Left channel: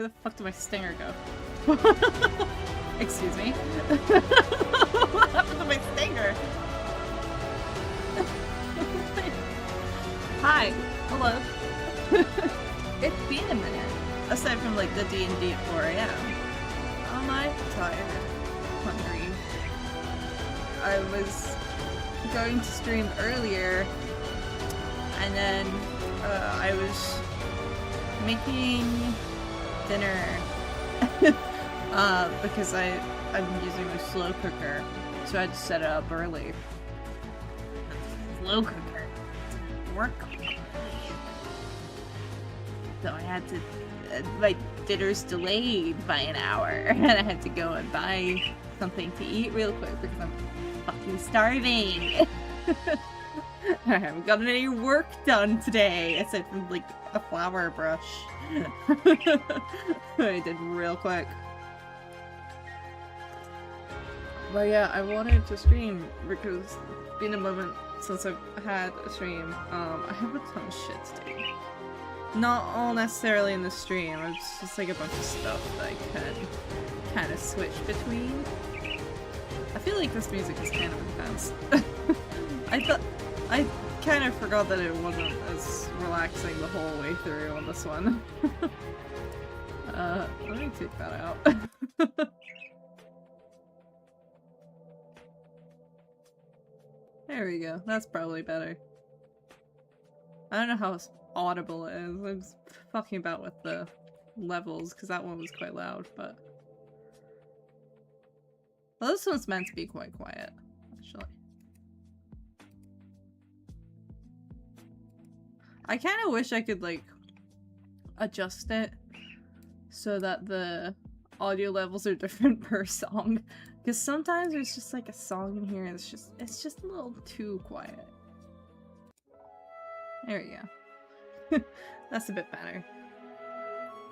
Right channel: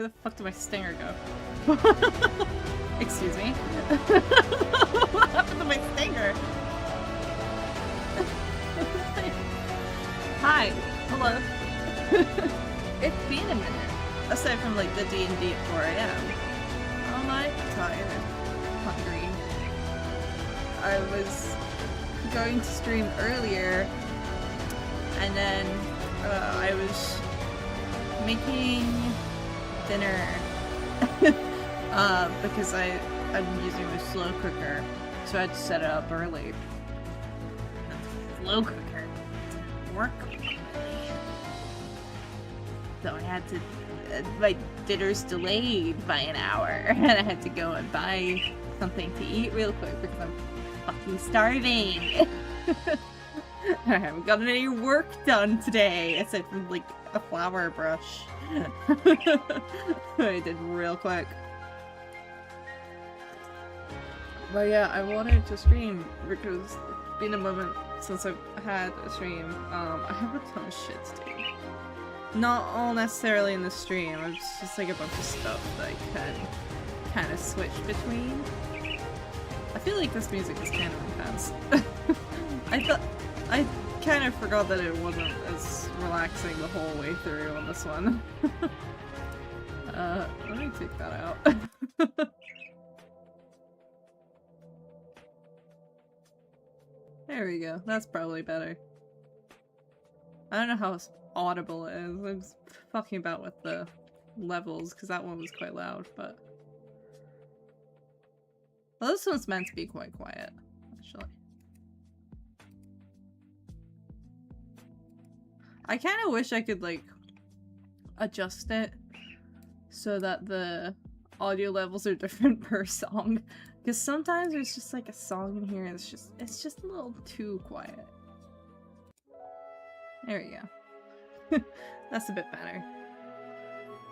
Where the fuck did my stinger go? Excuse me? What happened to my stinger? Hi. Hello. It's been a minute. Aside from like the D&D at 4 AM. Am I tired? Hungry. I was going to stream earlier and then I was making dinner because I'm using my slow cooker, so I had to set it up early. The slow cooker didn't work properly, so I had to. My dinner's delayed by an hour, and I had to go and buy something to eat real quick because I'm fucking starving. I haven't gotten any work done today, aside from like a flower brush. I did real quick. But yeah, I wanted to stream because it's been a moment since I've had a stream. I have a ton of shit to do. Not all necessarily in the stream, it's just like a bunch of stuff that I can kind of switch between. I feel like this music is kind of intense. I kind of forgot that it wasn't as relaxing the whole way through on this one. Let me take that out. There we go, that's probably better. I don't know how audible it is. I'm just fucking about with the levels because that one was quite loud, but well, this one's meant to be quite quiet, actually. I kind of wish I could like adjust it so that the audio levels are different per song, because sometimes there's just like a song in here and it's just a little too quiet. There we go. That's a bit better.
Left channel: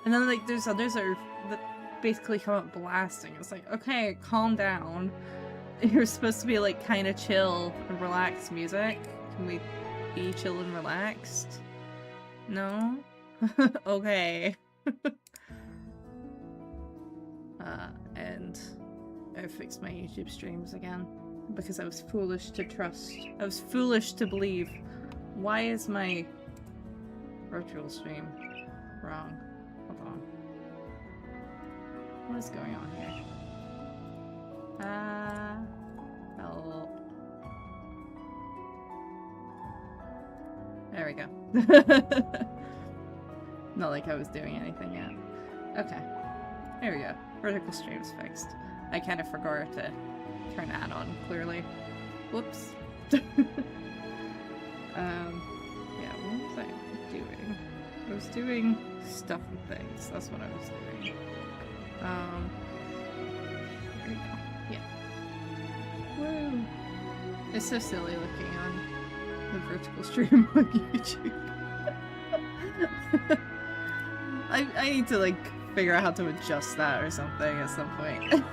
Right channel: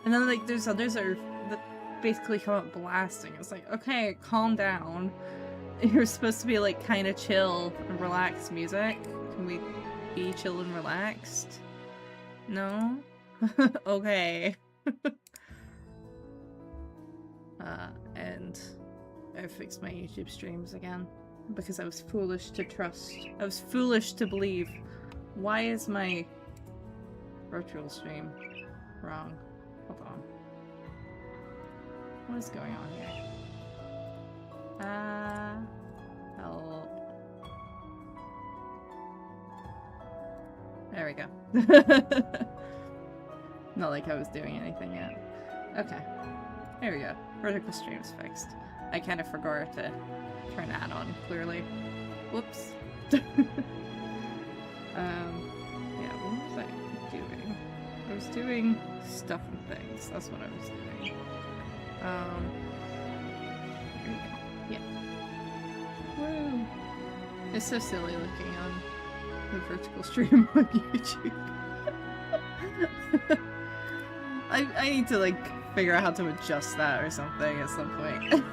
And then like there's others that basically come up blasting. It's like, okay, calm down. You're supposed to be like kind of chill and relaxed music. Can we be chill and relaxed? No? Okay. And I fixed my YouTube streams again because I was foolish to trust. I was foolish to believe. Why is my virtual stream wrong? Hold on. What is going on here? Help. There we go. Not like I was doing anything yet. Okay. There we go. Vertical stream's fixed. I kind of forgot to turn that on, clearly. Whoops. Yeah, what was I doing? I was doing stuff and things. That's what I was doing. Here we go. Yeah. Woo! It's so silly looking on the vertical stream on YouTube. I need to, like, figure out how to adjust that or something at some point.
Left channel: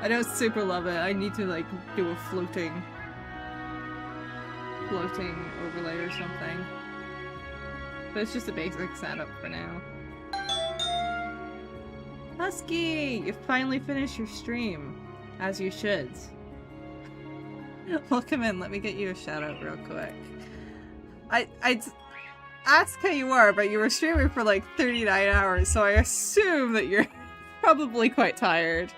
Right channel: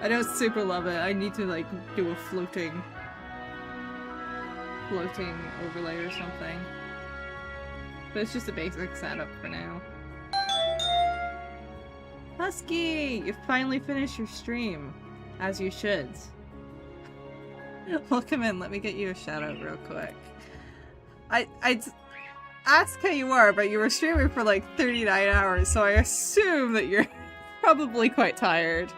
I don't super love it. I need to, like, do a floating overlay or something. But it's just a basic setup for now. Husky! You finally finished your stream. As you should. Welcome in, let me get you a shout out real quick. I'd ask how you are, but you were streaming for like 39 hours, so I assume that you're probably quite tired.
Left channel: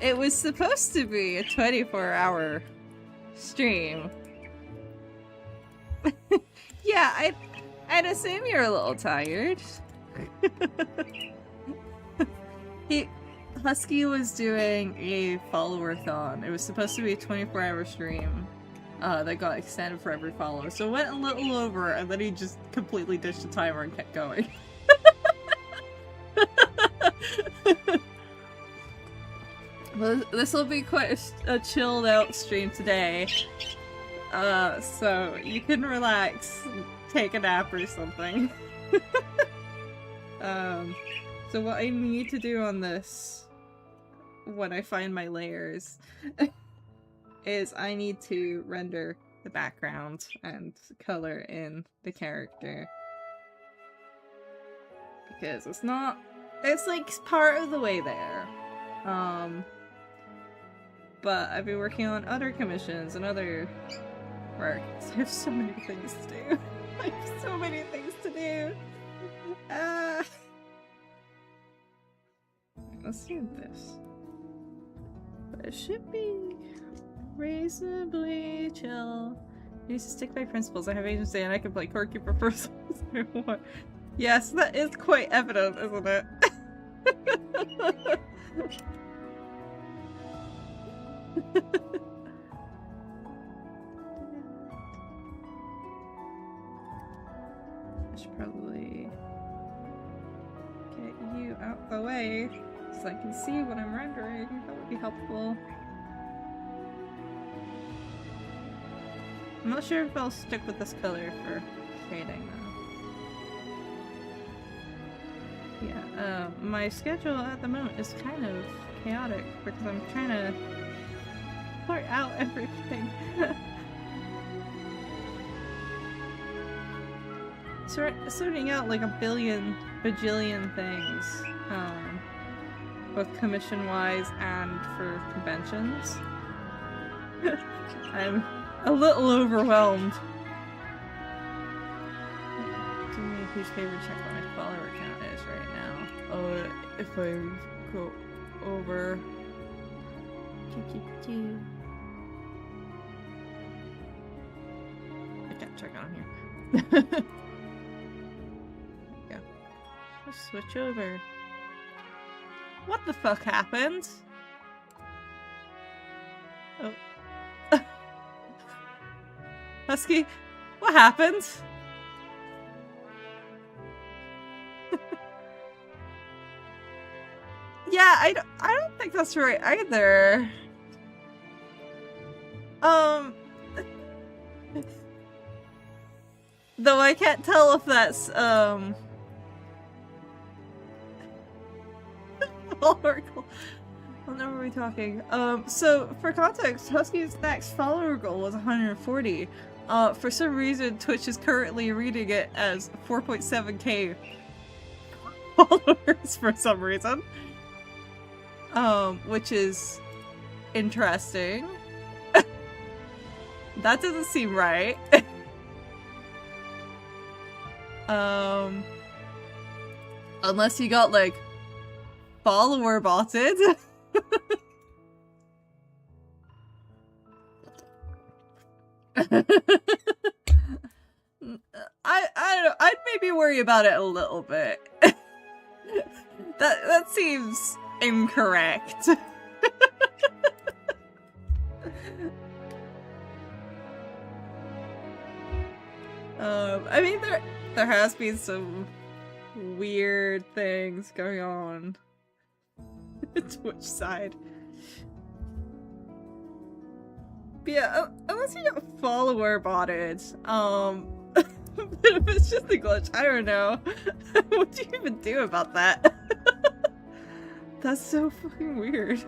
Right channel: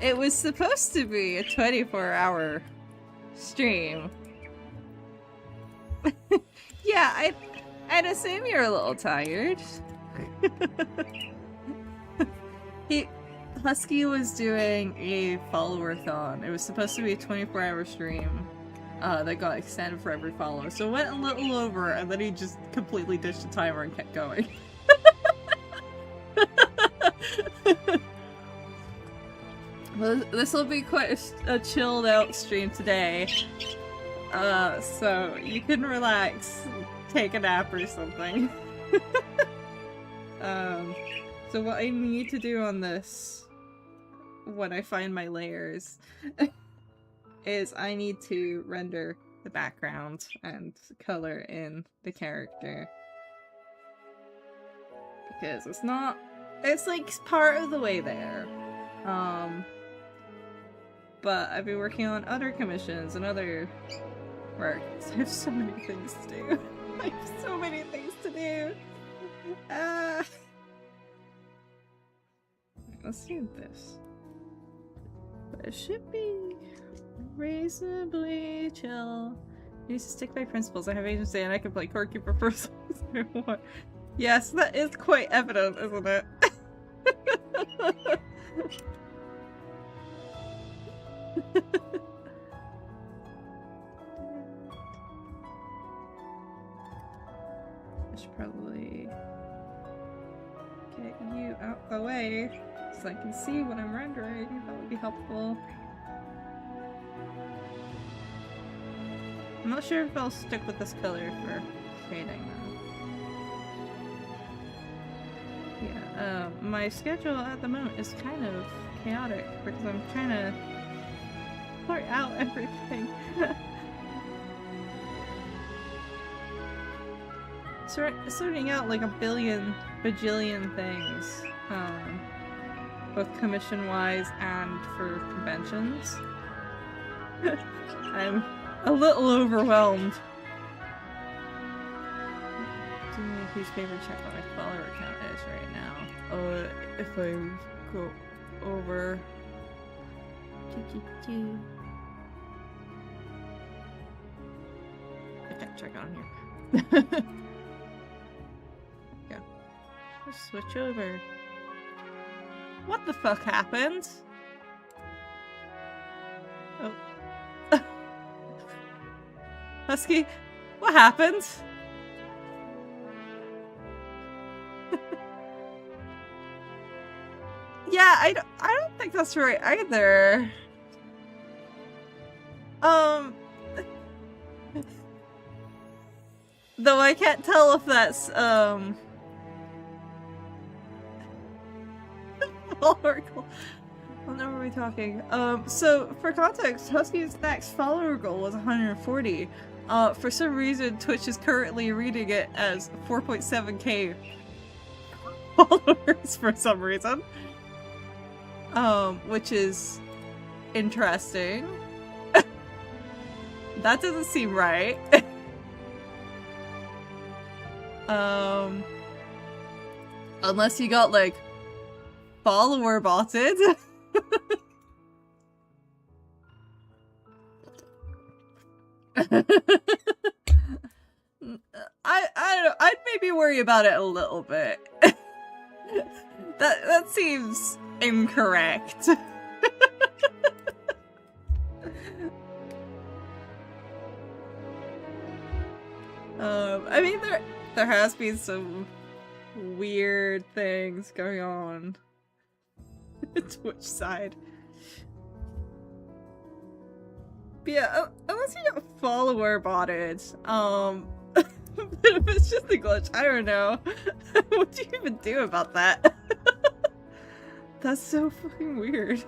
It was supposed to be a 24-hour stream. Yeah, I'd assume you're a little tired. Husky was doing a follower-thon. It was supposed to be a 24-hour stream that got extended for every follower. So it went a little over, and then he just completely ditched the timer and kept going. Well, this will be quite a chilled out stream today. So you can relax, take a nap or something. So what I need to do on this, when I find my layers, is I need to render the background and color in the character. Because it's not... It's like part of the way there. But I've been working on other commissions and other work. I have so many things to do. I have so many things to do. Let's do this. But it should be reasonably chill. I need to stick by principles. I have agency and I can play core keeper for as long as I want. Yes, that is quite evident, isn't it? I should probably get you out the way so I can see what I'm rendering. That would be helpful. I'm not sure if I'll stick with this color for shading though. Yeah, my schedule at the moment is kind of chaotic because I'm trying to sort out everything. Sorting out like a bajillion things, both commission-wise and for conventions. I'm a little overwhelmed. Do me a huge favor, check what my follower count is right now. If I go over... I can't check on here. Yeah. Let's switch over. What the fuck happened? Oh. Husky, what happened? Yeah, I don't think that's right either. Though I can't tell if that's, Oracle. What number are we talking? So for context, Husky's next follower goal was 140. For some reason, Twitch is currently reading it as 4.7k followers for some reason. Which is interesting. That doesn't seem right. Unless you got, like, follower botted. I don't know, I'd maybe worry about it a little bit. That seems incorrect. I mean, there has been some weird things going on Twitch side. But yeah, unless you get follower botted, but if it's just a glitch, I don't know. What do you even do about that? That's so fucking weird.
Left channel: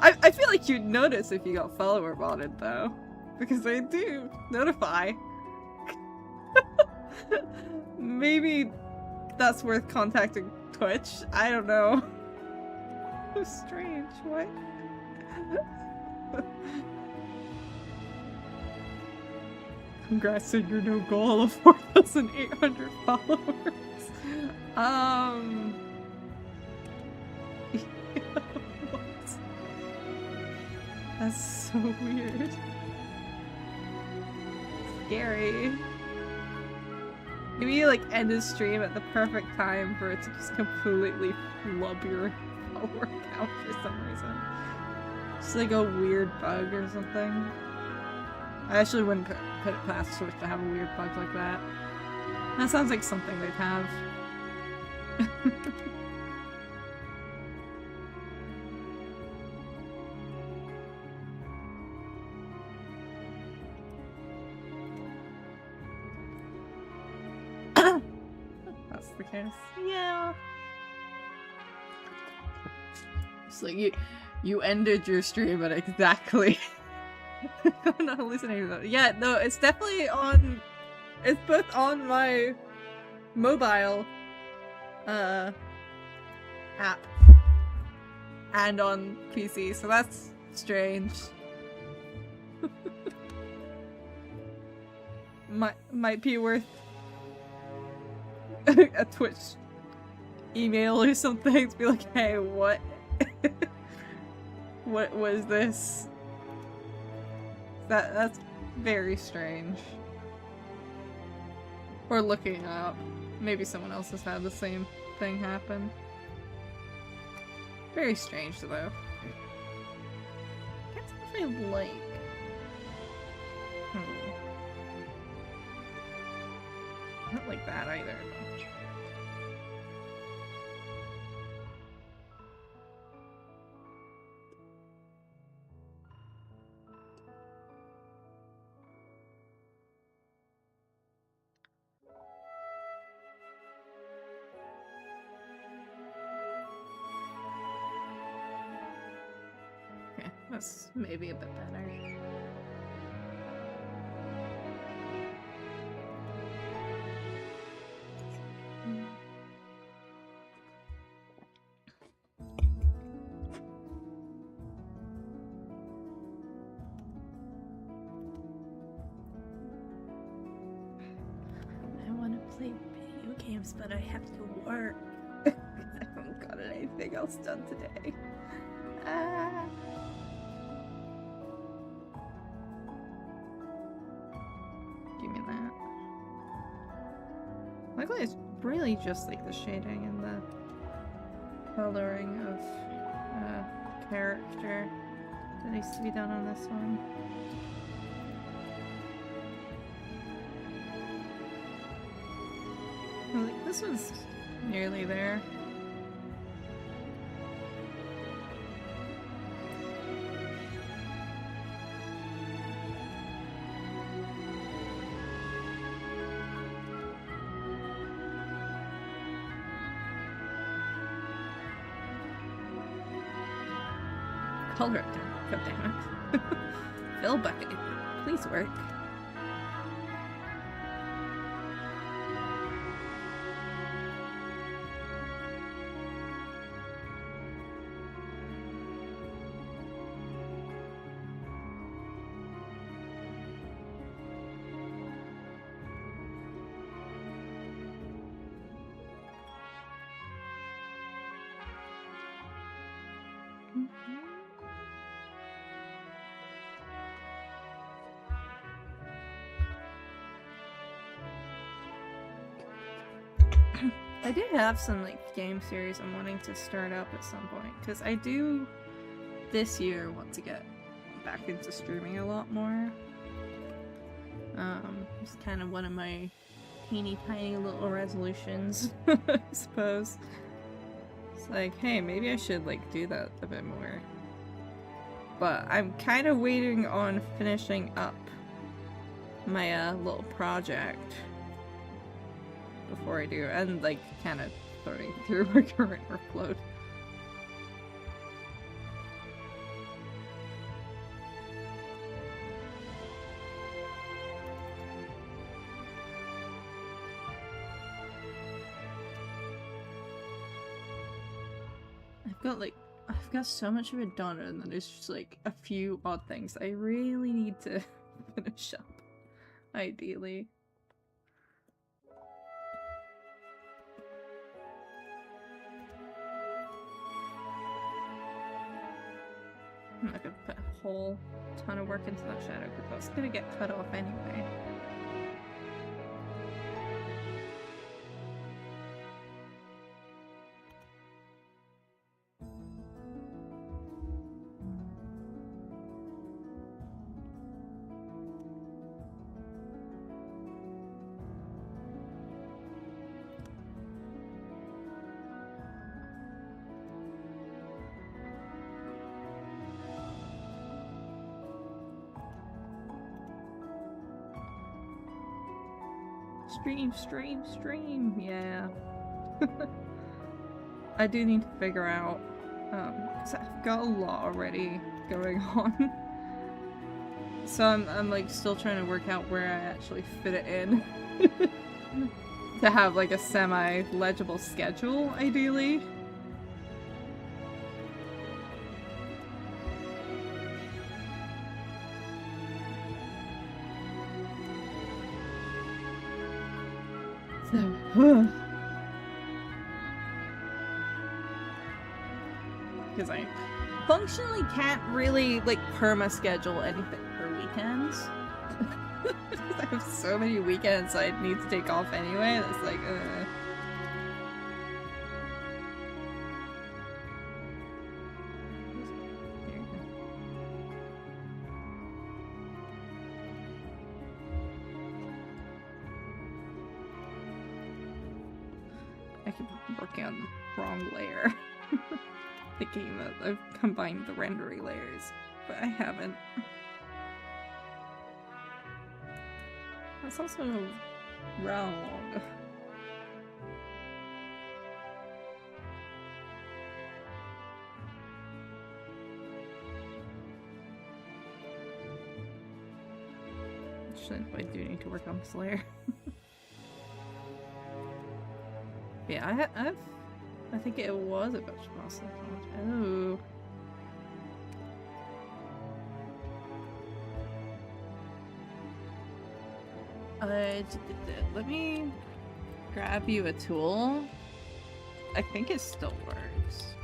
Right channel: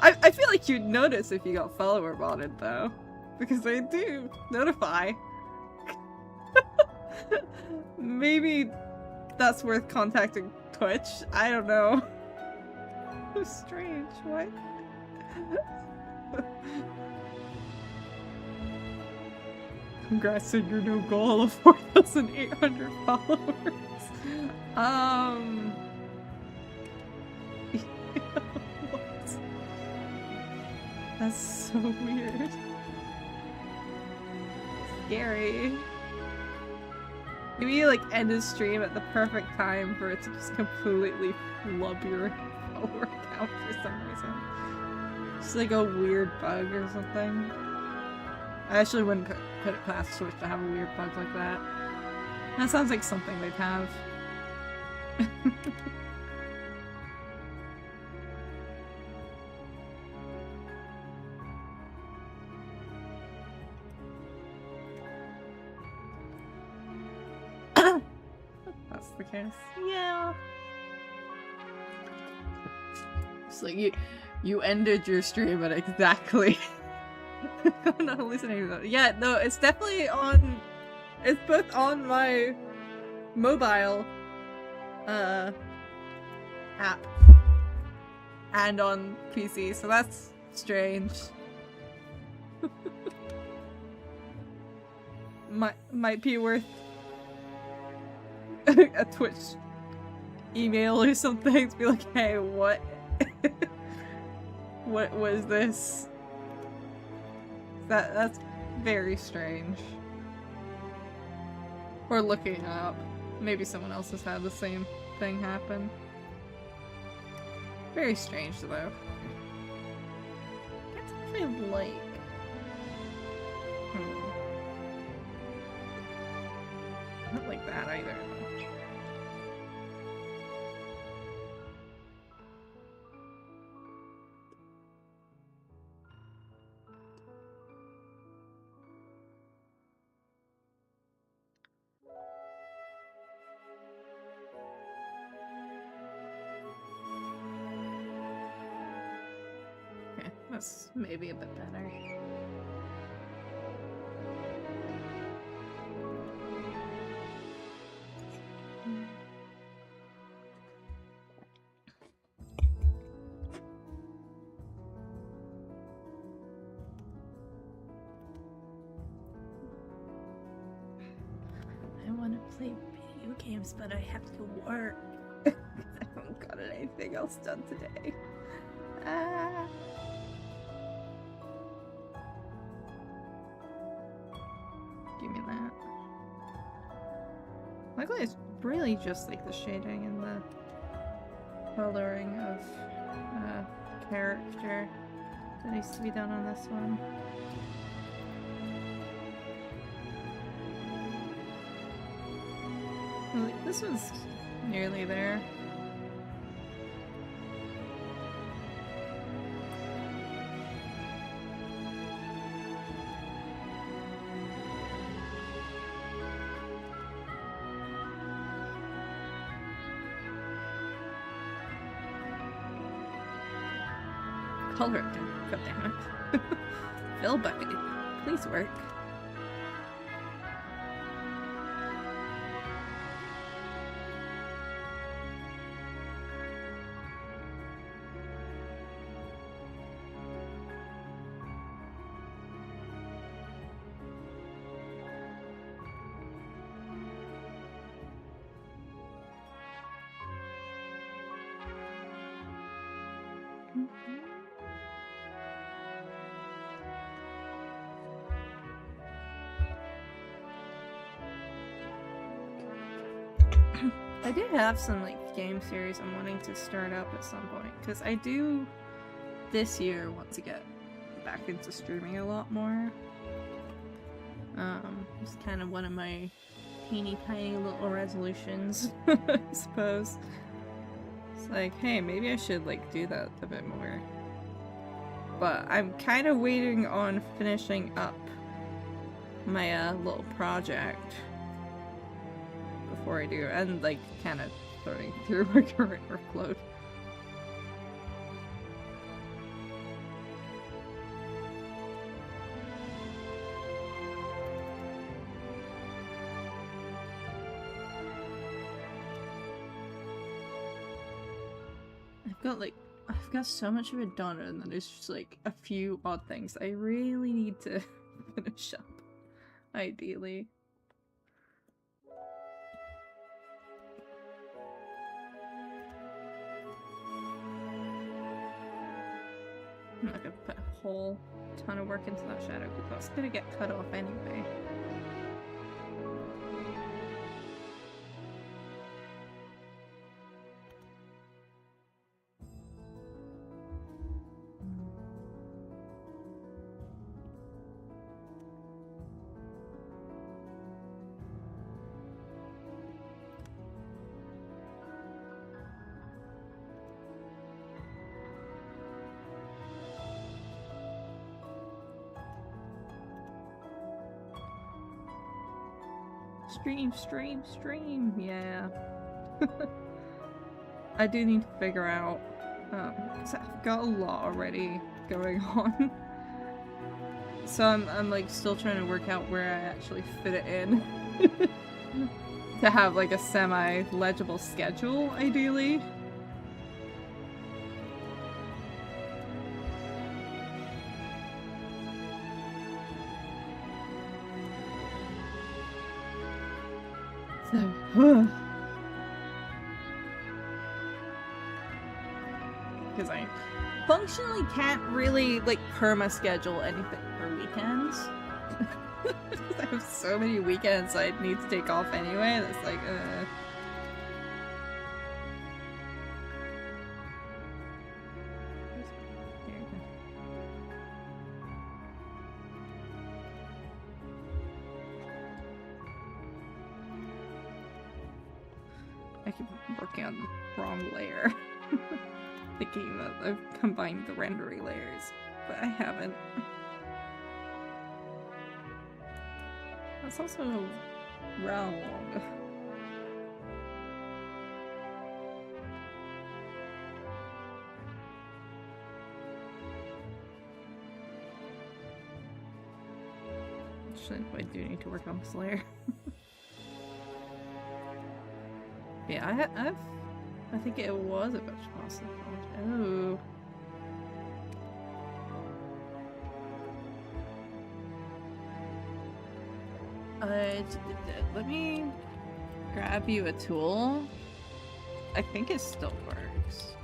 I feel like you'd notice if you got follower botted though, because they do notify. Maybe that's worth contacting Twitch. I don't know. So strange. What? Congrats on your new goal of 4,800 followers. What? That's so weird. Scary. Maybe you like end his stream at the perfect time for it to just completely flub your follower count for some reason. Just like a weird bug or something. I actually wouldn't put it past Twitch to have a weird bug like that. That sounds like something they'd have. That's the case. Yeah. It's like you ended your stream at exactly. I'm not hallucinating though. Yeah, no, it's definitely on. It's both on my mobile app and on PC, so that's strange. Might be worth a Twitch email or something to be like, hey, what? What was this? That's very strange. Or looking it up. Maybe someone else has had the same thing happen. Very strange though. Can't tell if I like. Not like that either. Okay, that's maybe a bit better. I want to play video games, but I have to work. I haven't got anything else done today. Ah. Give me that. Luckily, it's really just like the shading and the coloring of character that needs to be done on this one. Like, this one's nearly there. Color it down. God damn it. Fill bucket. Please work. I do have some like game series I'm wanting to start up at some point, because I do this year want to get back into streaming a lot more. It's kind of one of my teeny tiny little resolutions, I suppose. It's like, hey, maybe I should like do that a bit more. But I'm kind of waiting on finishing up my little project before I do, and like kind of sorting through my current workload. I've got so much of it done, and then there's just like a few odd things I really need to finish up, ideally. I'm not gonna put a whole ton of work into that shadow because that's gonna get cut off anyway. Stream, yeah. I do need to figure out 'Cause I've got a lot already going on. So I'm like still trying to work out where I actually fit it in. To have like a semi-legible schedule, ideally. So, because I functionally can't really like perma-schedule anything for weekends. I have so many weekends I need to take off anyway, that's like, Here you go. I keep working on the wrong layer. Thinking that I've combined the rendery layers, but I haven't. That's also wrong. Actually, I do need to work on this layer. Yeah, I think it was a bunch of pasta. Oh. Let me grab you a tool. I think it still works.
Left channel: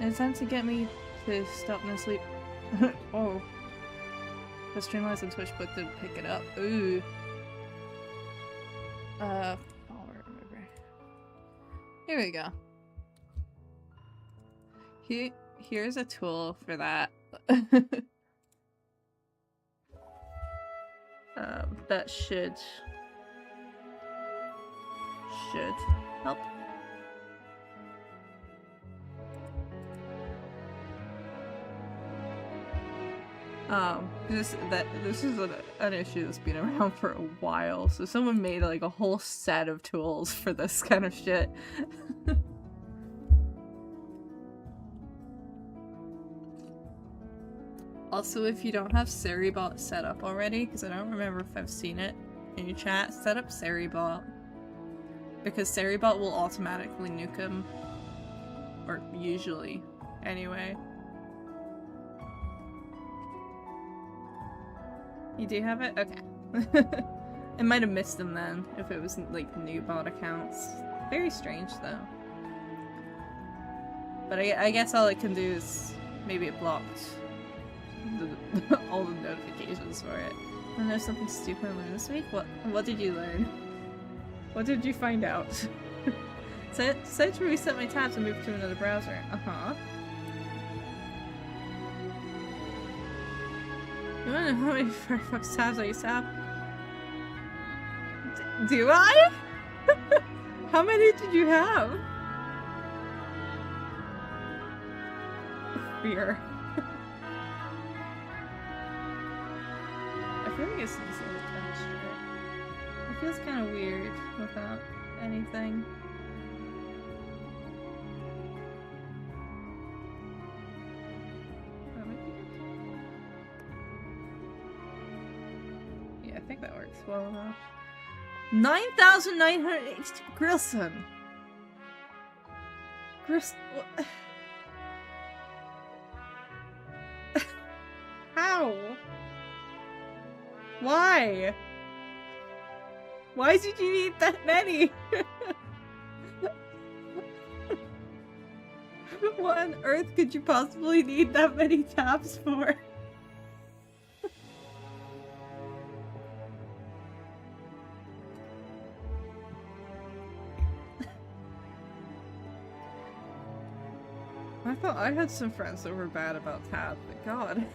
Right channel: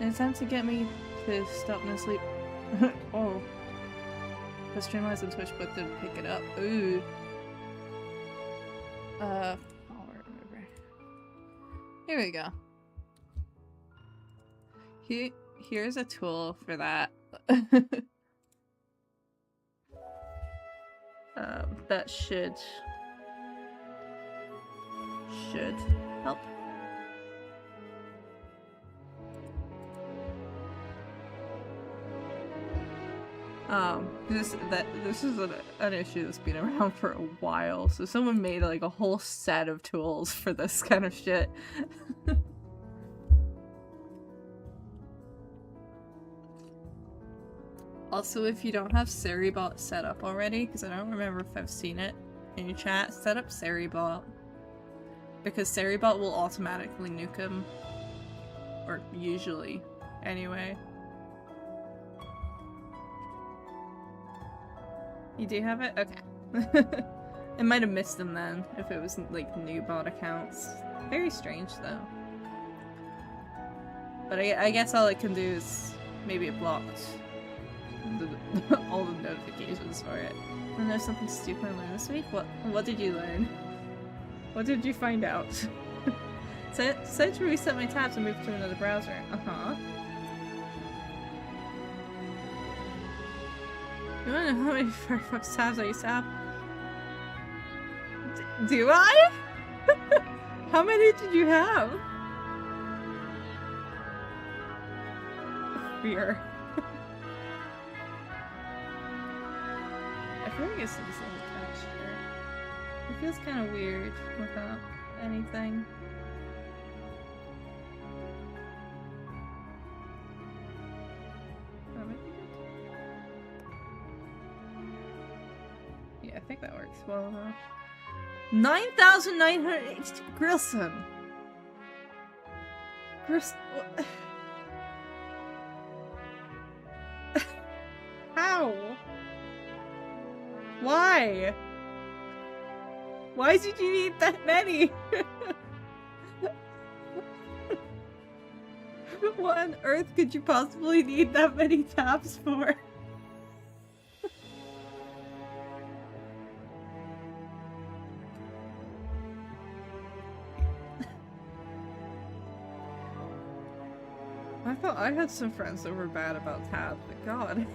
It's time to get me to stop no sleep. Oh. The Streamlines on Twitch but didn't pick it up. Ooh. I'll remember. Here we go. Here's a tool for that. That should help. This is an issue that's been around for a while, so someone made like a whole set of tools for this kind of shit. Also, if you don't have Seribot set up already, because I don't remember if I've seen it in your chat, set up Seribot. Because Seribot will automatically nuke him. Or usually, anyway. You do have it? Okay. I might have missed them then, if it was like new bot accounts. Very strange though. But I guess all it can do is maybe it blocked all the notifications for it. I know something stupid I learned this week? What did you learn? What did you find out? Decided to reset my tabs and move to another browser. Uh-huh. You wanna know how many Firefox tabs I used to have? Do I? How many did you have? Fear. I feel like it's this little texture. It feels kind of weird without anything. That might be good. Yeah, I think that works well enough. 9,982 Grilson! How? Why? Why did you need that many? What on earth could you possibly need that many tabs for? I thought I had some friends that were bad about tabs, but god.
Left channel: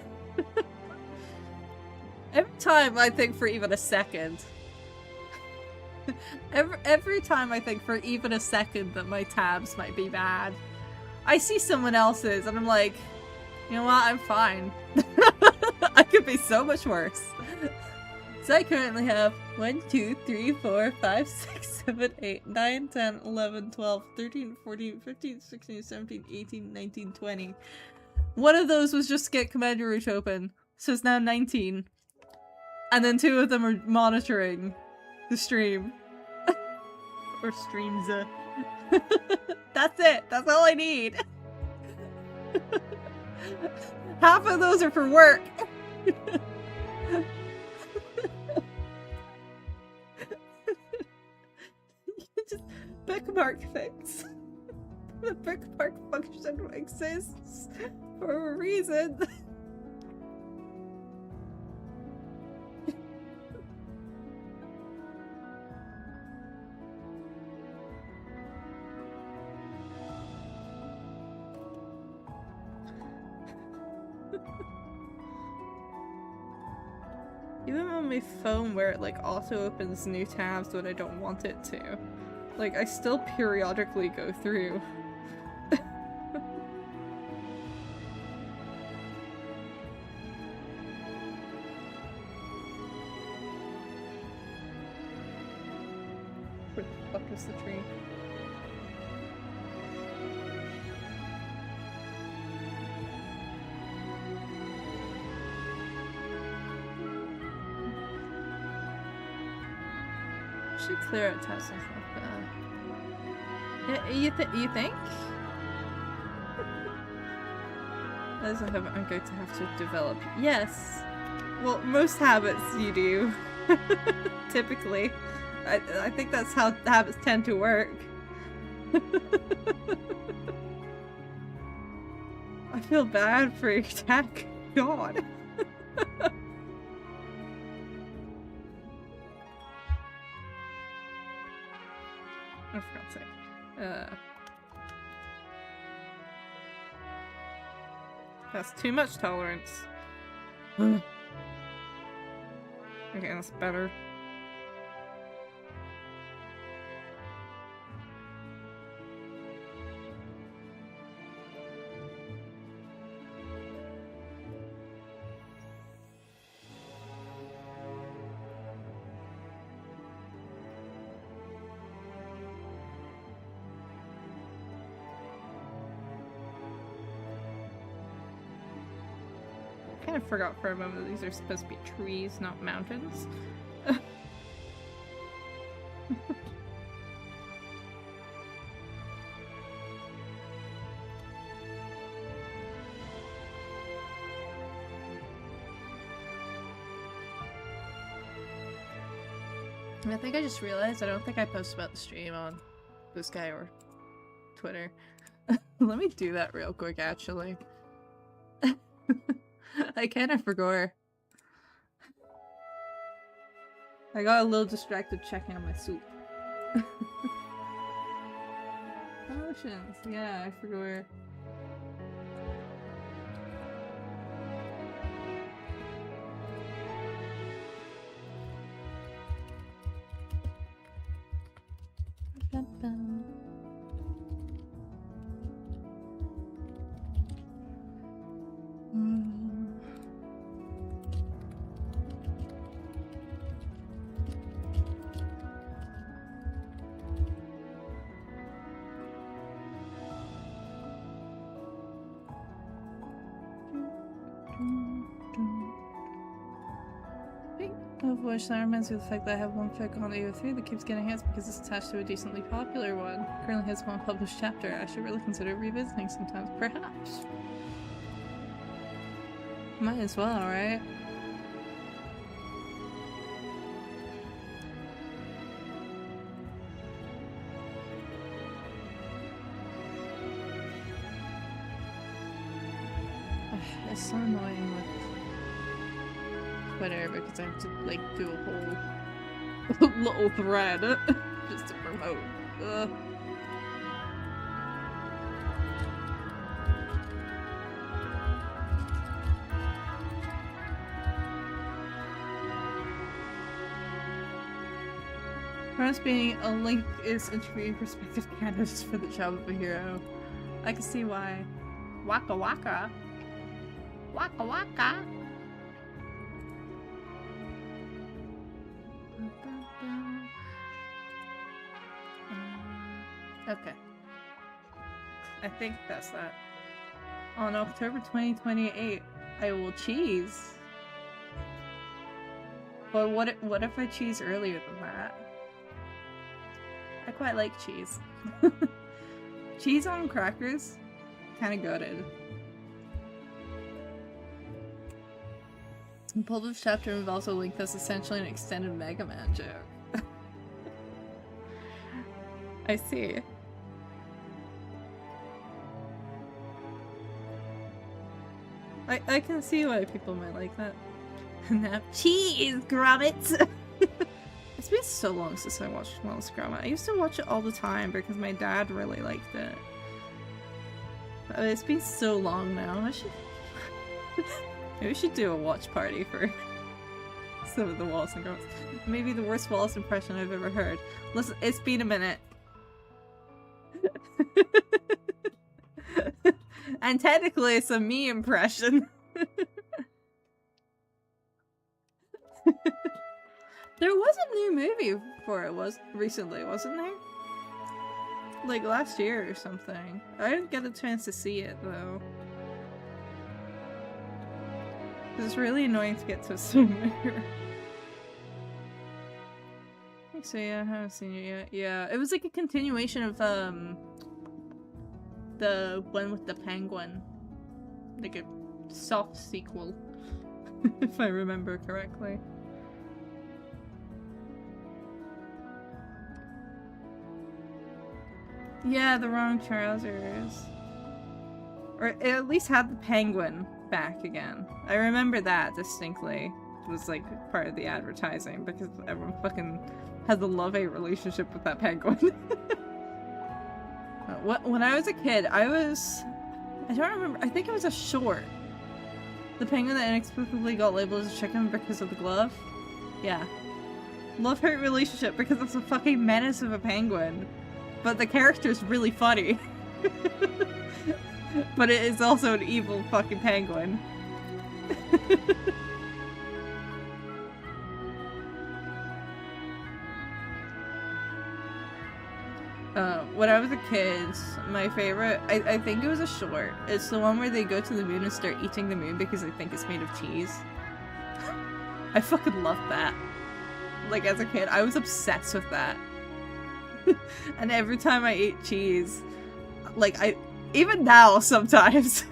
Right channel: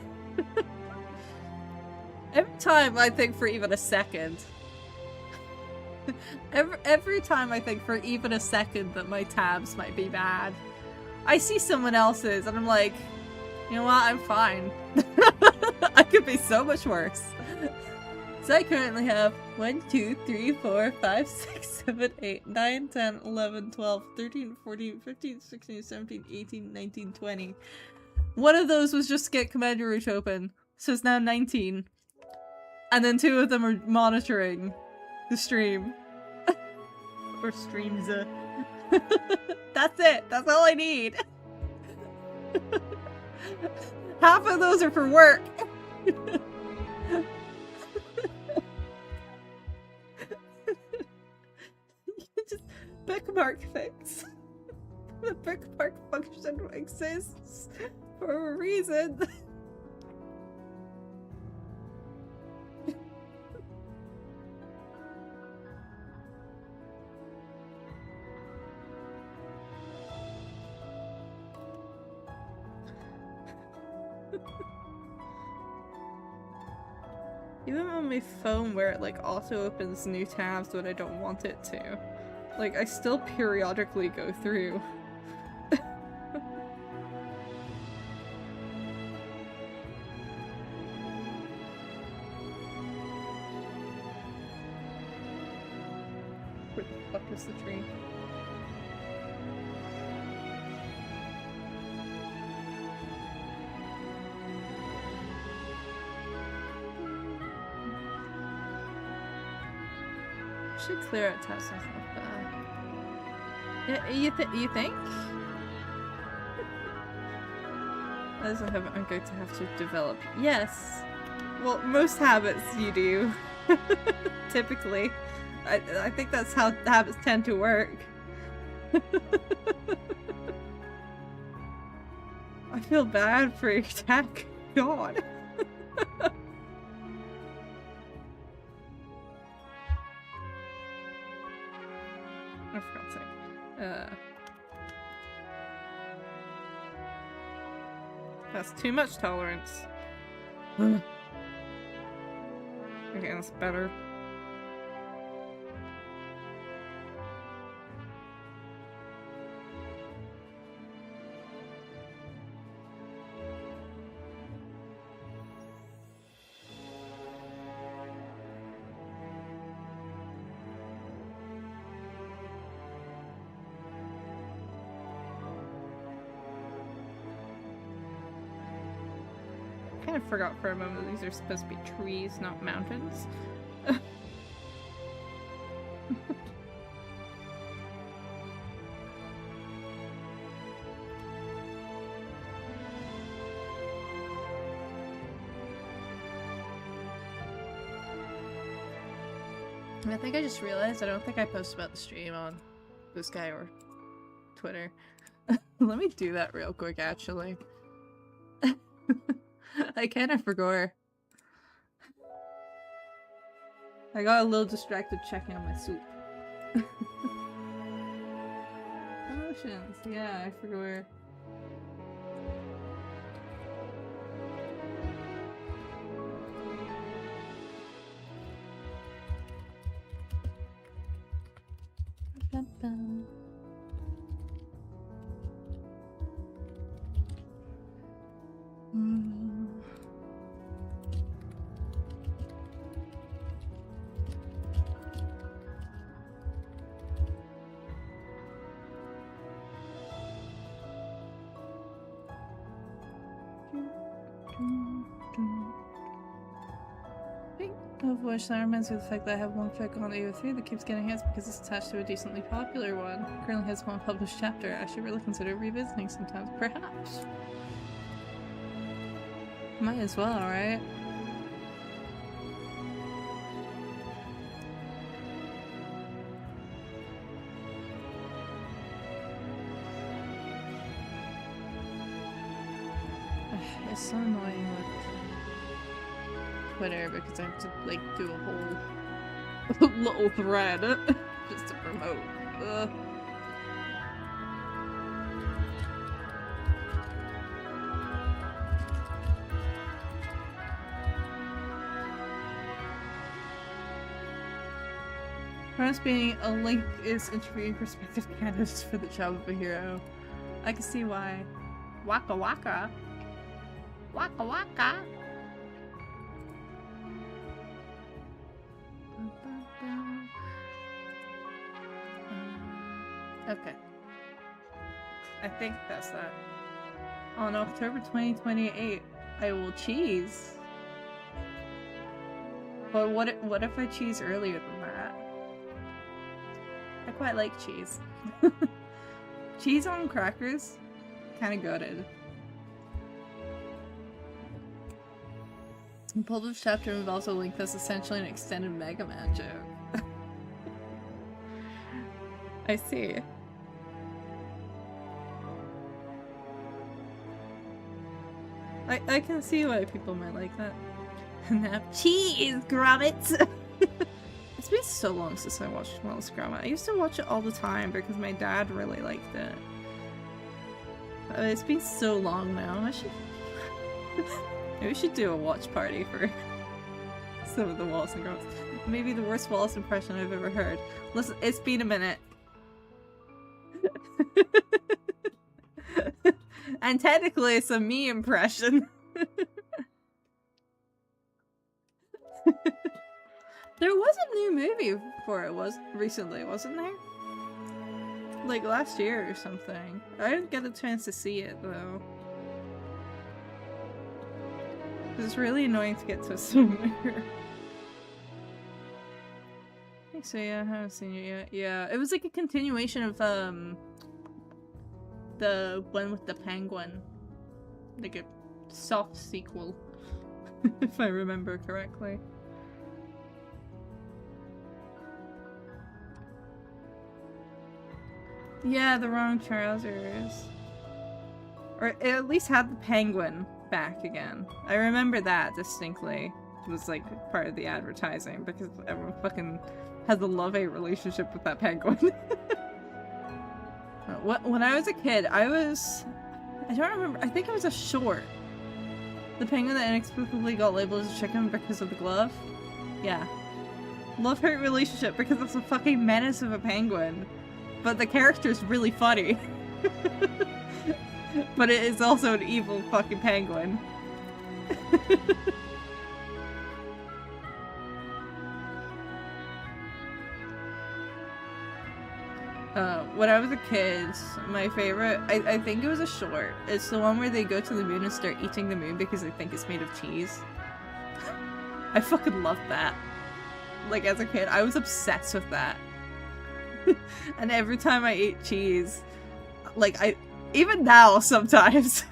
Every time I think for even a second. Every time I think for even a second that my tabs might be bad, I see someone else's and I'm like, you know what, I'm fine. I could be so much worse. So I currently have 1, 2, 3, 4, 5, 6, 7, 8, 9, 10, 11, 12, 13, 14, 15, 16, 17, 18, 19, 20. One of those was just get Commander Route open, so it's now 19. And then 2 of them are monitoring the stream. Or streams. That's it. That's all I need. Half of those are for work. Just bookmark things. The bookmark function exists for a reason. Even on my phone where it like auto opens new tabs when I don't want it to. Like I still periodically go through. Where the fuck is the tree? Should clear out tabs myself. Yeah, you think? As a habit, I'm going to have to develop. Yes. Well, most habits you do. Typically. I think that's how habits tend to work. I feel bad for your tech. God. Oh, for God's sake. That's too much tolerance. Okay, that's better. I kind of forgot for a moment that these are supposed to be trees, not mountains. I think I just realized I don't think I posted about the stream on this guy or Twitter. Let me do that real quick, actually. I kind of forgot. I got a little distracted checking on my soup. Promotions, yeah, I forgot. Which that reminds me of the fact that I have one fic on AO3 that keeps getting hits because it's attached to a decently popular one. Currently has one published chapter. I should really consider revisiting sometimes, perhaps. Might as well, right? It's so annoying with Twitter because I have to like do a whole little thread just to promote. Ugh. Perhaps being a link is interviewing prospective candidates for the job of a hero. I can see why. Waka waka. Waka waka. Okay. I think that's that. On October 2028, I will cheese. But what if I cheese earlier than that? I quite like cheese. Cheese on crackers? Kinda gutted. The published chapter involves a link that's essentially an extended Mega Man joke. I see. I can see why people might like that. Now cheese, grommets! It's been so long since I watched Wallace Gromit. I used to watch it all the time because my dad really liked it. It's been so long now. Maybe we should do a watch party for some of the Wallace and Gromits. Maybe the worst Wallace impression I've ever heard. Listen, it's been a minute. And technically it's a me impression. There was a new movie for it recently, wasn't there? Like last year or something. I didn't get a chance to see it though. It's really annoying to get to somewhere. So yeah, I haven't seen it yet. Yeah, it was like a continuation of the one with the penguin. Like a soft sequel. If I remember correctly. Yeah, the wrong trousers. Or it at least had the penguin back again. I remember that distinctly. It was like part of the advertising because everyone fucking has a love-hate relationship with that penguin. When I was a kid, I don't remember, I think it was a short. The penguin that inexplicably got labeled as a chicken because of the glove? Yeah. Love-hate relationship because it's a fucking menace of a penguin. But the character's really funny. But it is also an evil fucking penguin. When I was a kid, my favorite, I think it was a short. It's the one where they go to the moon and start eating the moon because they think it's made of cheese. I fucking loved that. Like, as a kid, I was obsessed with that. And every time I ate cheese, like, even now, sometimes,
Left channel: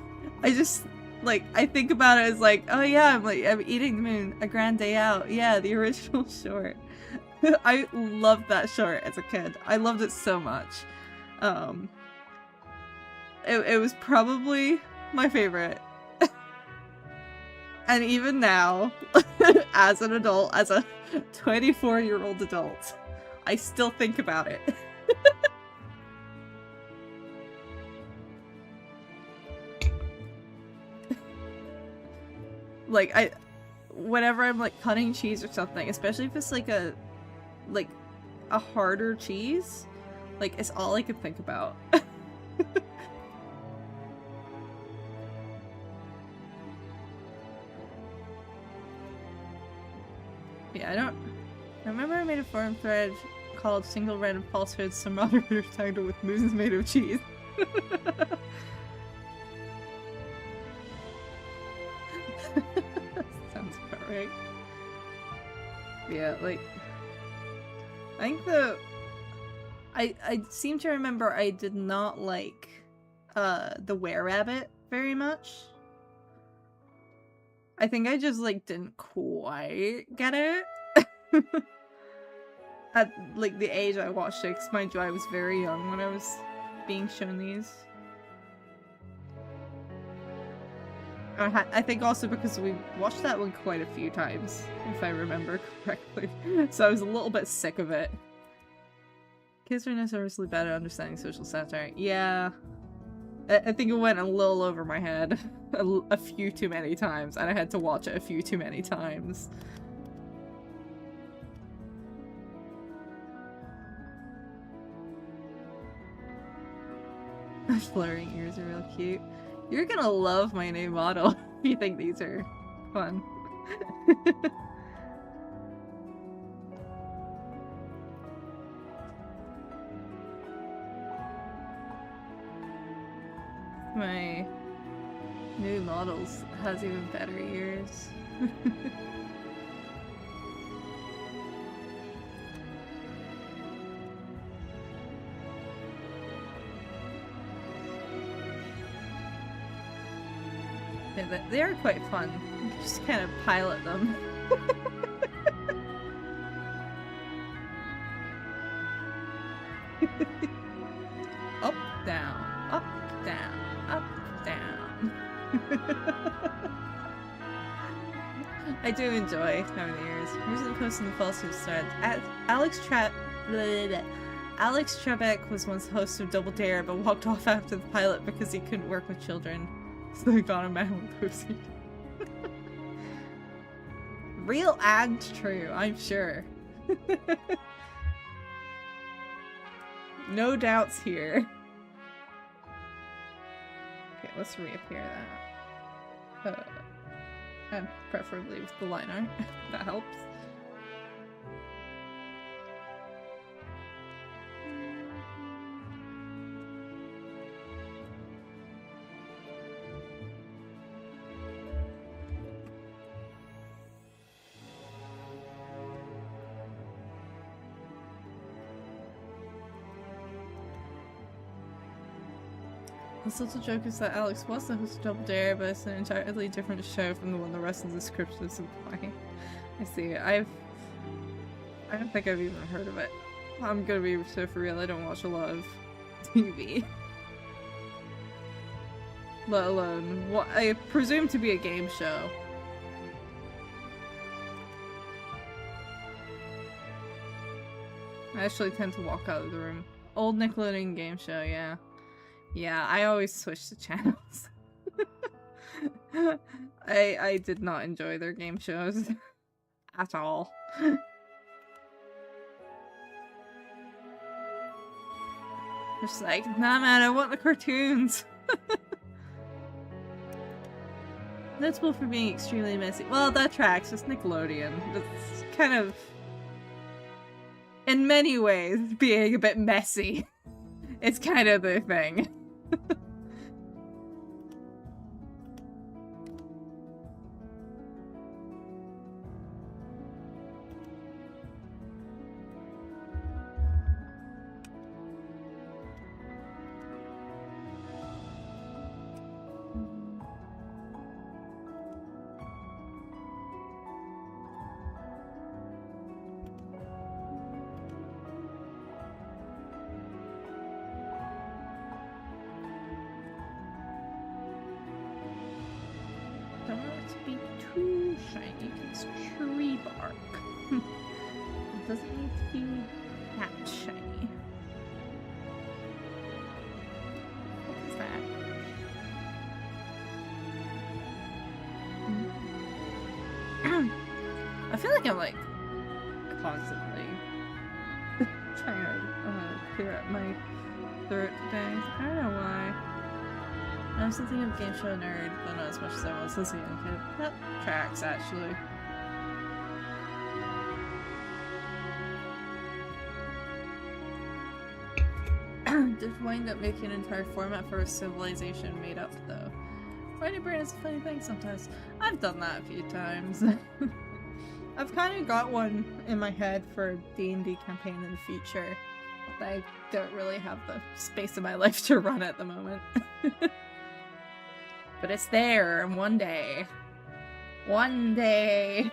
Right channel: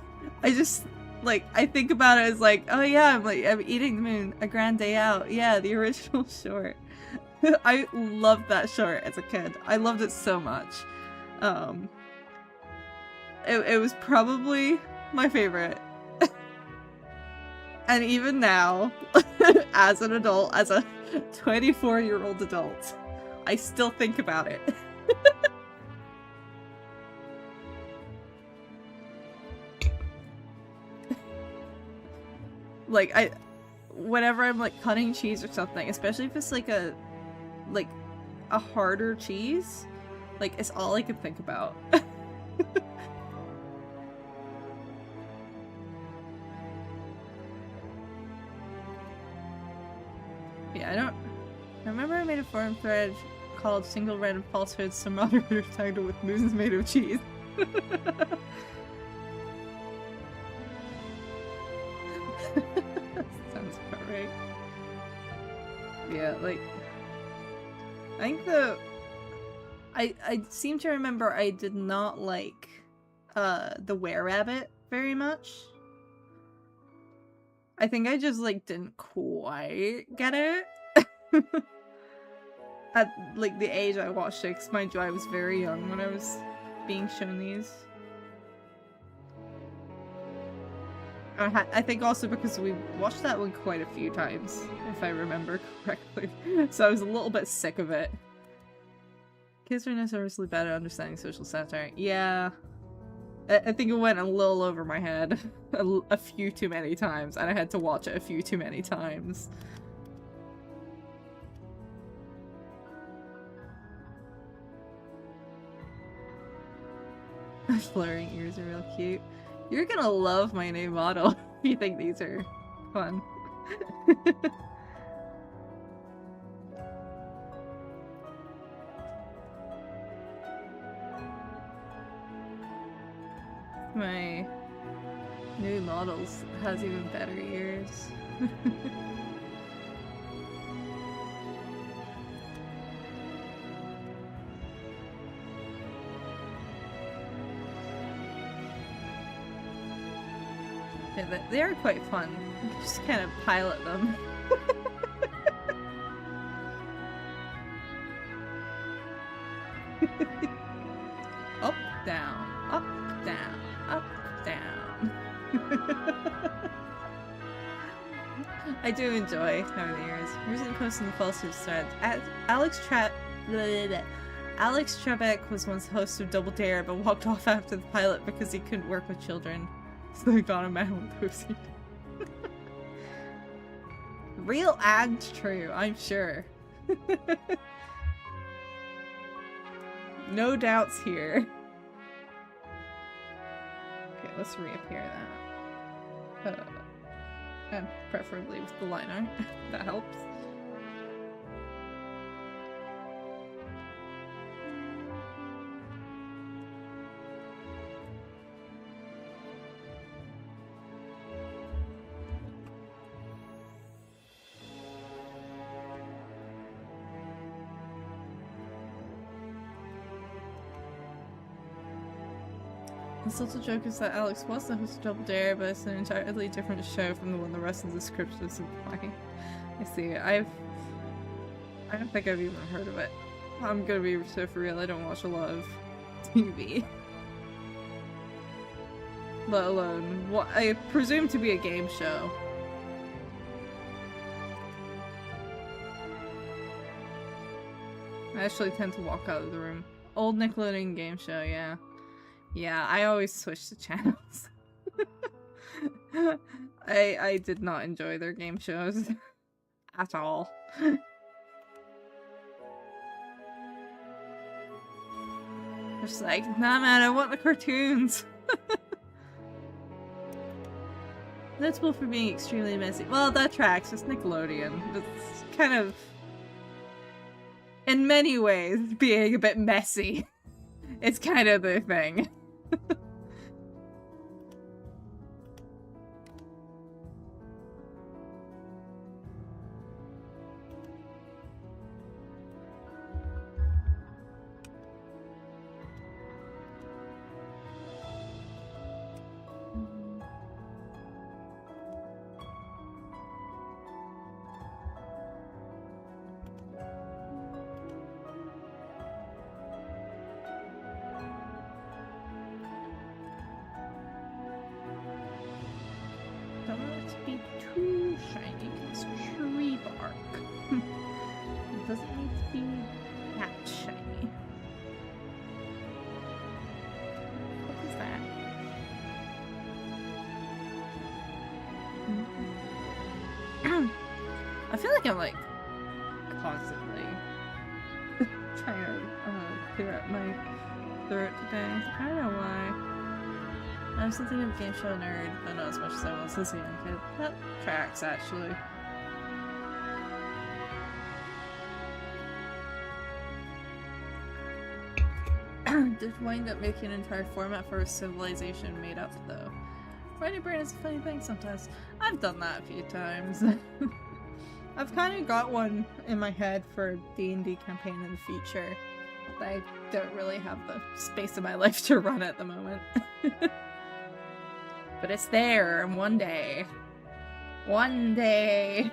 I just, like, I think about it as like, oh yeah, I'm eating the moon, A Grand Day Out. Yeah, the original short. I loved that short as a kid. I loved it so much. It was probably my favorite. And even now, as an adult, as a 24-year-old adult, I still think about it. Like, whenever I'm like cutting cheese or something, especially if it's like a harder cheese, like, it's all I can think about. Yeah, I remember I made a forum thread called Single Random Falsehoods Some Moderator titled with Moons Made of Cheese. Sounds about right. Yeah, like, I think I seem to remember I did not like the Were-Rabbit very much. I think I just, like, didn't quite get it. At, like, the age I watched it, 'cause mind you, I was very young when I was being shown these. I think also because we watched that one quite a few times, if I remember correctly. So I was a little bit sick of it. Kids are notoriously bad at understanding social satire. Yeah. I think it went a little over my head a few too many times, and I had to watch it a few too many times. Fluttering ears are real cute. You're gonna love my new model if you think these are fun. my new models has even better ears. Yeah, they are quite fun. You can just kind of pilot them. Up, down, up, down, up, down. I do enjoy having the ears. Here's the post in the falsehood thread. Alex Trebek was once the host of Double Dare, but walked off after the pilot because he couldn't work with children. So they got him out with OCD. Real and true, I'm sure. No doubts here. Okay, let's reappear that. And preferably with the line art. That helps. The subtle joke is that Alex was the host of Double Dare, but it's an entirely different show from the one the rest of the script is implying. I see. I don't think I've even heard of it. I'm gonna be so for real, I don't watch a lot of TV. Let alone what I presume to be a game show. I actually tend to walk out of the room. Old Nickelodeon game show, yeah. Yeah, I always switch the channels. I did not enjoy their game shows at all. Just like, nah man, I want the cartoons. Notable for being extremely messy. Well, that tracks. It's Nickelodeon. It's kind of, in many ways, being a bit messy. It's kind of the thing. Don't want it to be too shiny, it's tree bark. It doesn't need to be that shiny. What is that? I feel like I'm like constantly trying to clear up my throat today. I don't know why. I'm something of a game show nerd, but not as much as I was as a young kid. That tracks, actually. Did wind up making an entire format for a civilization made up, though. Writing brain is a funny thing sometimes. I've done that a few times. I've kind of got one in my head for a D&D campaign in the future. But I don't really have the space in my life to run at the moment. But it's there, and one day. One day.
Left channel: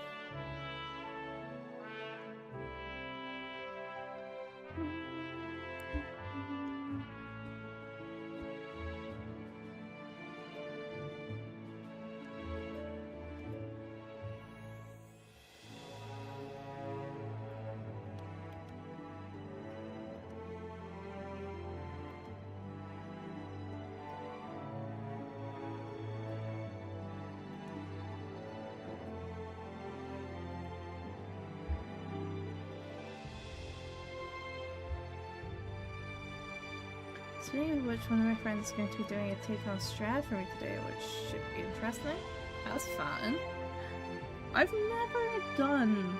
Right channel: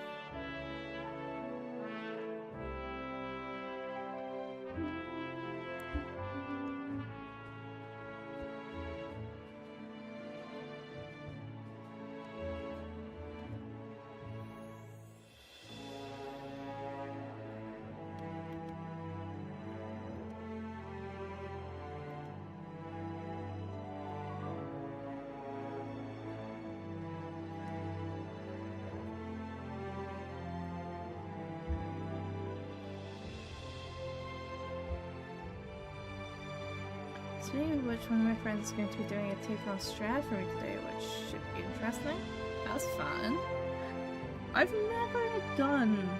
Speaking of which, one of my friends is going to be doing a take on Strad for me today, which should be interesting. That's fun. I've never done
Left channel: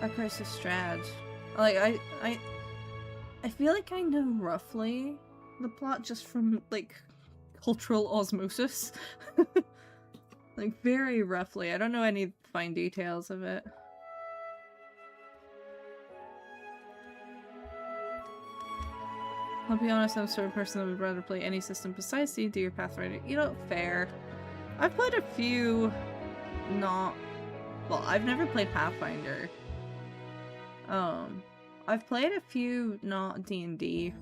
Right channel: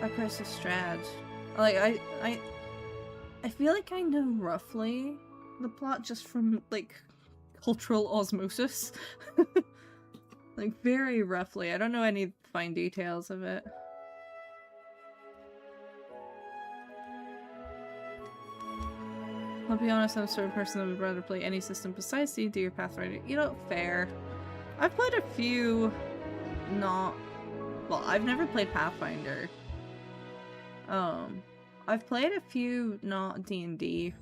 a Curse of Strad. Like, I feel like I know roughly the plot just from, like, cultural osmosis. Like, very roughly. I don't know any fine details of it. I'll be honest, I'm the sort of person that would rather play any system besides D&D or Pathfinder. You know, fair. I've played a few not... Well, I've never played Pathfinder. I've played a few not D&D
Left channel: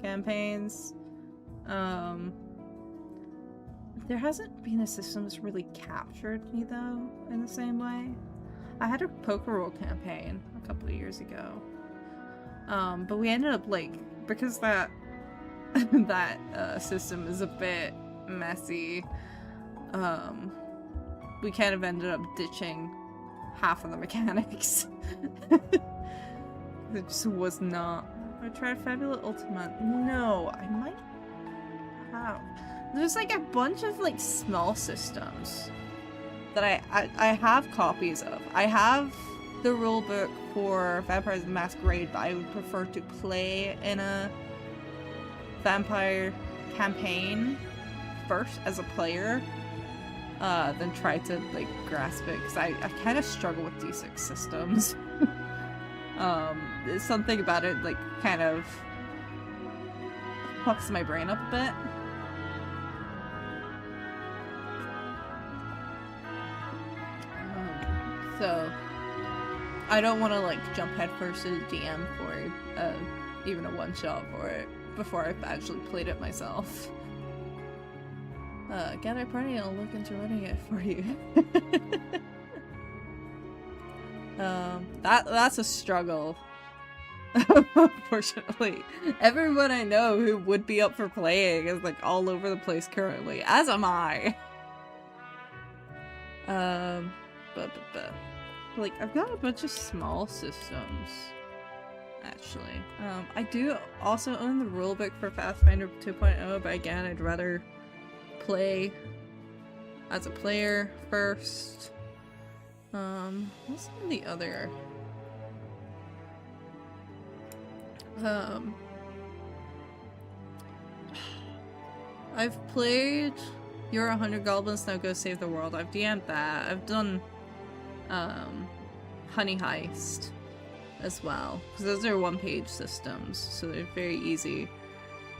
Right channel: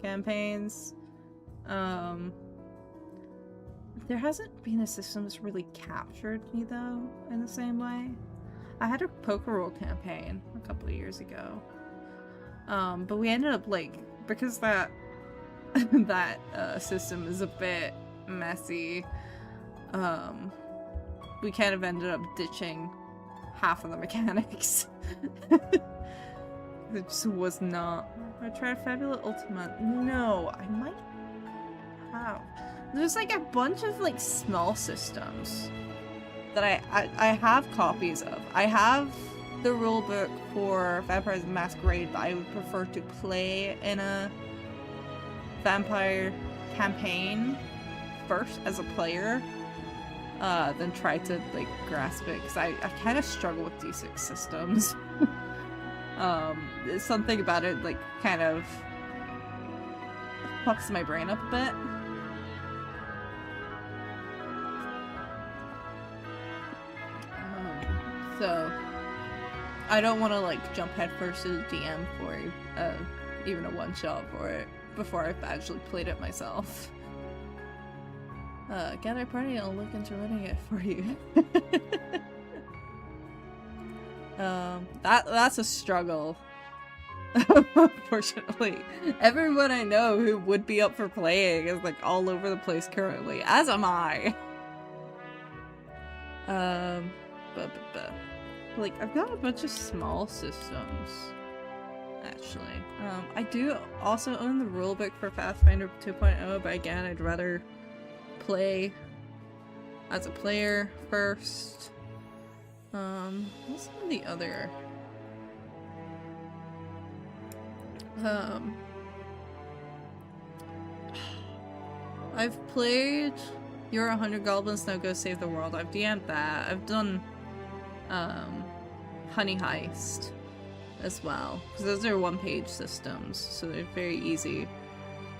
campaigns. There hasn't been a system that's really captured me, though, in the same way. I had a poker roll campaign a couple of years ago. But we ended up, like, because that system is a bit messy, we kind of ended up ditching half of the mechanics. It just was not... I tried Fabulous Ultimate. No, I might have. There's like a bunch of like small systems that I have copies of. I have the rulebook for Vampires the Masquerade, but I would prefer to play in a vampire campaign first as a player than try to like grasp it, because I kind of struggle with D6 systems. There's something about it like kind of fucks my brain up a bit. So I don't want to like jump headfirst to the DM for even a one-shot for it before I've actually played it myself. Gather a party and I'll look into running it for you. That's a struggle. Unfortunately. Everyone I know who would be up for playing is like all over the place currently, as am I. Like, I've got a bunch of small systems, actually. I do also own the rulebook for Pathfinder 2.0, but again, I'd rather play as a player first. What's some of the other? I've played You're 100 Goblins, Now Go Save the World. I've DM'd that. I've done Honey Heist as well, because those are one-page systems, so they're very easy.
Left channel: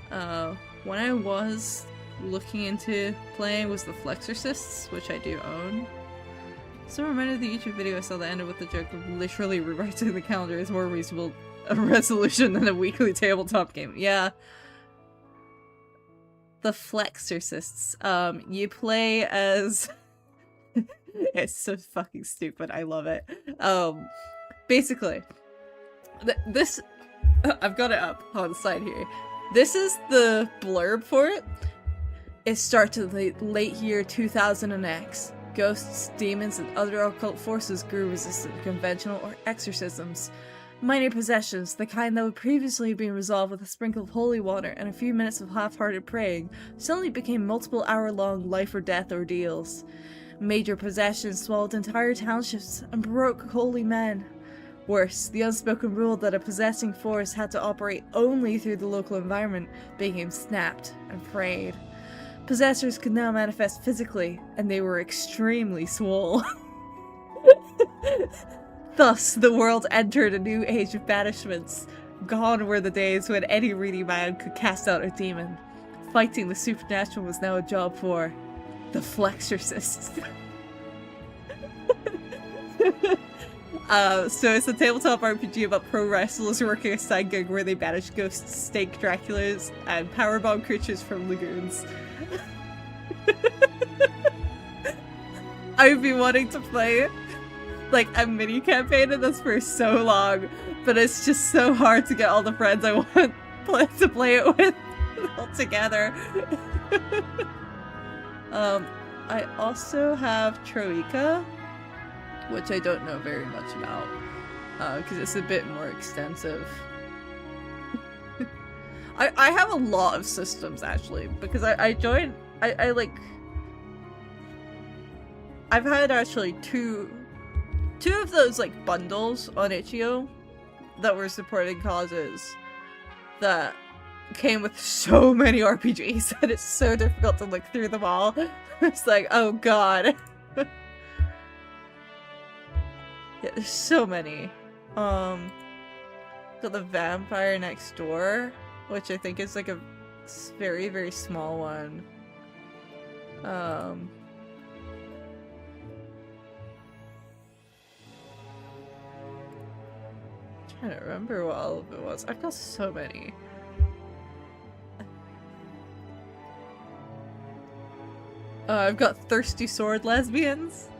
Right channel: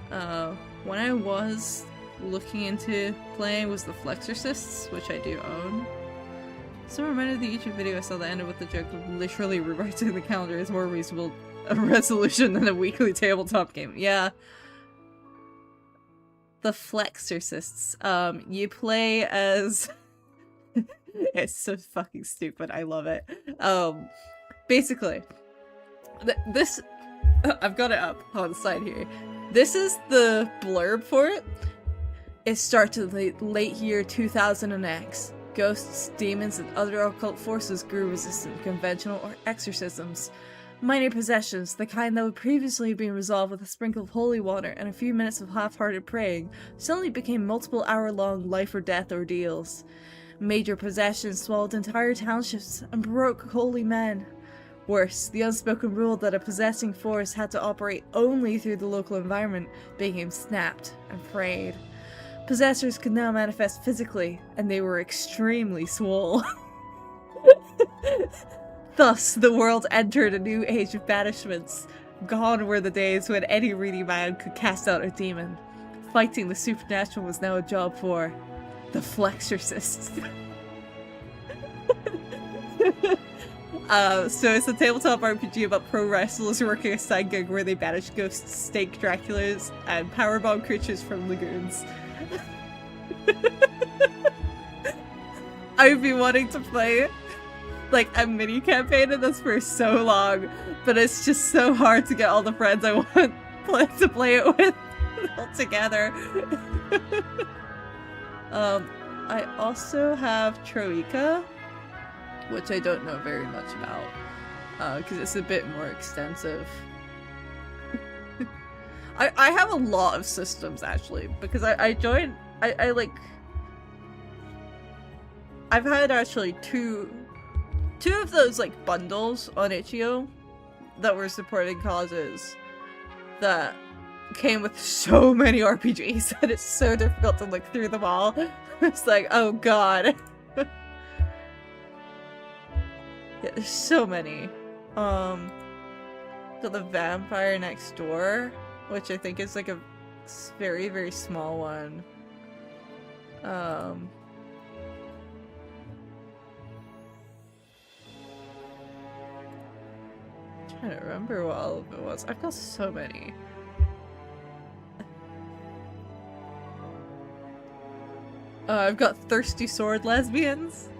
When I was looking into playing was the Flexorcists, which I do own. So reminded the YouTube video I saw that ended with the joke of literally rewriting the calendar is more reasonable a resolution than a weekly tabletop game. Yeah. The Flexorcists. You play as... It's so fucking stupid. I love it. Basically, this... I've got it up on the side here. This is the blurb for it. It starts in the late year 2000X. Ghosts, demons, and other occult forces grew resistant to conventional or exorcisms. Minor possessions, the kind that would previously have been resolved with a sprinkle of holy water and a few minutes of half-hearted praying, suddenly became multiple hour-long life-or-death ordeals. Major possessions swallowed entire townships and broke holy men. Worse, the unspoken rule that a possessing force had to operate only through the local environment became snapped and frayed. Possessors could now manifest physically, and they were extremely swole. Thus, the world entered a new age of banishments. Gone were the days when any reedy man could cast out a demon. Fighting the supernatural was now a job for the Flexorcists. So it's a tabletop RPG about pro wrestlers working a side gig where they banish ghosts, stake Draculas, and powerbomb creatures from lagoons. I've been wanting to play like a mini campaign of this for so long, but it's just so hard to get all the friends I want to play it with all together. I also have Troika, which I don't know very much about, because it's a bit more extensive. I have a lot of systems, actually, because I joined, I've had actually two of those, like, bundles on itch.io that were supporting causes that, came with so many RPGs that it's so difficult to look through them all. It's like, oh god. Yeah, there's so many. Got the Vampire Next Door, which I think is like a very, very small one. Trying to remember what all of it was. I've got so many. I've got Thirsty Sword Lesbians.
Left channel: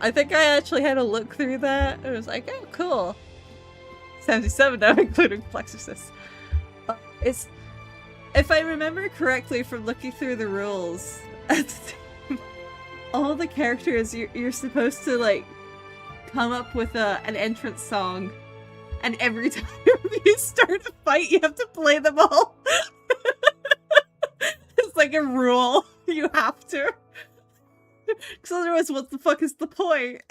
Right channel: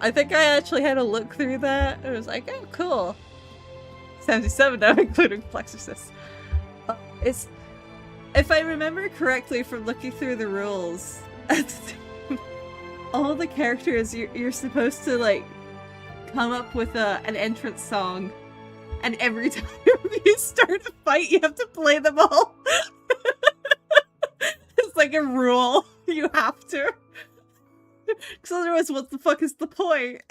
I think I actually had a look through that. I was like, oh, cool. 77 now, including Plexusis. It's, if I remember correctly from looking through the rules, all the characters you're supposed to like come up with an entrance song, and every time you start a fight, you have to play them all. It's like a rule. You have to. Because otherwise, what the fuck is the point?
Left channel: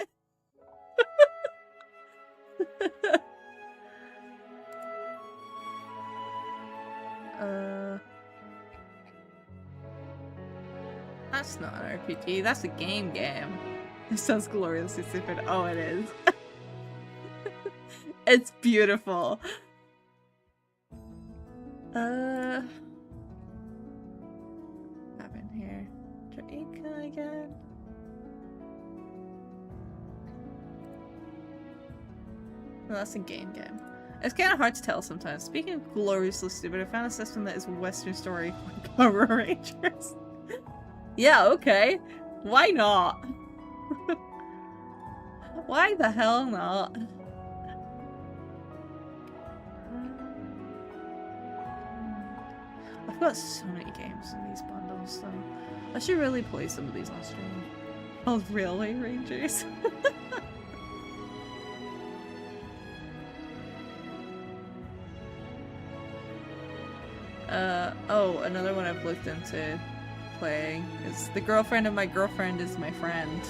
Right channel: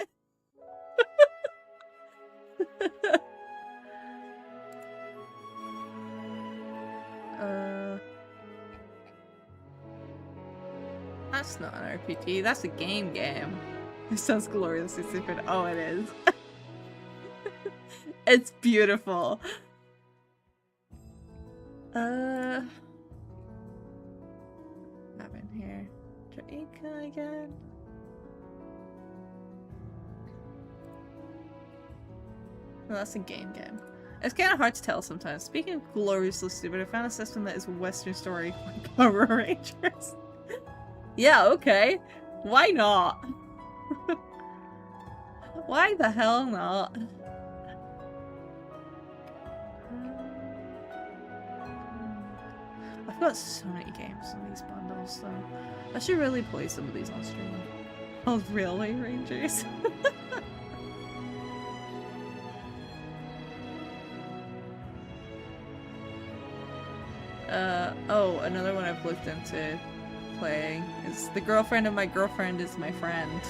That's not an RPG, that's a game. It sounds gloriously stupid. Oh, it is. It's beautiful. Happened here. Jamaica again. No, that's a game. It's kind of hard to tell sometimes. Speaking of gloriously stupid, I found a system that is Western story like Power Rangers. Yeah, okay. Why not? Why the hell not? I've got so many games in these bundles, though. I should really play some of these on stream. Oh, Railway Rangers. Oh, another one I've looked into playing is The Girlfriend of My Girlfriend is My Friend.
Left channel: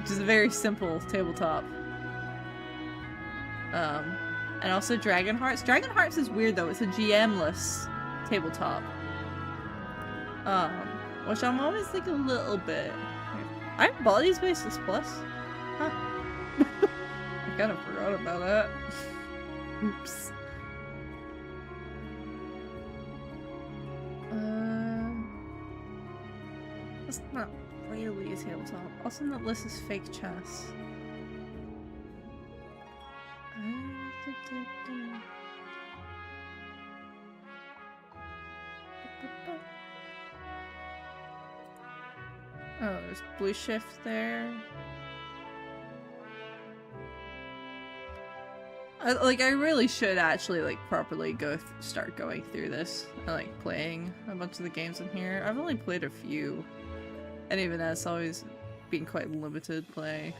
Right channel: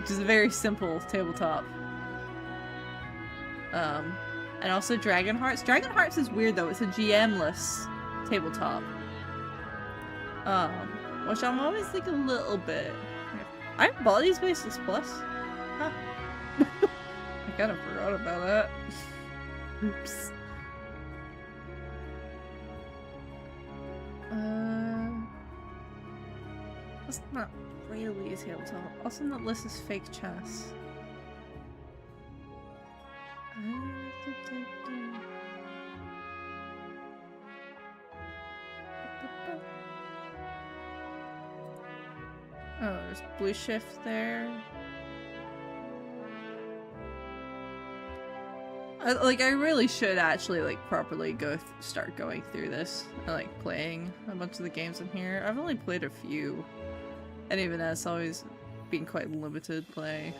Which is a very simple tabletop. And also Dragon Hearts. Dragon Hearts is weird though, it's a GM-less tabletop. Which I'm always like a little bit... I have Bodies Basis Plus? Huh. I kind of forgot about that. Oops. That's not really a tabletop. Also on that list is Fake Chess. Oh, there's Blue Shift there. I really should actually like properly start going through this and like playing a bunch of the games in here. I've only played a few, and even that's always been quite limited play.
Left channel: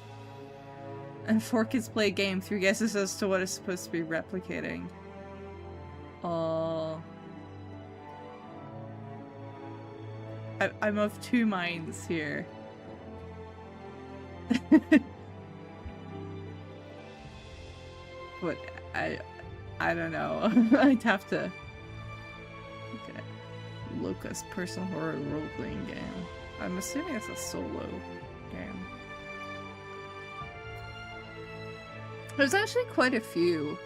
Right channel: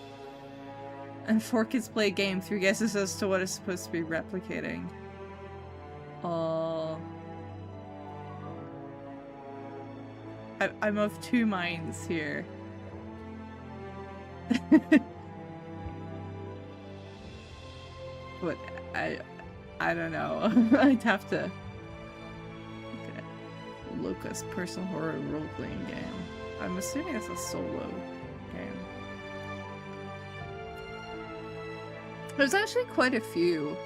And 4 kids play a game, 3 guesses as to what it's supposed to be replicating. I'm of 2 minds here. But I don't know. I'd have to look at Locust Personal Horror Role-Playing Game. I'm assuming it's a solo game. There's actually quite a few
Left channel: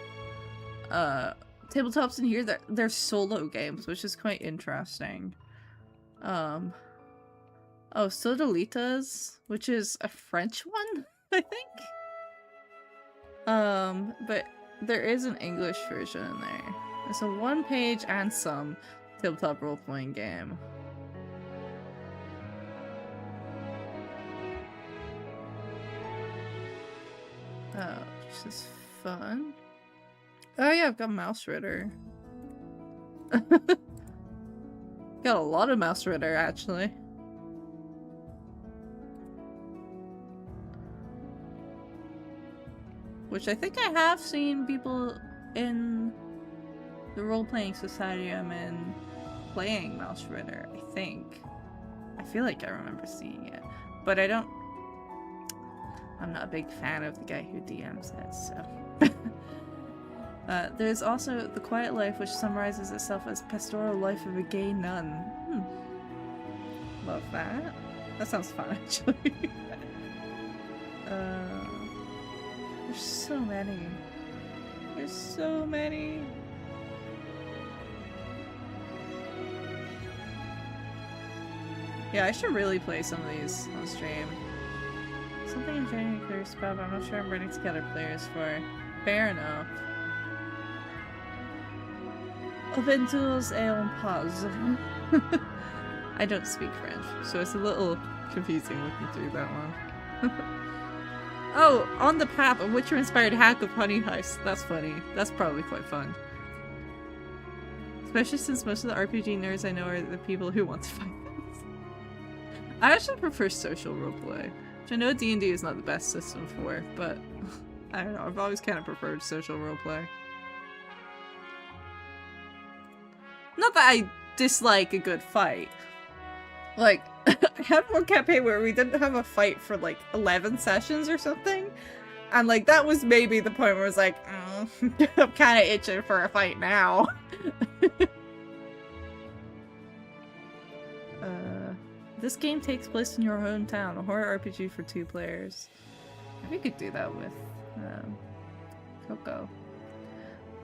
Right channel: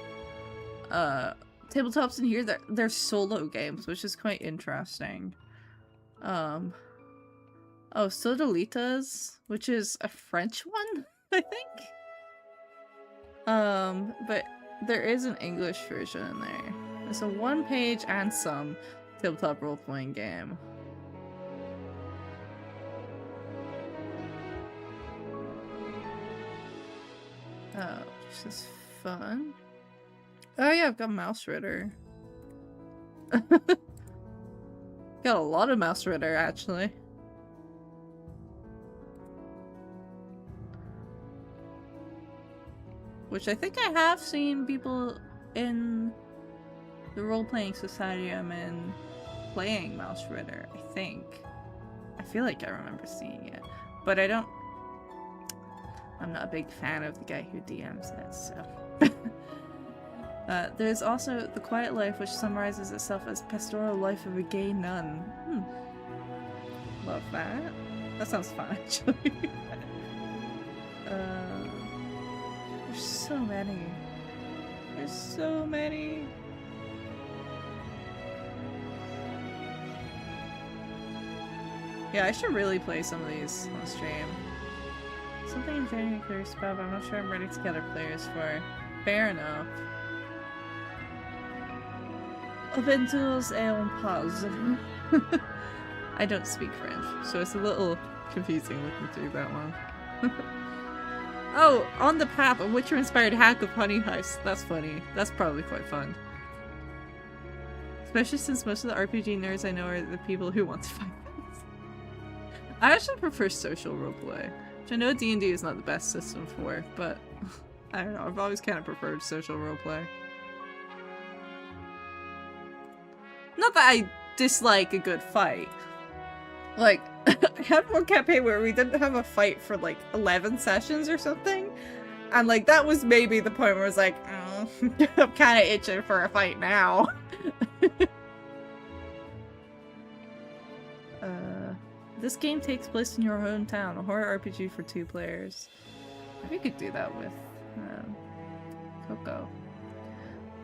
tabletops in here that they're solo games, which is quite interesting. Oh, Sodalitas, which is a French one, I think. But there is an English version in there. It's a 1-page and some tabletop role-playing game. Oh, this is fun. Oh yeah, I've got Mouse Ritter. Got a lot of Mouse Ritter, actually. Which I think I have seen people in the role-playing society I'm in playing Mouse Ritter, I think. I feel like I remember seeing it. But I'm not a big fan of the guy who DMs it, so... There's also The Quiet Life, which summarizes itself as pastoral life of a gay nun. Love that. That sounds fun, actually. There's so many. There's so many. Yeah, I should really play some of these on stream. Something in January clears spell, but I'm not sure I'm ready to gather players for. Fair enough. Aventuras et en pause. I don't speak French, so it's a little confusing looking through that one. Oh, On the Path, a Witcher-inspired hack of Honey Heist. That's funny. That's probably quite fun. Especially since most of the RPG nerds I know are the people who want to fight things. I actually prefer social roleplay, which I know D&D is not the best system for, but I don't know, I've always kind of preferred social roleplay. Not that I dislike a good fight. Like, I had one campaign where we didn't have a fight for like 11 sessions or something. And like, that was maybe the point where I was like, oh, I'm kind of itching for a fight now. This game takes place in your hometown, a horror RPG for 2 players. Maybe we could do that with Coco.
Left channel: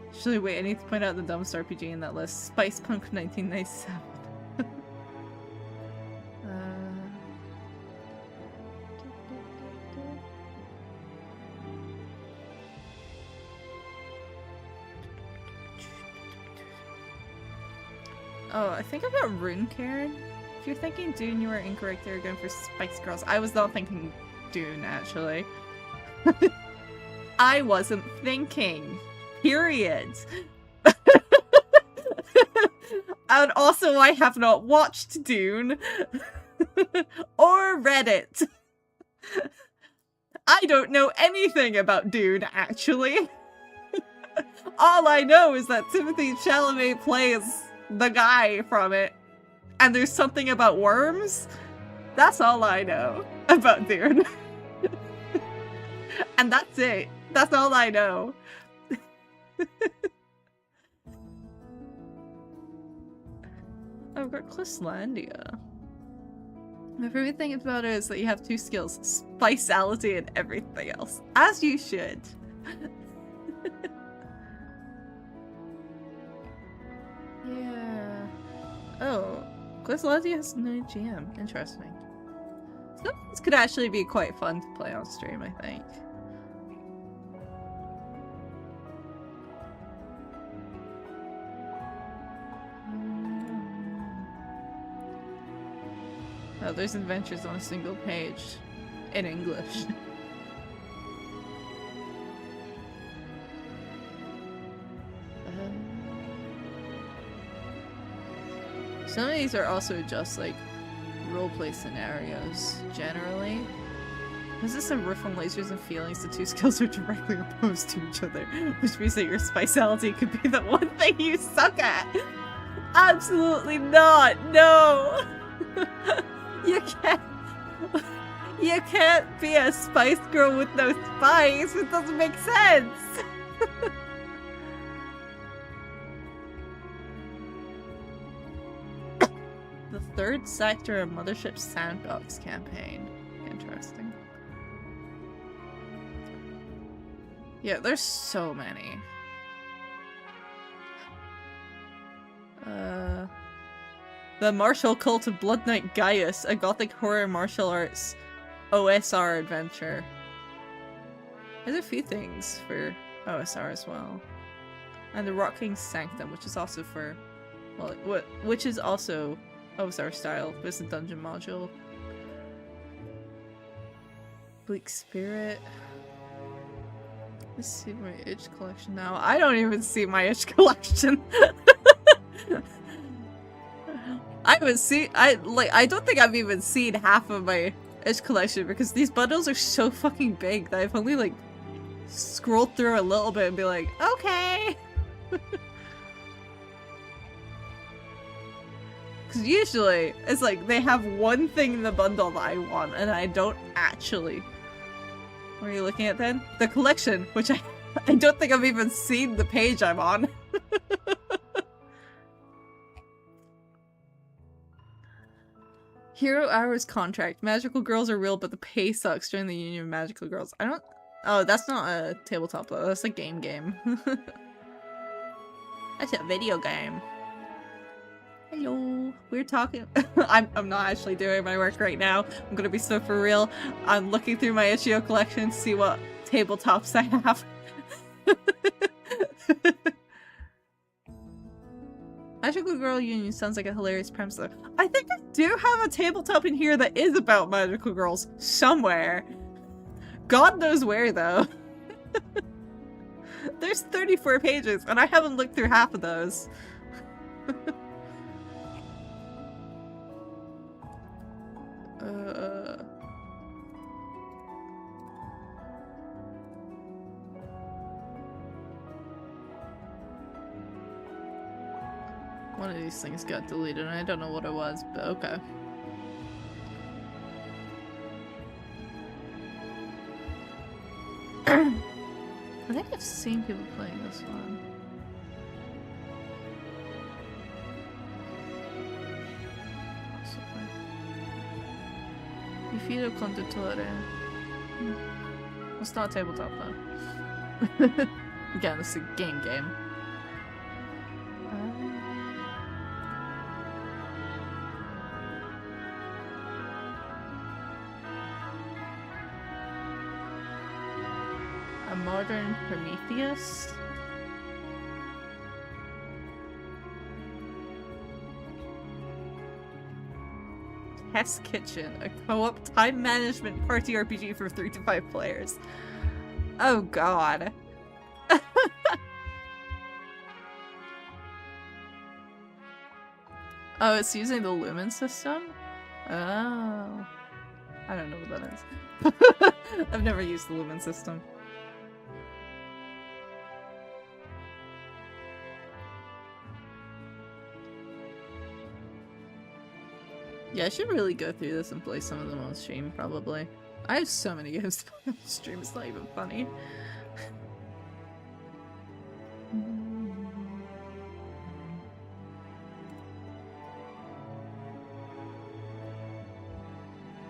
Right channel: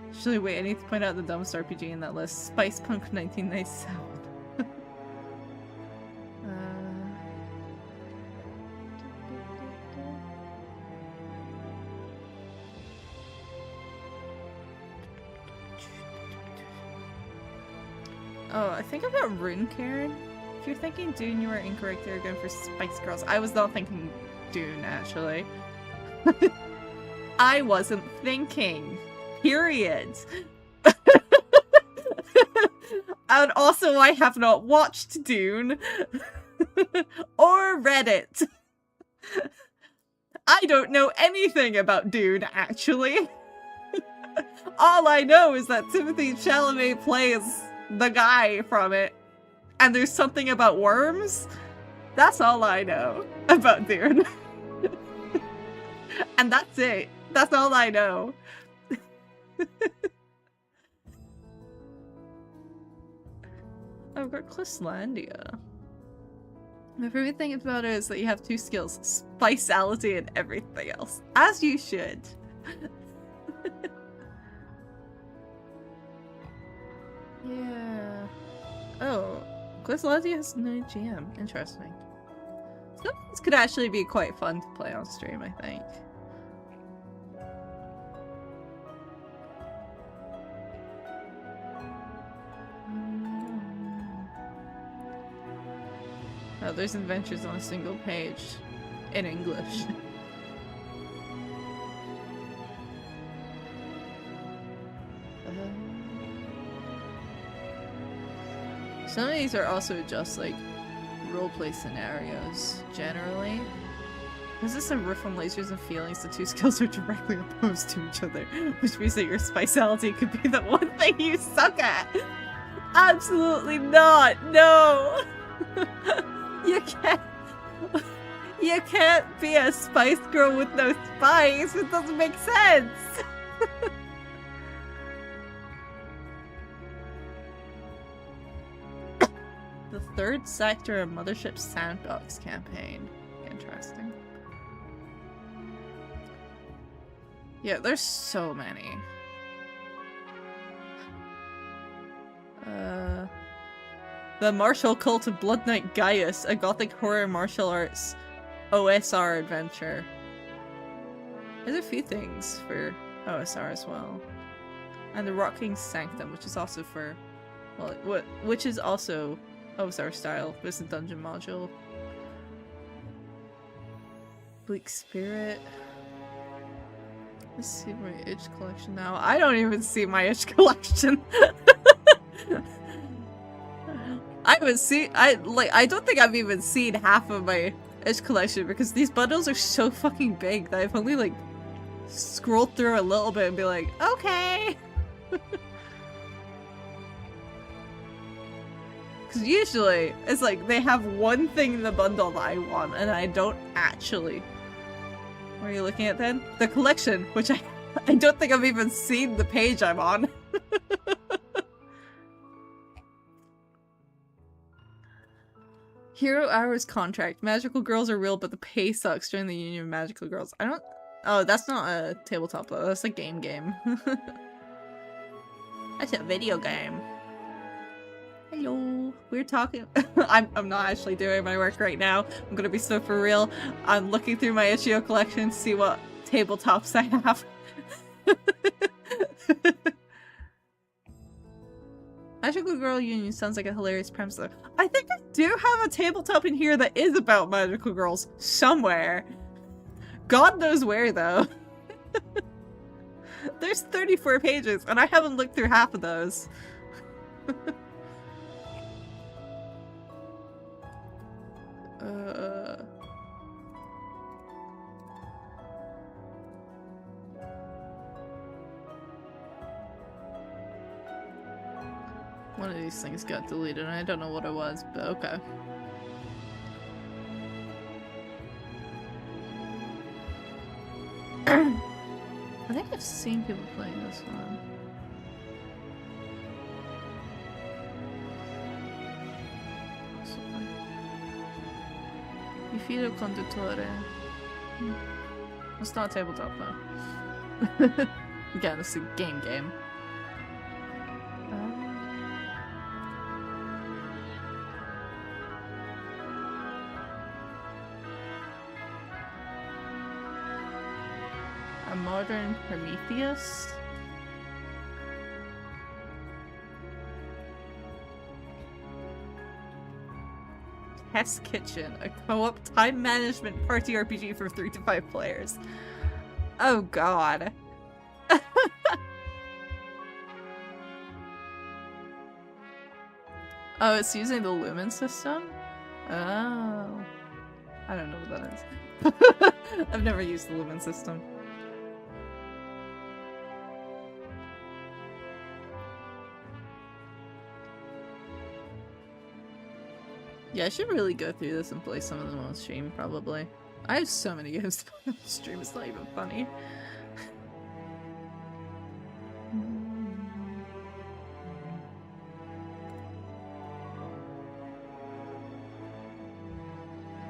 Actually, wait, I need to point out the dumbest RPG in that list. Spice Punk 1997. Oh, I think I've got Rune Karen. If you're thinking Dune, you are incorrect. You're going for Spice Girls. I was not thinking Dune, actually. I wasn't thinking. Period. And also, I have not watched Dune. Or read it. I don't know anything about Dune, actually. All I know is that Timothée Chalamet plays the guy from it. And there's something about worms. That's all I know about Dune. And that's it. That's all I know. I've got Clislandia. My favorite thing about it is that you have 2 skills. Spiceality and everything else. As you should. Yeah. Oh. Clislandia has no GM. Interesting. So this could actually be quite fun to play on stream, I think. Oh, there's adventures on a single page. In English. Some of these are also just like roleplay scenarios, generally. Because this is a riff on lasers and feelings, the 2 skills are directly opposed to each other, which means that your spiceality could be the one thing you suck at. Absolutely not! No! You can't be a spice girl with no spice! It doesn't make sense! The 3rd sector of Mothership Sandbox campaign. Interesting. Yeah, there's so many. The Martial Cult of Blood Knight Gaius, a gothic horror martial arts OSR adventure. There's a few things for OSR as well. And the Rocking Sanctum, which is also for, well, which is also OSR style, but it's a dungeon module. Bleak Spirit. Let's see my itch collection now. I don't even see my itch collection. I don't think I've even seen half of my itch collection because these bundles are so fucking big that I've only like scrolled through a little bit and be like, okay. Because usually it's like they have one thing in the bundle that I want and I don't actually. What are you looking at then? The collection, which I I don't think I've even seen the page I'm on. Hero Hours contract. Magical girls are real, but the pay sucks. Join the Union of Magical Girls. I don't... Oh, that's not a tabletop though. That's a game. That's a video game. Hello. We're talking... I'm not actually doing my work right now. I'm gonna be so for real. I'm looking through my itch.io collection to see what tabletops I have. Magical Girl Union sounds like a hilarious premise though. I think I do have a tabletop in here that is about magical girls somewhere. God knows where though. There's 34 pages and I haven't looked through half of those. One of these things got deleted and I don't know what it was, but okay. I think I've seen people playing this one. Il filo conduttore. It's not a tabletop though. Again, this is a game. A modern Prometheus? Test Kitchen, a co-op time management party RPG for 3 to 5 players. Oh god. Oh, it's using the Lumen system? Oh. I don't know what that is. I've never used the Lumen system. Yeah, I should really go through this and play some of them on stream, probably. I have so many games to play on stream, it's not even funny.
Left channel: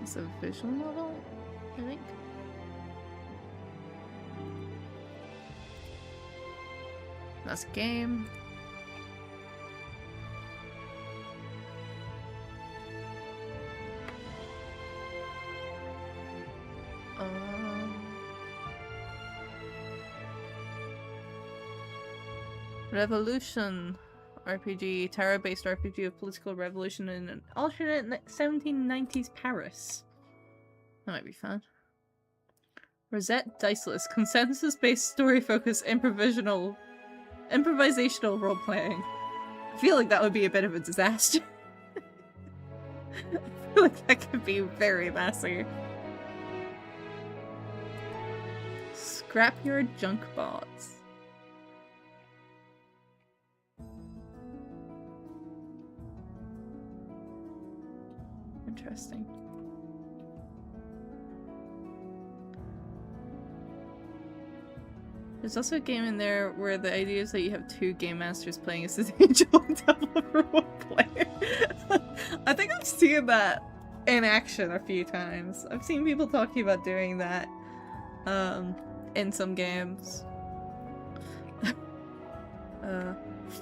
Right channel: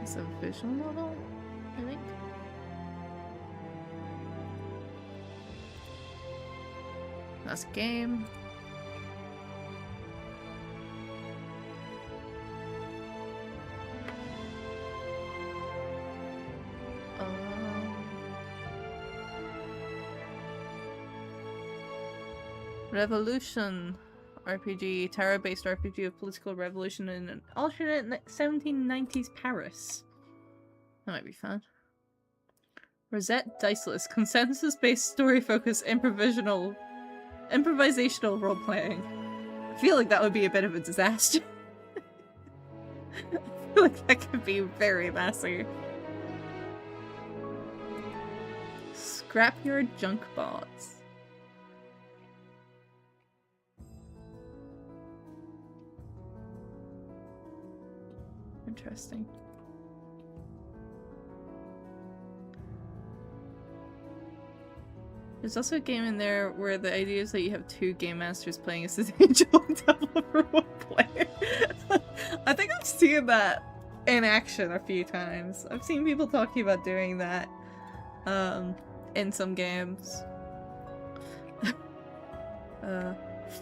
It's a visual novel, I think. That's a game. Revolution RPG, tarot-based RPG of political revolution in an alternate 1790s Paris. That might be fun. Rosette Diceless, consensus-based story-focused improvisational role-playing. I feel like that would be a bit of a disaster. I feel like that could be very messy. Scrapyard Junk Bots. Interesting. There's also a game in there where the idea is that you have 2 game masters playing as the angel and devil for 1 player. I think I've seen that in action a few times. I've seen people talking about doing that in some games.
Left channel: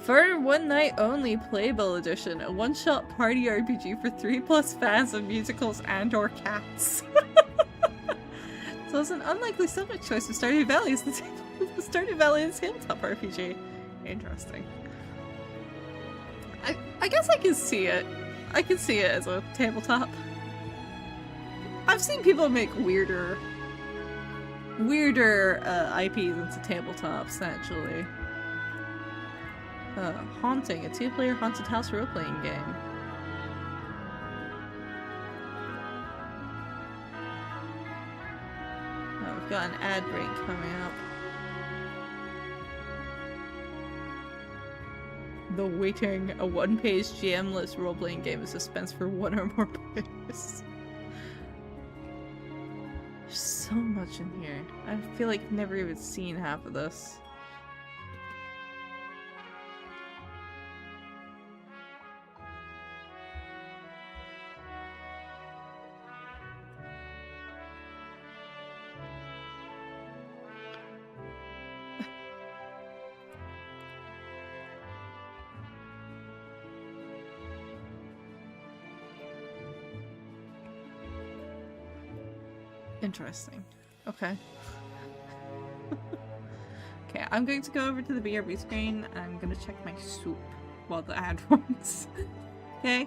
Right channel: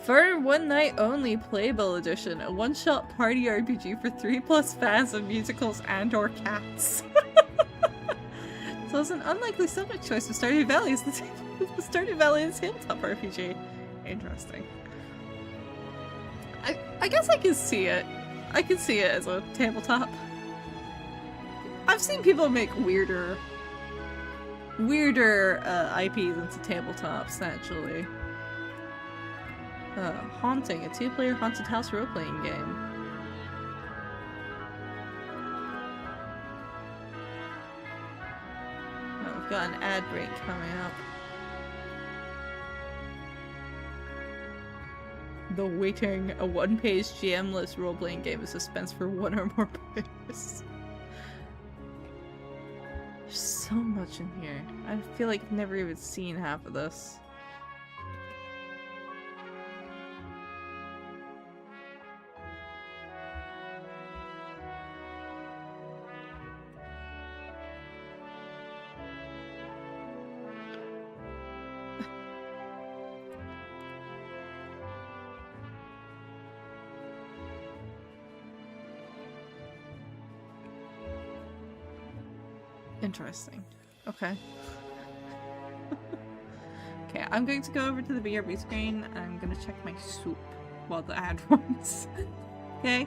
For one night only Playbill edition, a one-shot party RPG for 3+ fans of musicals and or cats. So it's an unlikely subject choice for Stardew Valley as the Stardew Valley is tabletop RPG. Interesting. I guess I can see it. I can see it as a tabletop. I've seen people make weirder IPs into tabletops, actually. Haunting, a 2-player haunted house role-playing game. Oh, we've got an ad break coming up. The Waiting, a 1-page GM-less role-playing game of suspense for 1 or more players. There's so much in here. I feel like I've never even seen half of this. Interesting. Okay. Okay, I'm going to go over to the BRB screen and I'm going to check my soup while the ad runs. Okay?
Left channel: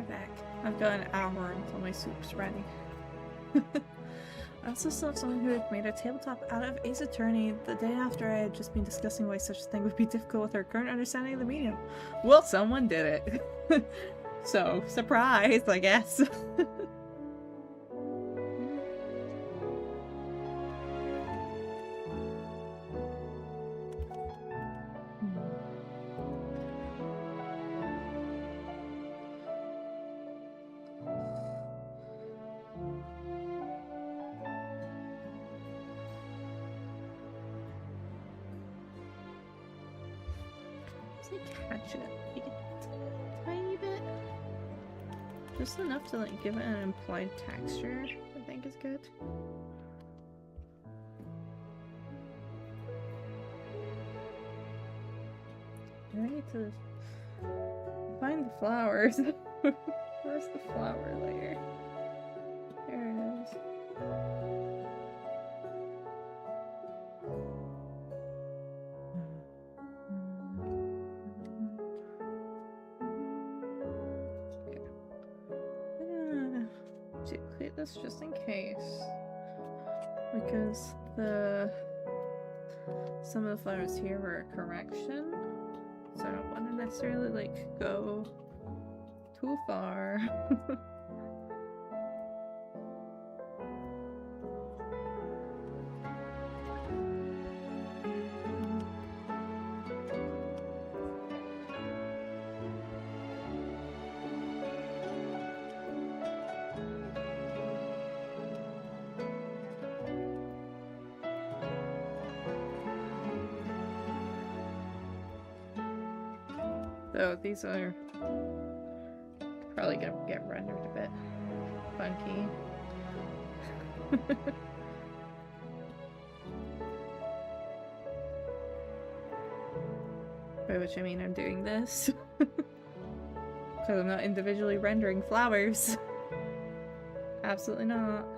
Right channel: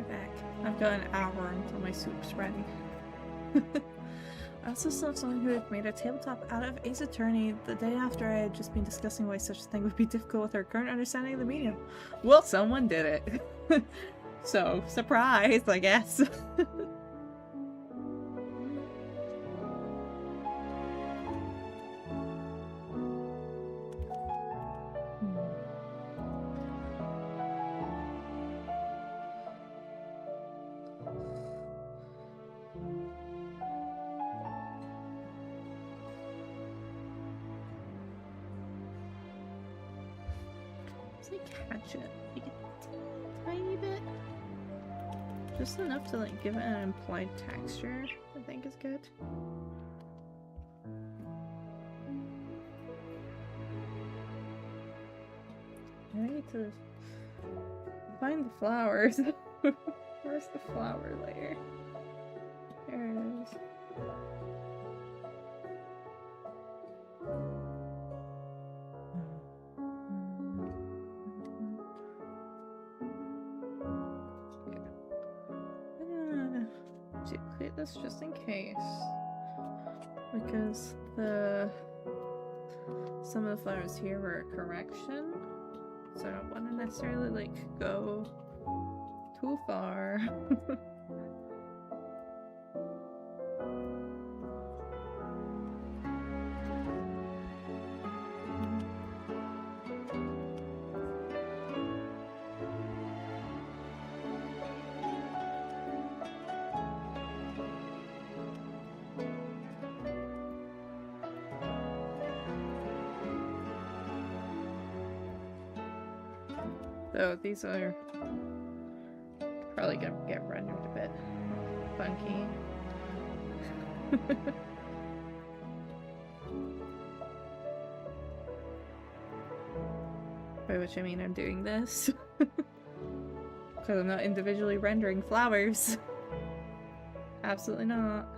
We're back. I've got an hour until my soup's ready. I also saw someone who had made a tabletop out of Ace Attorney the day after I had just been discussing why such a thing would be difficult with our current understanding of the medium. Well, someone did it. So, surprise, I guess. Catch it like a tiny bit, just enough to like give it an implied texture. I think is good. I need to find the flowers. Where's the flower layer? There it is. Duplicate this just in case, because some of the flowers here were a correction, so I don't want to necessarily like go too far. So these are probably gonna get rendered a bit funky. By which I mean I'm doing this because I'm not individually rendering flowers. Absolutely not.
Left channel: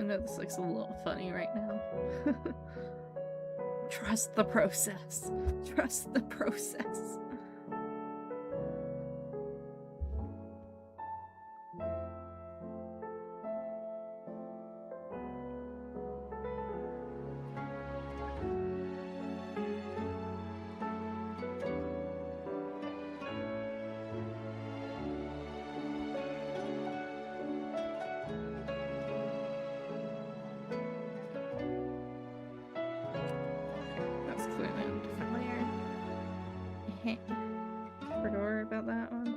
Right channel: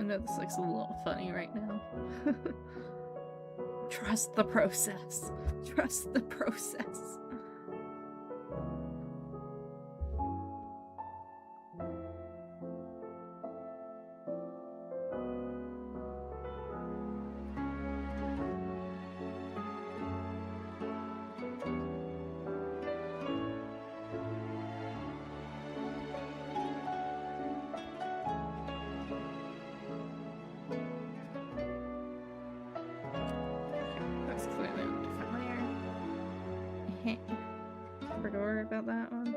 I know this looks a little funny right now. Trust the process. Trust the process. Clearly on a different layer. Forgot to worry about that one.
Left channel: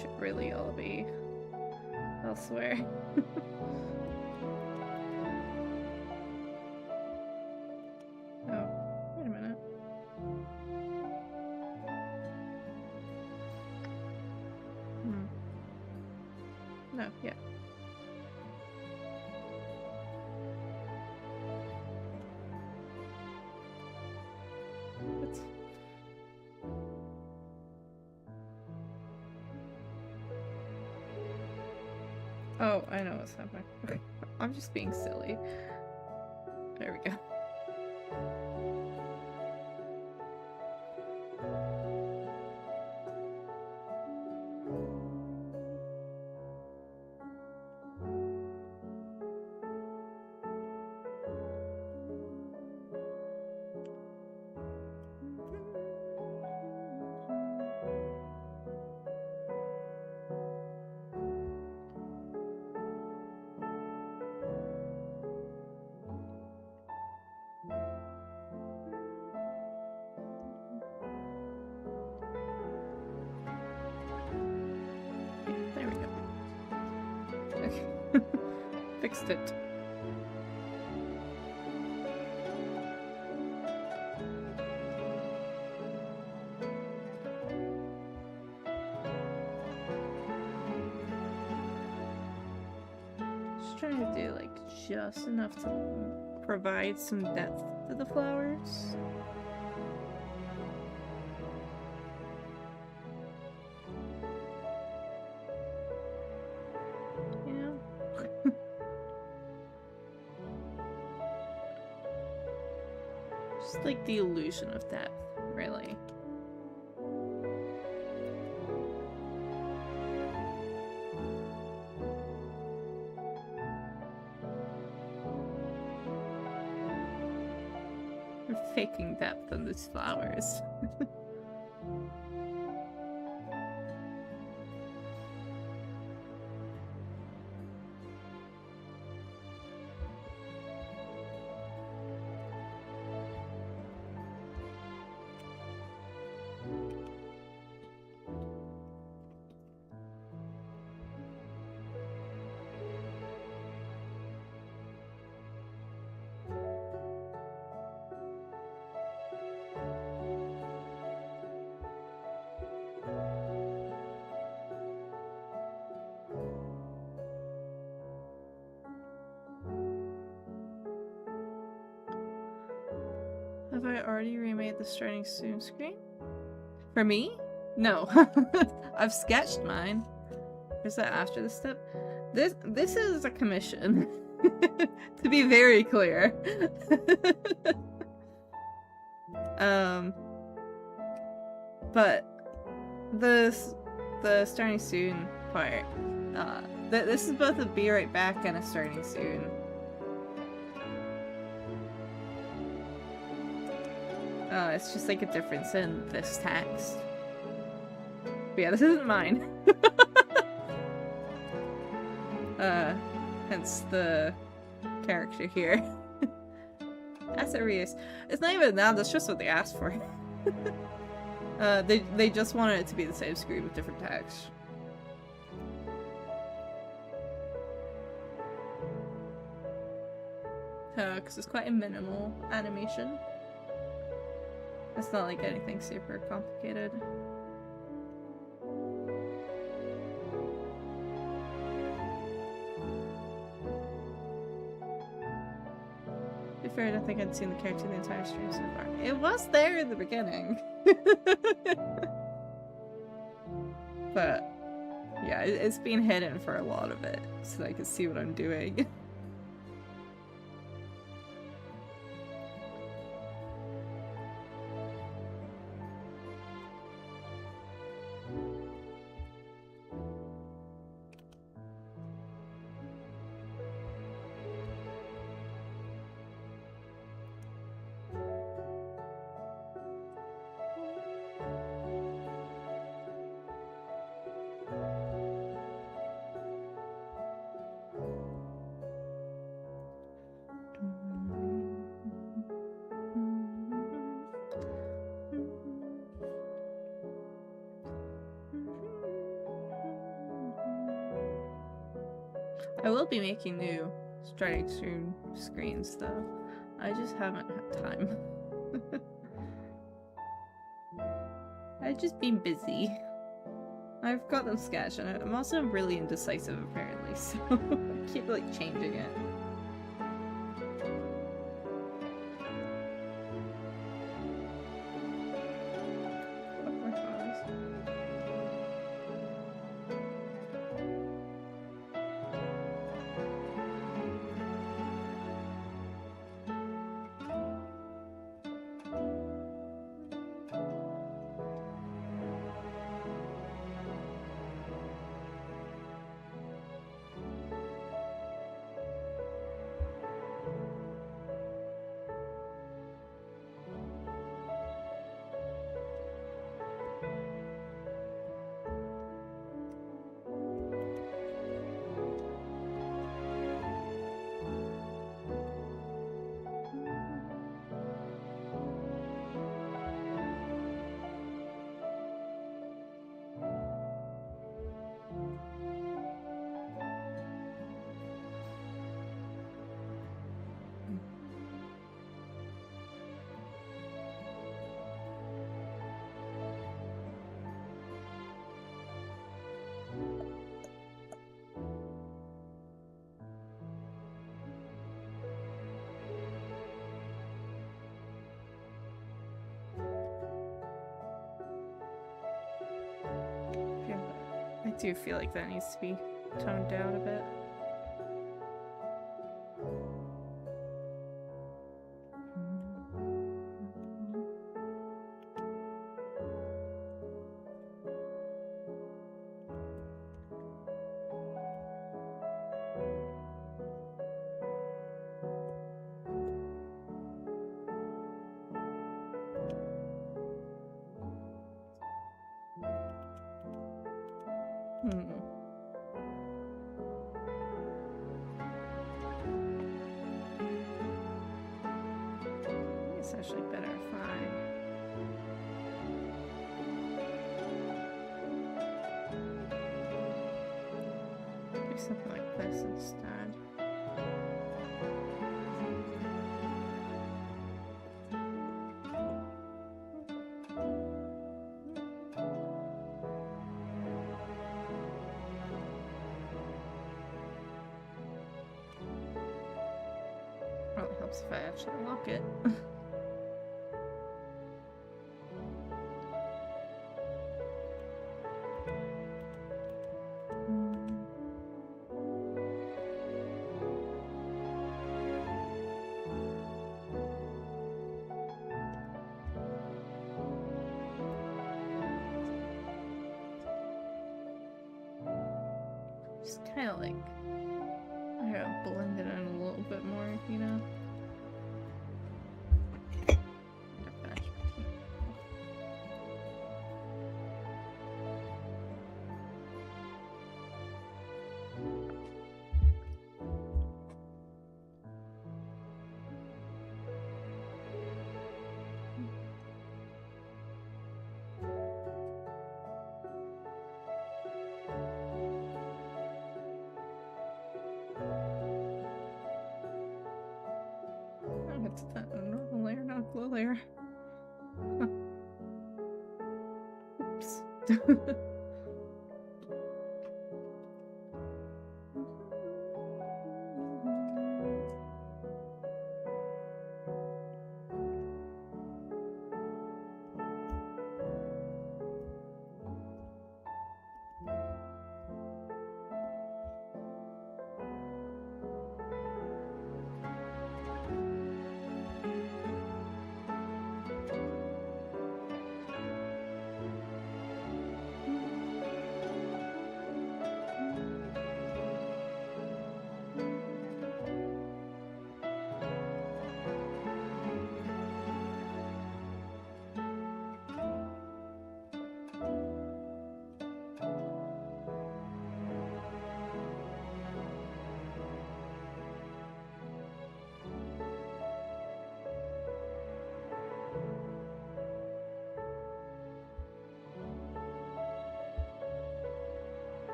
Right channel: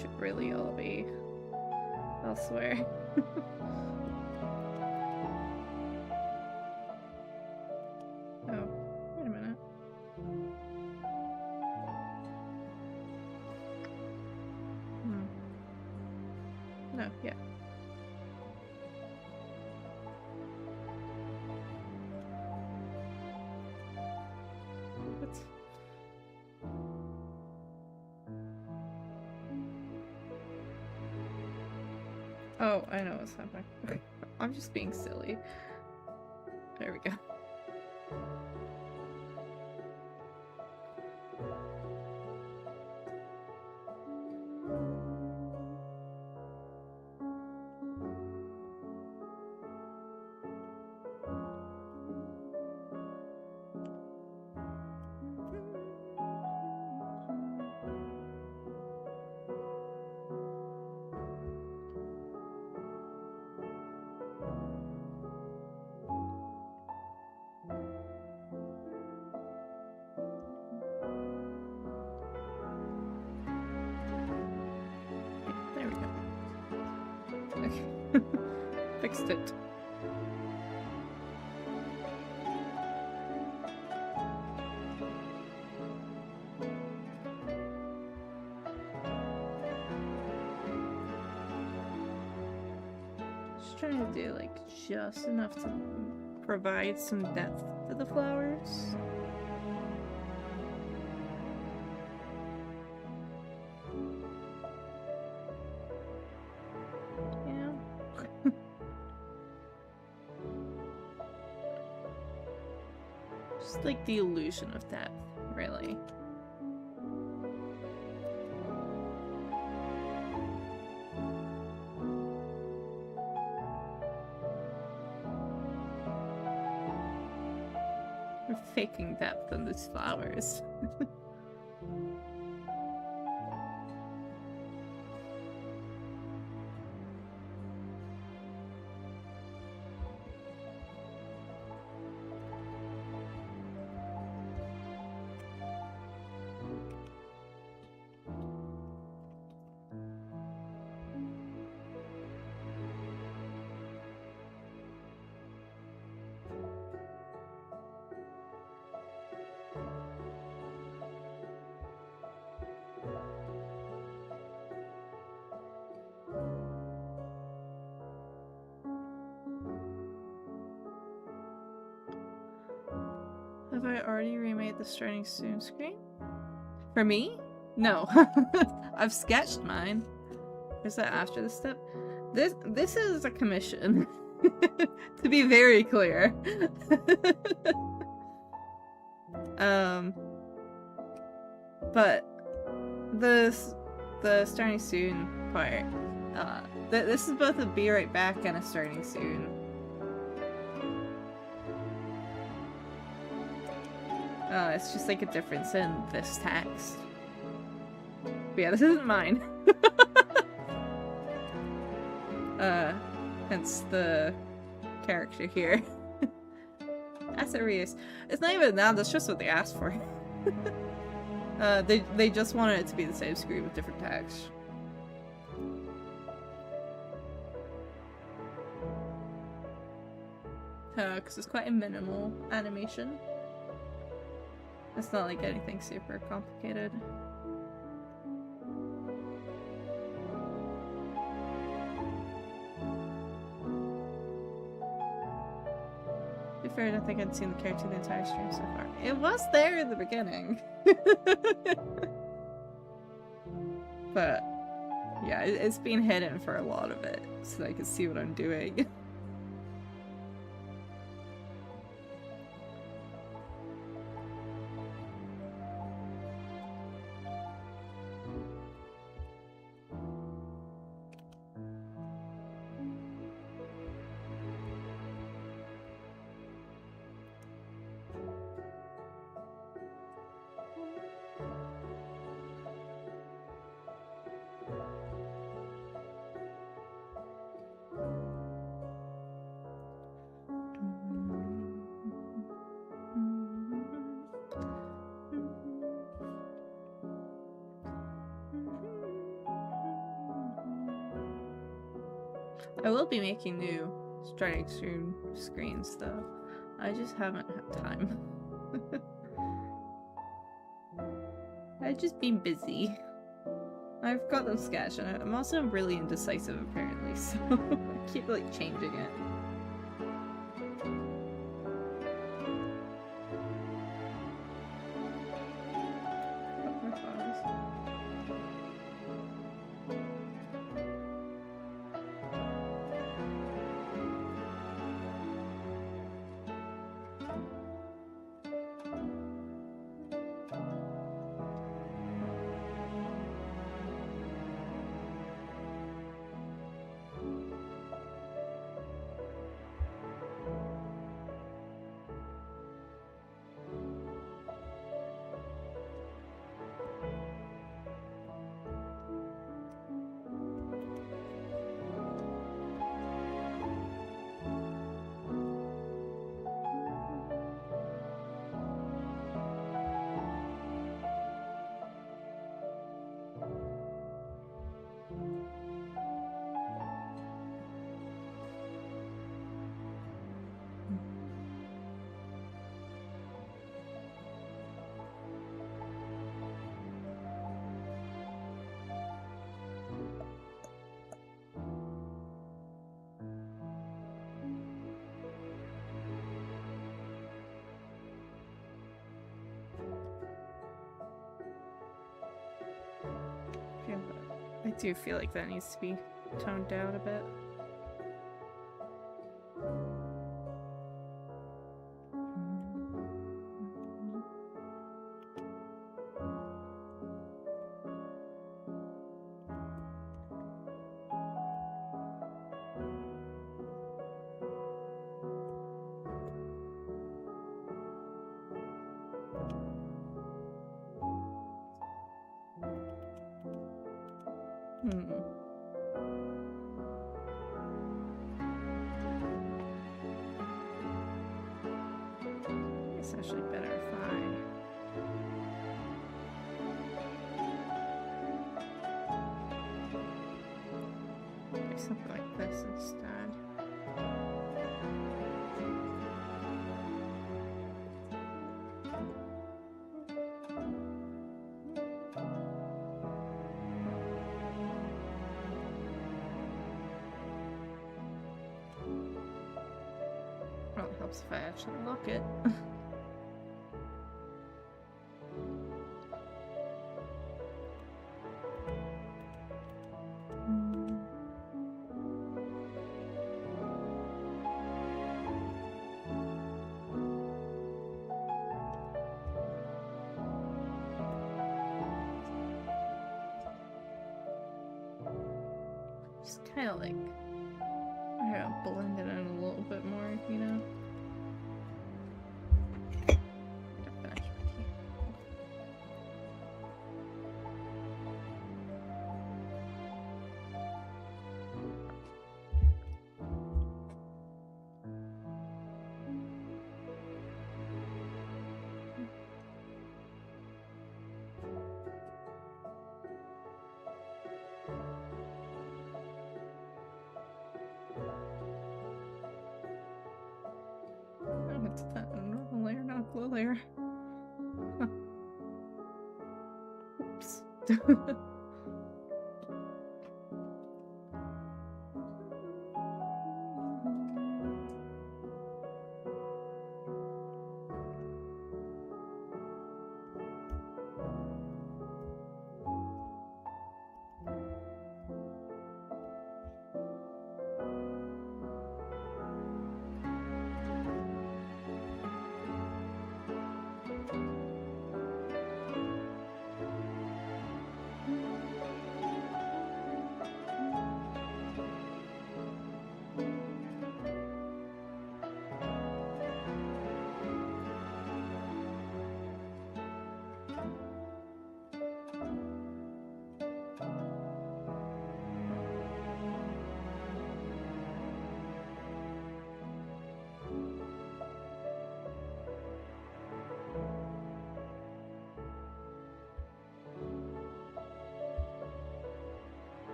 Should really all be elsewhere. Oh, wait a minute. No, yeah. What's... Oh, I know what's happening. I'm just being silly. There we go. There we go. Okay. Fixed it. Just trying to do like just enough to provide some depth to the flowers. Just like the illusion of depth, really. We're faking depth on these flowers. Have I already remade the starting soon screen? For me? No. I've sketched mine. Is that after the step? This is a commission. To be very clear. But the starting soon part, this is both a be right back and a starting soon. It's just like a difference in this text. But yeah, this isn't mine. Hence the character here. Asset reuse. It's not even that, that's just what they asked for. They just wanted it to be the same screen with different text. Because it's quite a minimal animation. It's not like anything super complicated. To be fair, I don't think I'd seen the character the entire stream so far. It was there in the beginning. But yeah, it's been hidden for a lot of it, so that I can see what I'm doing. I will be making new starting soon screens though. I just haven't had time. I've just been busy. I've got them sketched and I'm also really indecisive apparently, so I keep like changing it. do feel like that needs to be toned down a bit. It's actually better if I do something like this instead. Probably helps if I actually lock it. Just kind of like, I don't know, blend it in a little bit more, you know? It's that a normal layer, not a glow layer. Huh. Oops.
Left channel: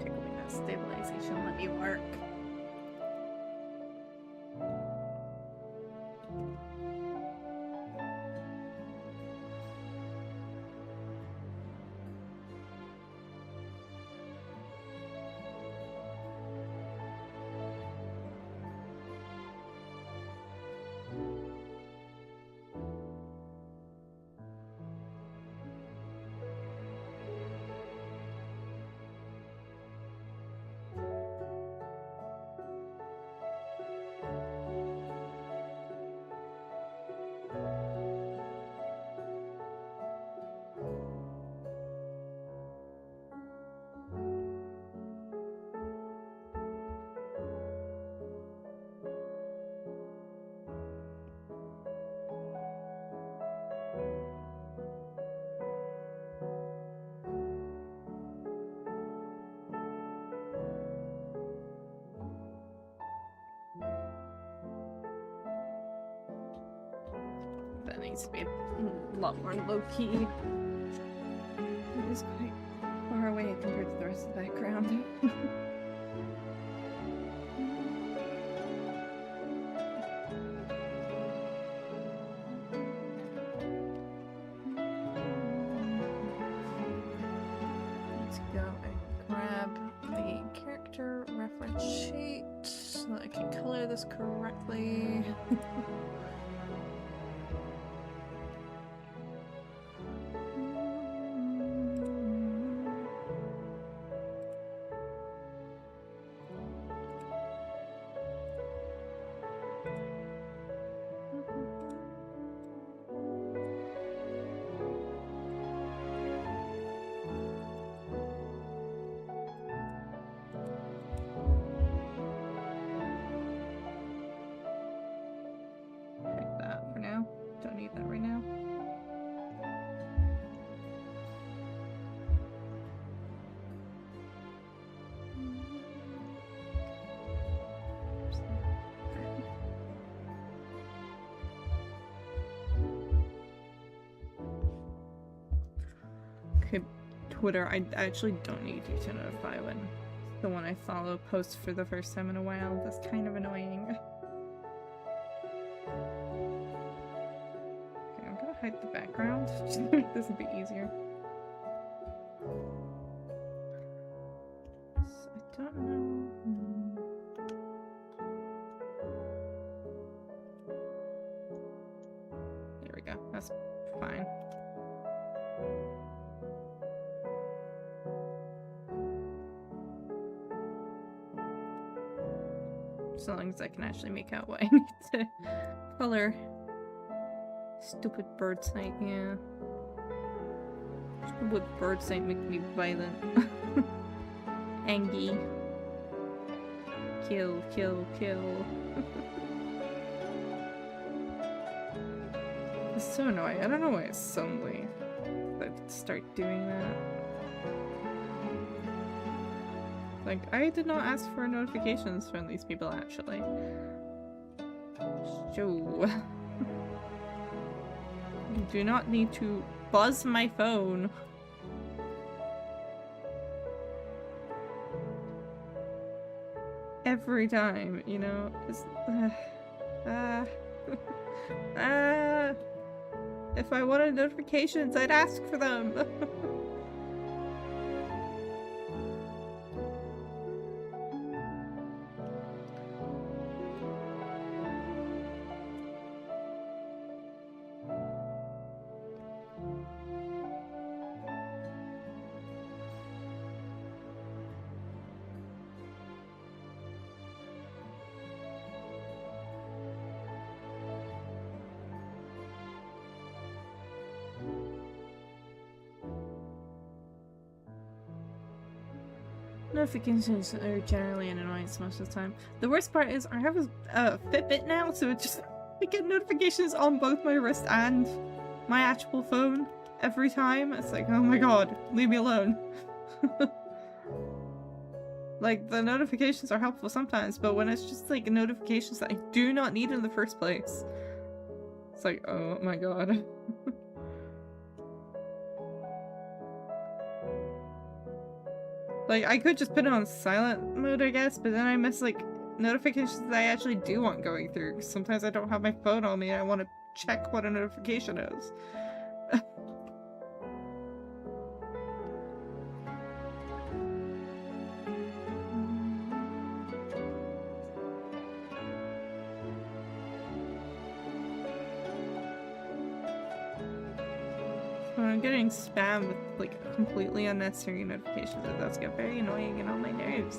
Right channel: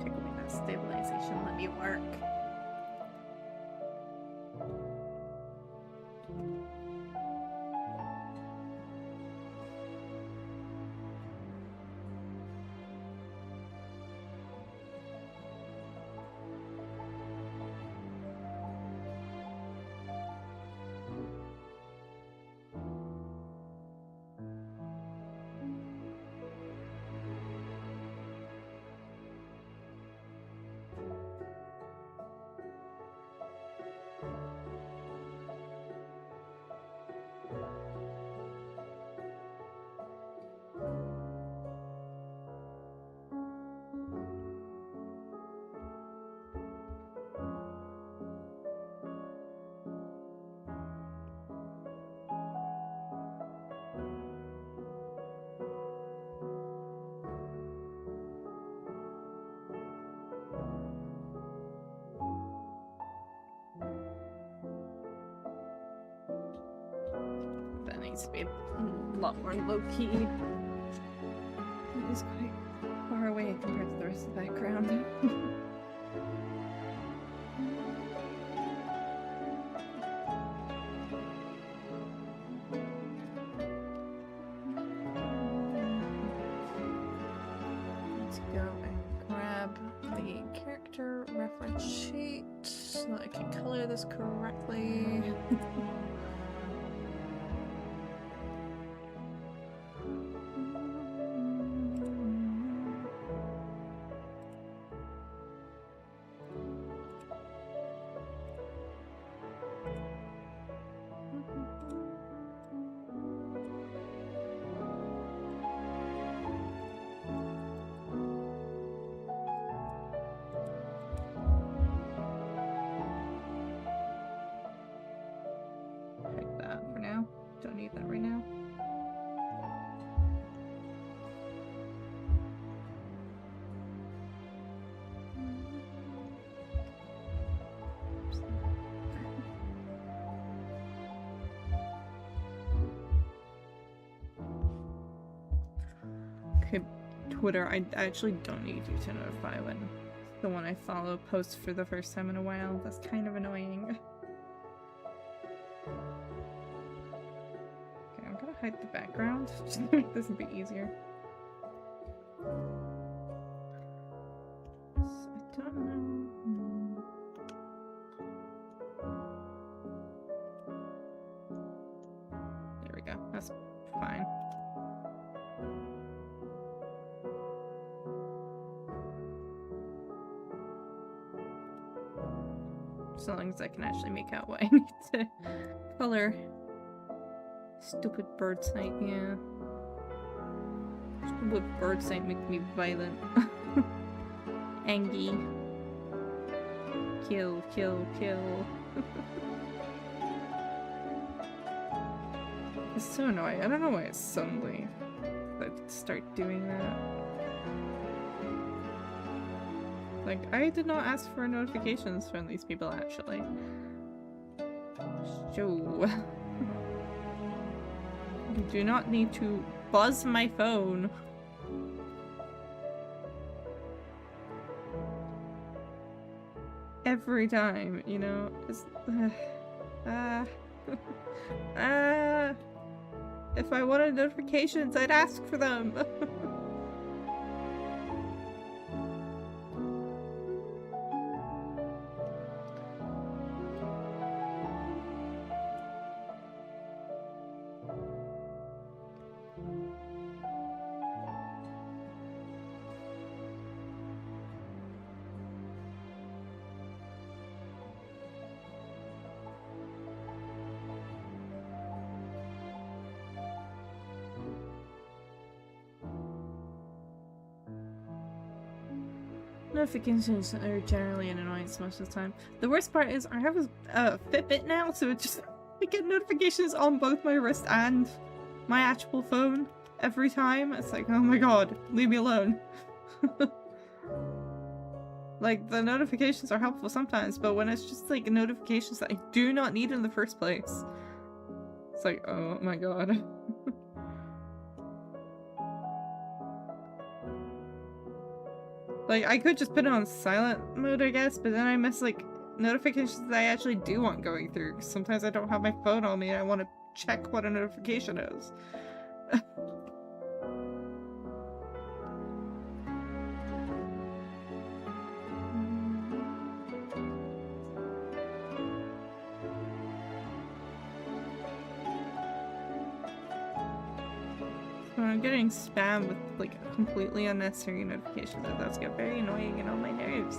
Take away that stabilization, let me work. That needs to be a lot more low-key. It is quite far away compared to the rest of the background. Let's go and grab the the character reference sheet so that I can color this correctly. Pick that for now. Don't need that right now. Okay, Twitter, I actually don't need you to notify when the one I follow posts for the first time in a while. That's kind of annoying. Okay, I'm gonna hide the background just to make this a bit easier. So I don't know. There we go. That's fine. So long as I can actually make out what I need to color. Stupid bird sight, yeah. Stupid bird sight makes me violent. Angry. Kill, kill, kill. It's so annoying. I don't know why it's suddenly that start doing that. Like, I did not ask for notifications from these people, actually. So... you do not need to buzz my phone. Every time, you know? It's... if I wanted notifications, I'd ask for them! Notifications are generally an annoyance most of the time. The worst part is I have a Fitbit now, so it just I get notifications on both my wrist and my actual phone every time. It's like, oh my god, leave me alone. Like, the notifications are helpful sometimes, but when it's just like notifications that I do not need in the first place, it's like, oh my god. Like, I could just put it on silent mode, I guess, but then I miss, like, notifications that I actually do want going through. Sometimes I don't have my phone on me and I want to check what a notification is. When I'm getting spam with, like, completely unnecessary notifications, it does get very annoying and on my nerves.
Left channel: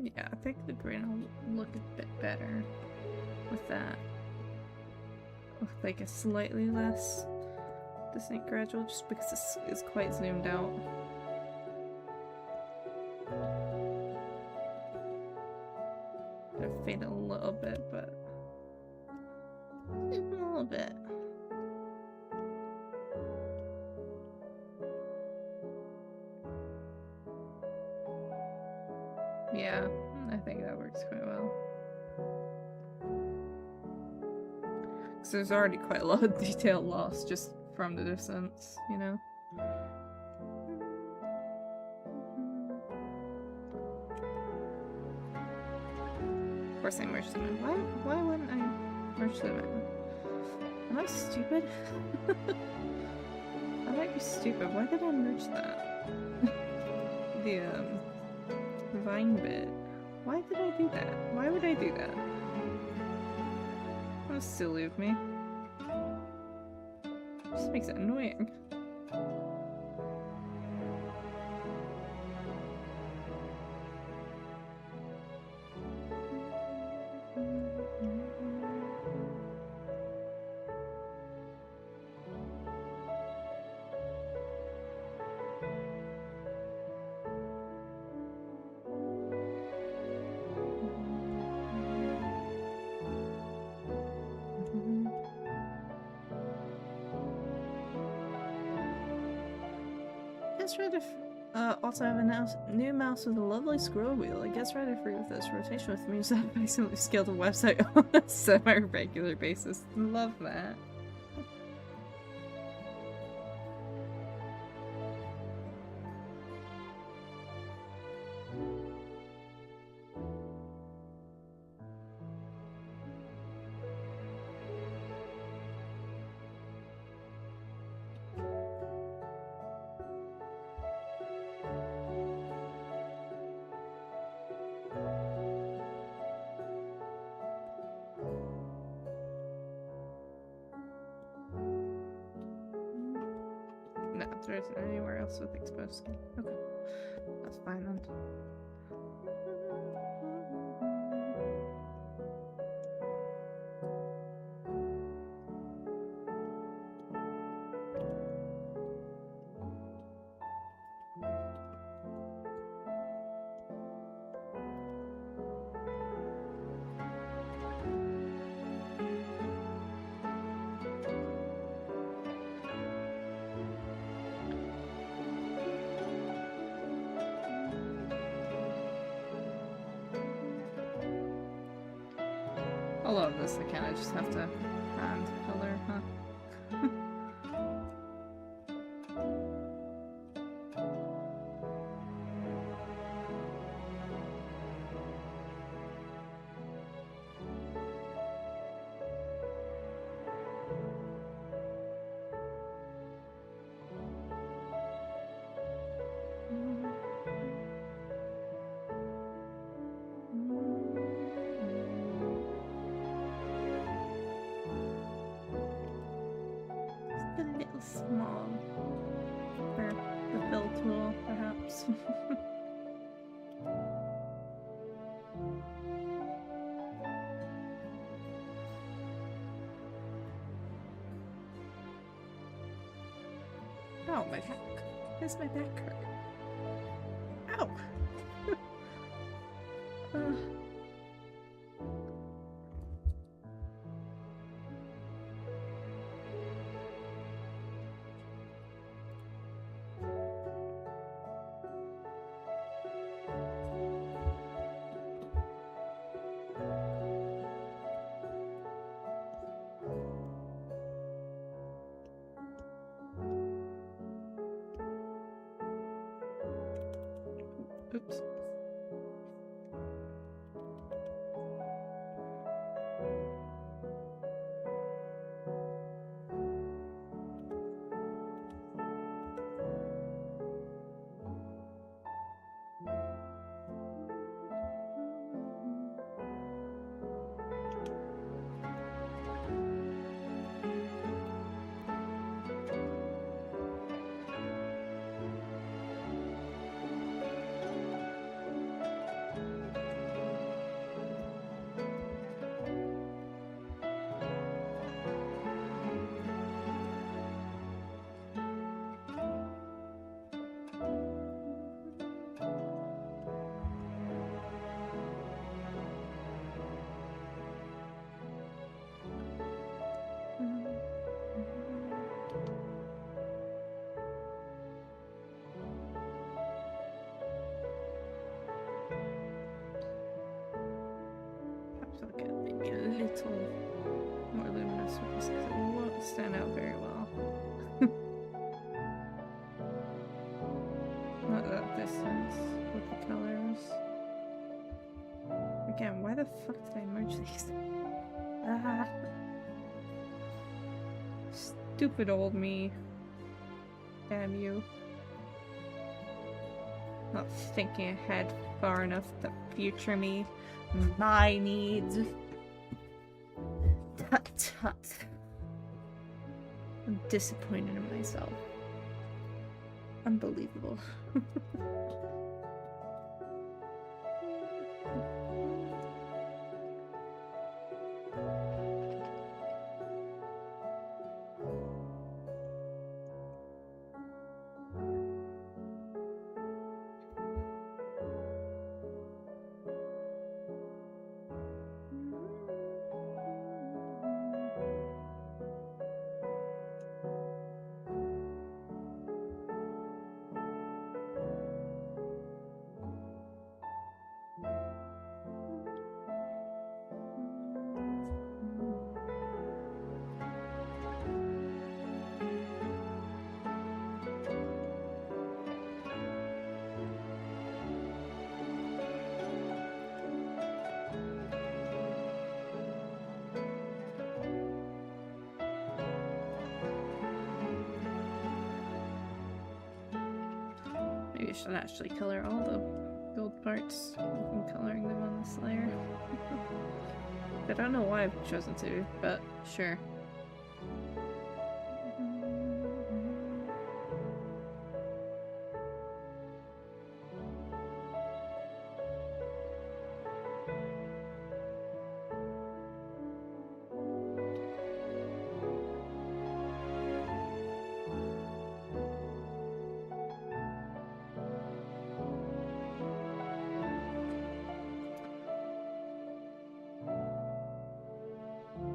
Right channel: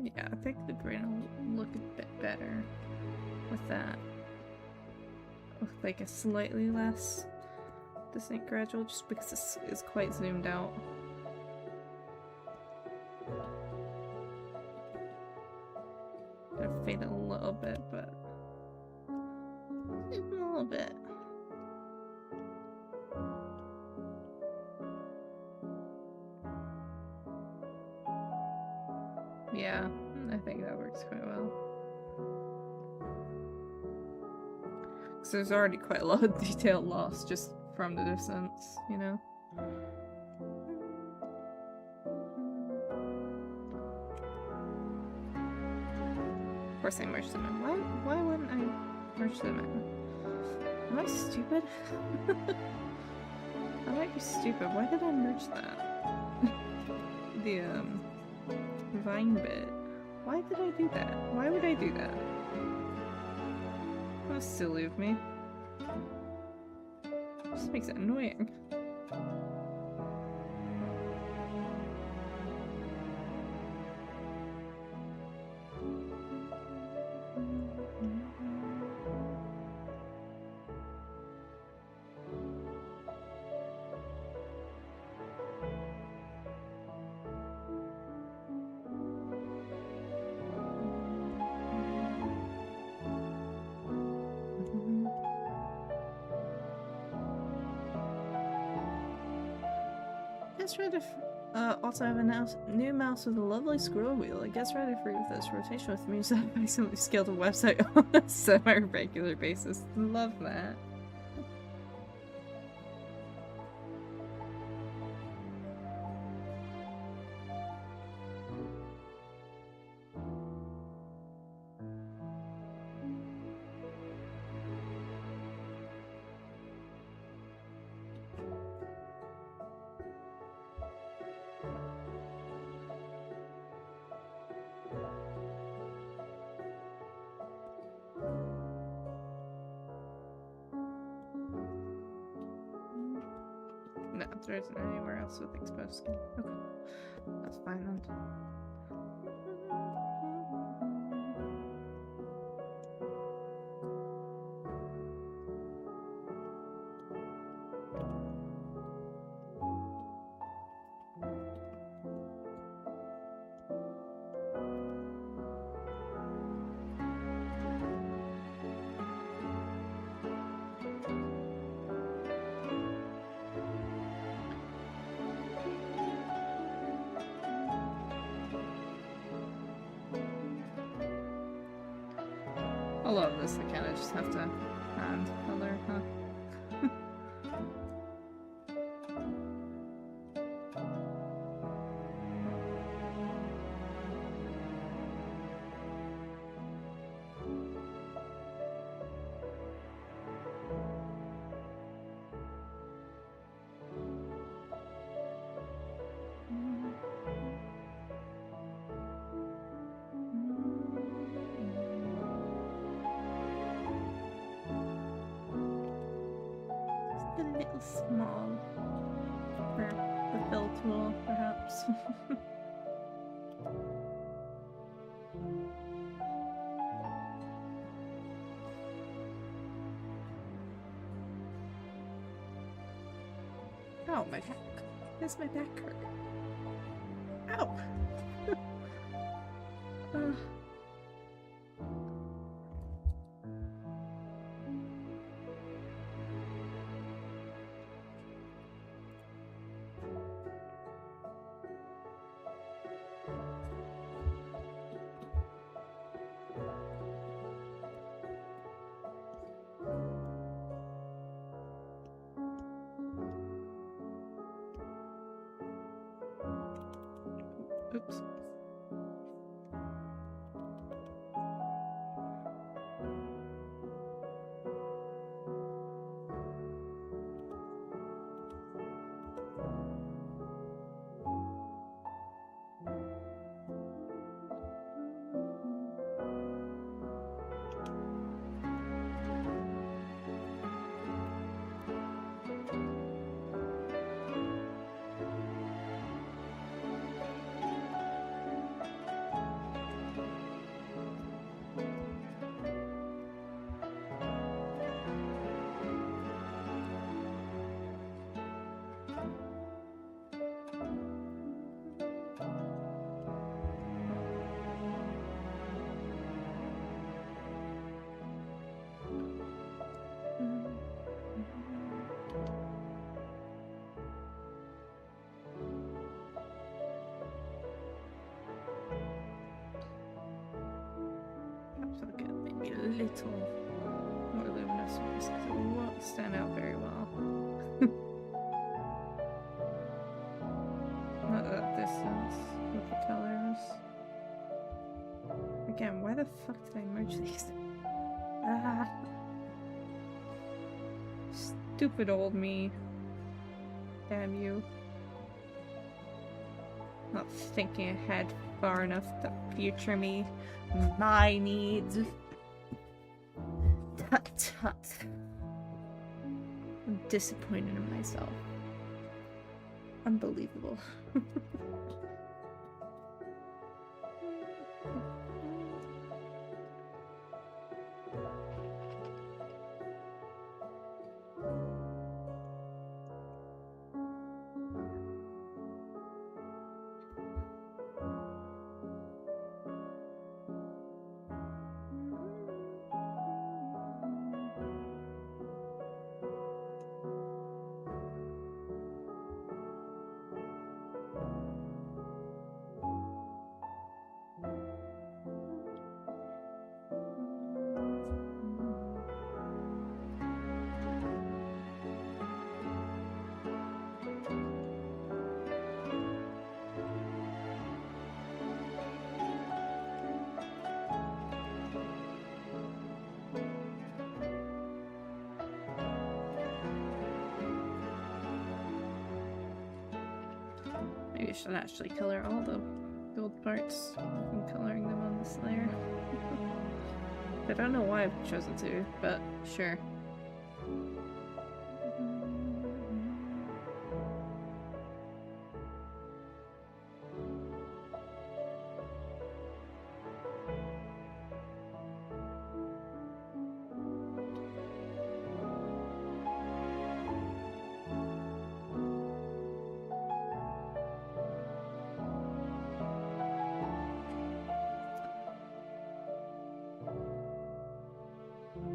Yeah, I think the green will look a bit better with that. With like a slightly less distinct gradual, just because this is quite zoomed out. Gonna fade it a little bit, but just a little bit. Yeah, I think that works quite well. Because there's already quite a lot of detail lost just from the distance, you know? Of course I merged them in. Why wouldn't I merge them in? Am I stupid? I might be stupid. Why did I merge that? The, vine bit. Why did I do that? Why would I do that? That was silly of me. Just makes it annoying. Guess Rider also have a new mouse with a lovely scroll wheel. I guess Rider free with this rotation with me, so I basically scaled a website on a semi-regular basis. Love that. No, there isn't anywhere else with exposed skin. Okay. That's fine then. A lot of this I kinda just have to hand color, huh? A little small for the fill tool, perhaps. Oh, my back. Where's my back hurt? Ow! Oops. So I'll get maybe a little more luminous with this because it won't stand out very well. Not that distance with the colors. Again, why the fuck did I merge these? Ah. Stupid old me. Damn you. Not thinking ahead far enough to future me. My needs. Tut tut. I'm disappointed in myself. Unbelievable. Maybe I should actually color all the gold parts. I'm coloring them on this layer. I don't know why I've chosen to, but sure.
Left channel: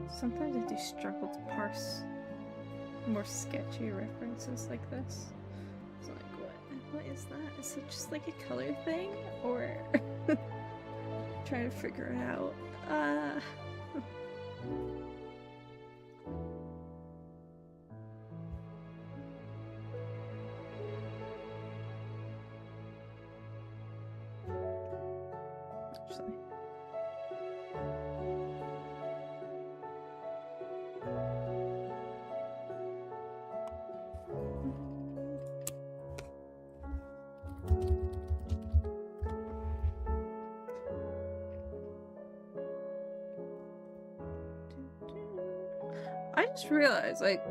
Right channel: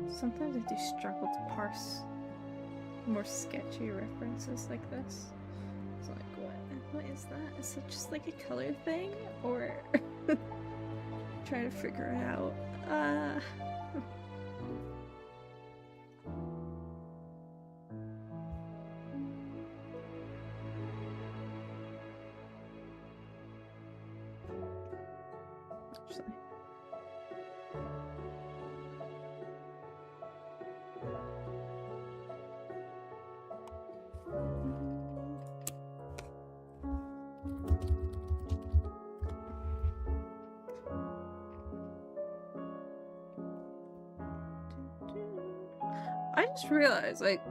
Sometimes I do struggle to parse more sketchy references like this. It's like, what is that? Is it just like a color thing? Or try to figure it out. Actually. I just realized, like,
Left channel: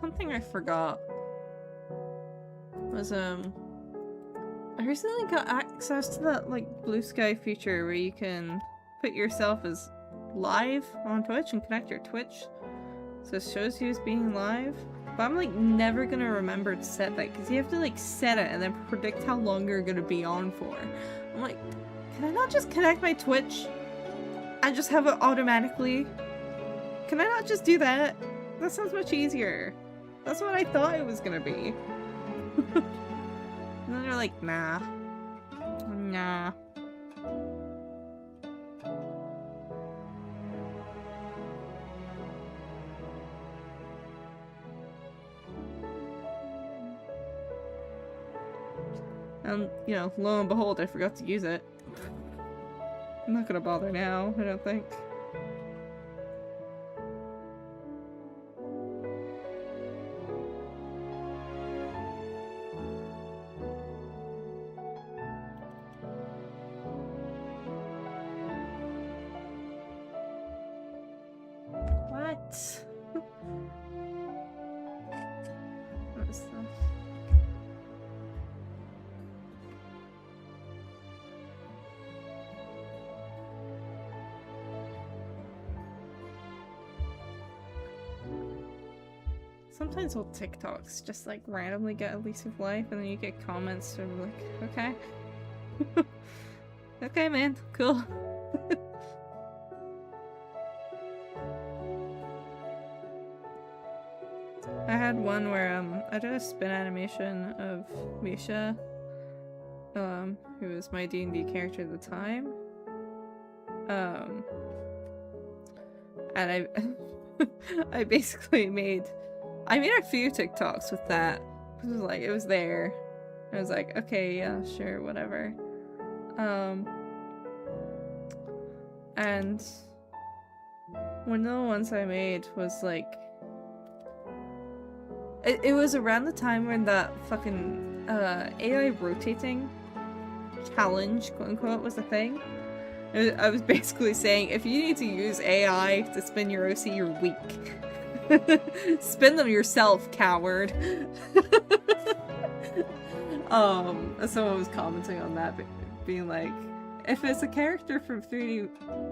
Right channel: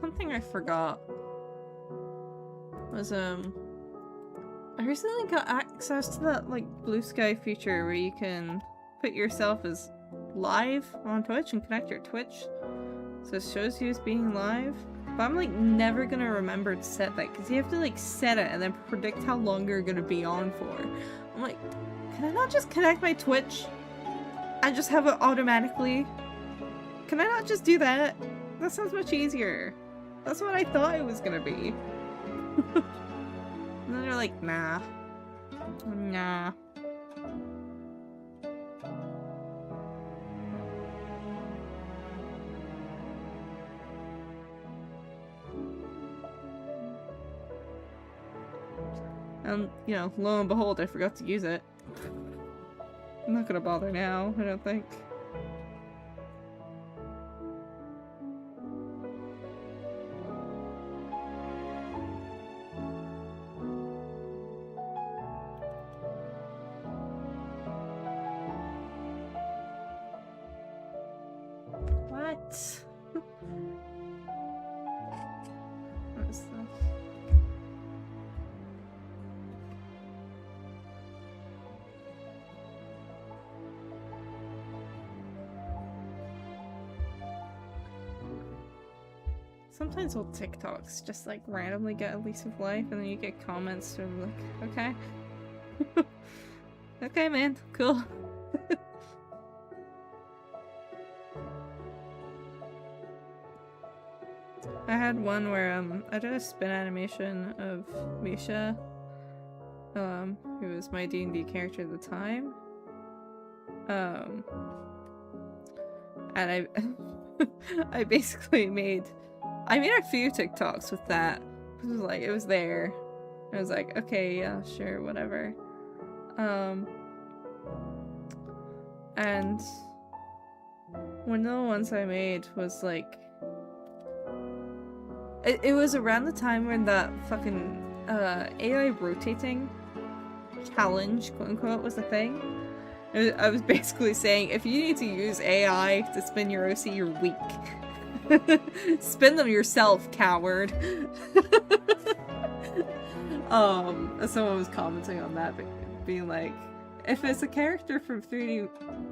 something I forgot was, I recently got access to that, like, blue sky feature where you can put yourself as live on Twitch and connect your Twitch so it shows you as being live. But I'm, like, never gonna remember to set that because you have to, like, set it and then predict how long you're gonna be on for. I'm like, can I not just connect my Twitch and just have it automatically? Can I not just do that? That sounds much easier. That's what I thought it was gonna be. And then they're like, nah. Nah. And, you know, lo and behold, I forgot to use it. I'm not gonna bother now, I don't think. What? What is this? Sometimes old TikToks just like randomly get a lease of life and then you get comments from like, okay. Okay, man, cool. I had one where I did a spin animation of Misha, who was my D&D character at the time. and I basically I made a few TikToks with that. It was like, it was there. I was like, okay, yeah, sure, whatever. And one of the ones I made was like, it was around the time when that fucking AI rotating challenge, quote unquote, was a thing. I was basically saying, if you need to use AI to spin your OC, you're weak. Spin them yourself, coward. Someone was commenting on that, being like, if it's a character from 3D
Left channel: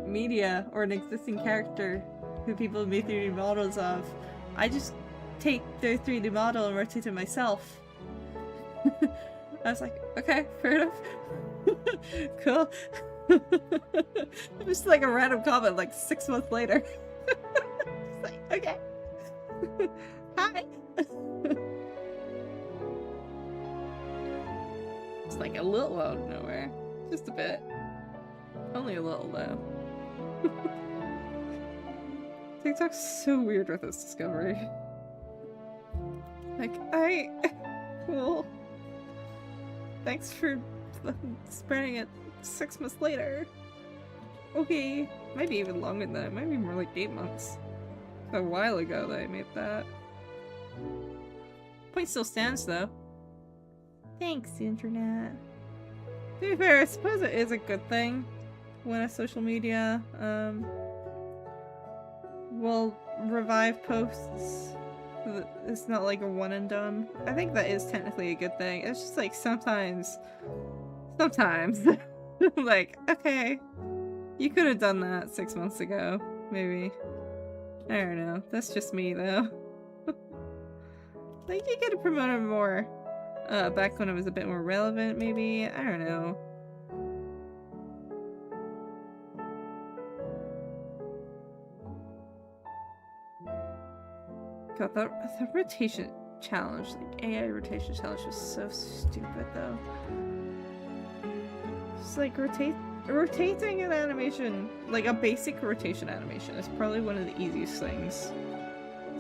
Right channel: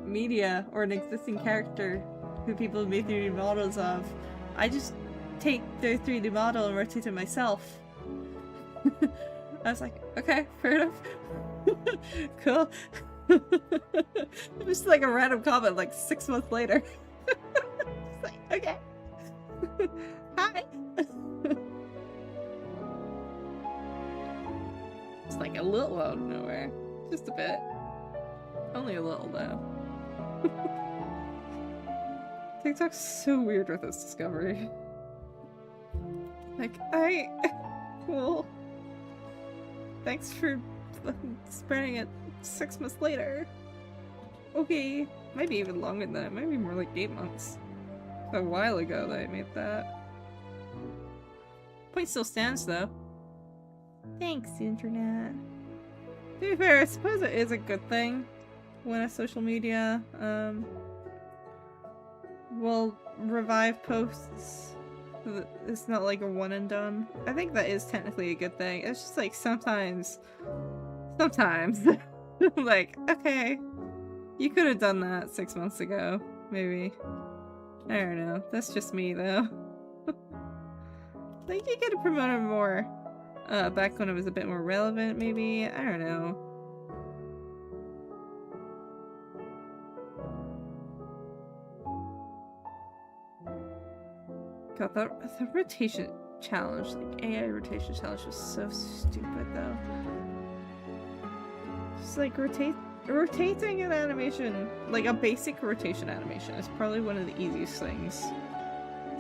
media or an existing character who people have made 3D models of, I just take their 3D model and rotate it myself. I was like, okay, fair enough. Cool. It was like a random comment like 6 months later. It's like, okay. Hi. It's like a little out of nowhere. Just a bit. Only a little though. TikTok's so weird with this discovery. Like, cool. Thanks for spreading it 6 months later. Okay. Might be even longer than that. Might be more like 8 months. A while ago that I made that. Point still stands though. Thanks, internet. To be fair, I suppose it is a good thing when a social media will revive posts. It's not like a one and done. I think that is technically a good thing. It's just like sometimes like, okay, you could have done that 6 months ago, maybe. I don't know. That's just me though. Like, you could have promoted more back when it was a bit more relevant, maybe. I don't know. God, the rotation challenge, like AI rotation challenge, was so stupid though. Just like rotating an animation, like a basic rotation animation, is probably one of the easiest things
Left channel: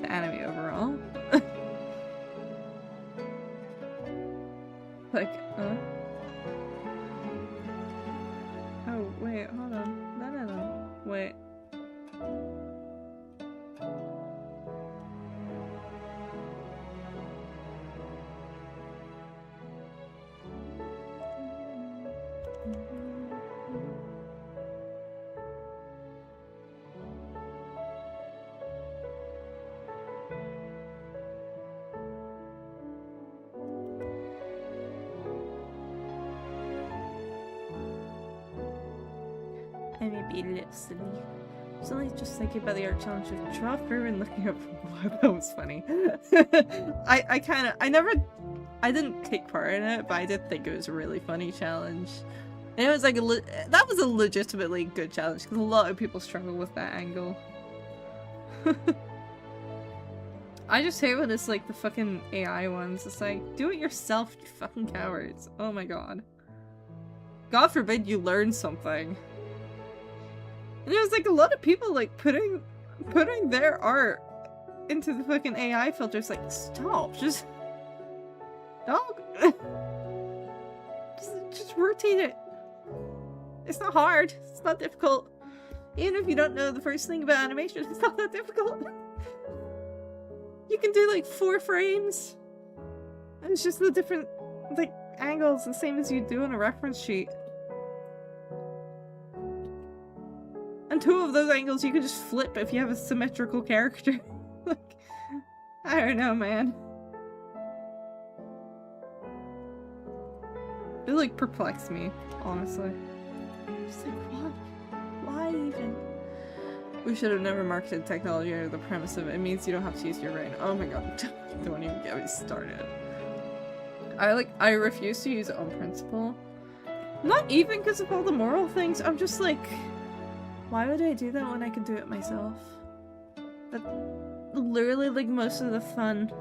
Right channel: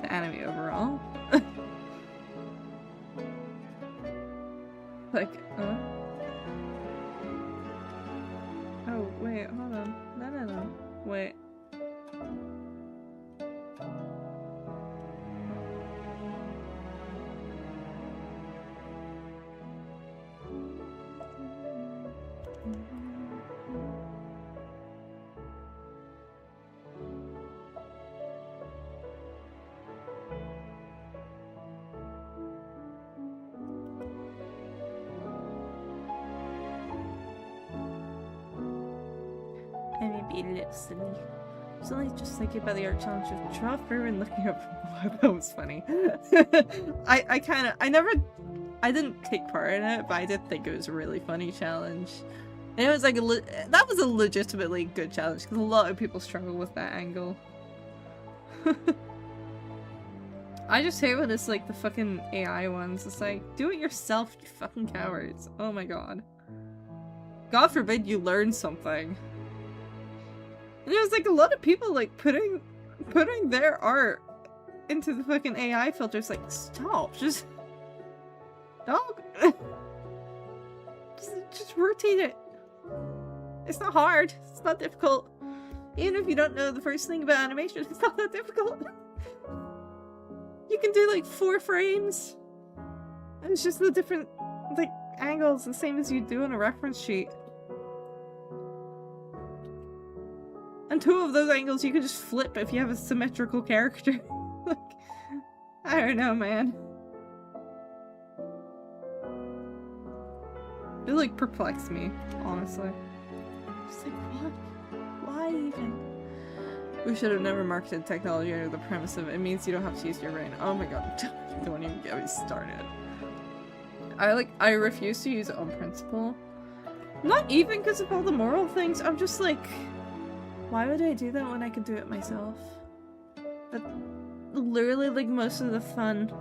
to animate overall. Like, oh, wait, hold on. No. Wait. I may be a little silly. Silly just thinking about the art challenge of draw through and looking up from below. That was funny. I didn't take part in it, but I did think it was a really funny challenge. And it was like that was a legitimately good challenge because a lot of people struggle with that angle. I just hate when it's like the fucking AI ones. It's like, do it yourself, you fucking cowards. Oh my god. God forbid you learn something. And there was like a lot of people like putting their art into the fucking AI filters. Like, stop, just dog. just rotate it. It's not hard. It's not difficult. Even if you don't know the first thing about animation, it's not that difficult. You can do like 4 frames. And it's just the different like angles, the same as you do on a reference sheet. And 2 of those angles you can just flip if you have a symmetrical character. Like, I don't know, man. It like perplexed me, honestly. Just like, what? Why even? We should have never marketed technology under the premise of it means you don't have to use your brain. Oh my god, don't even get me started. I refuse to use it on principle. Not even because of all the moral things, I'm just like, why would I do that when I could do it myself? That literally, like, most of the fun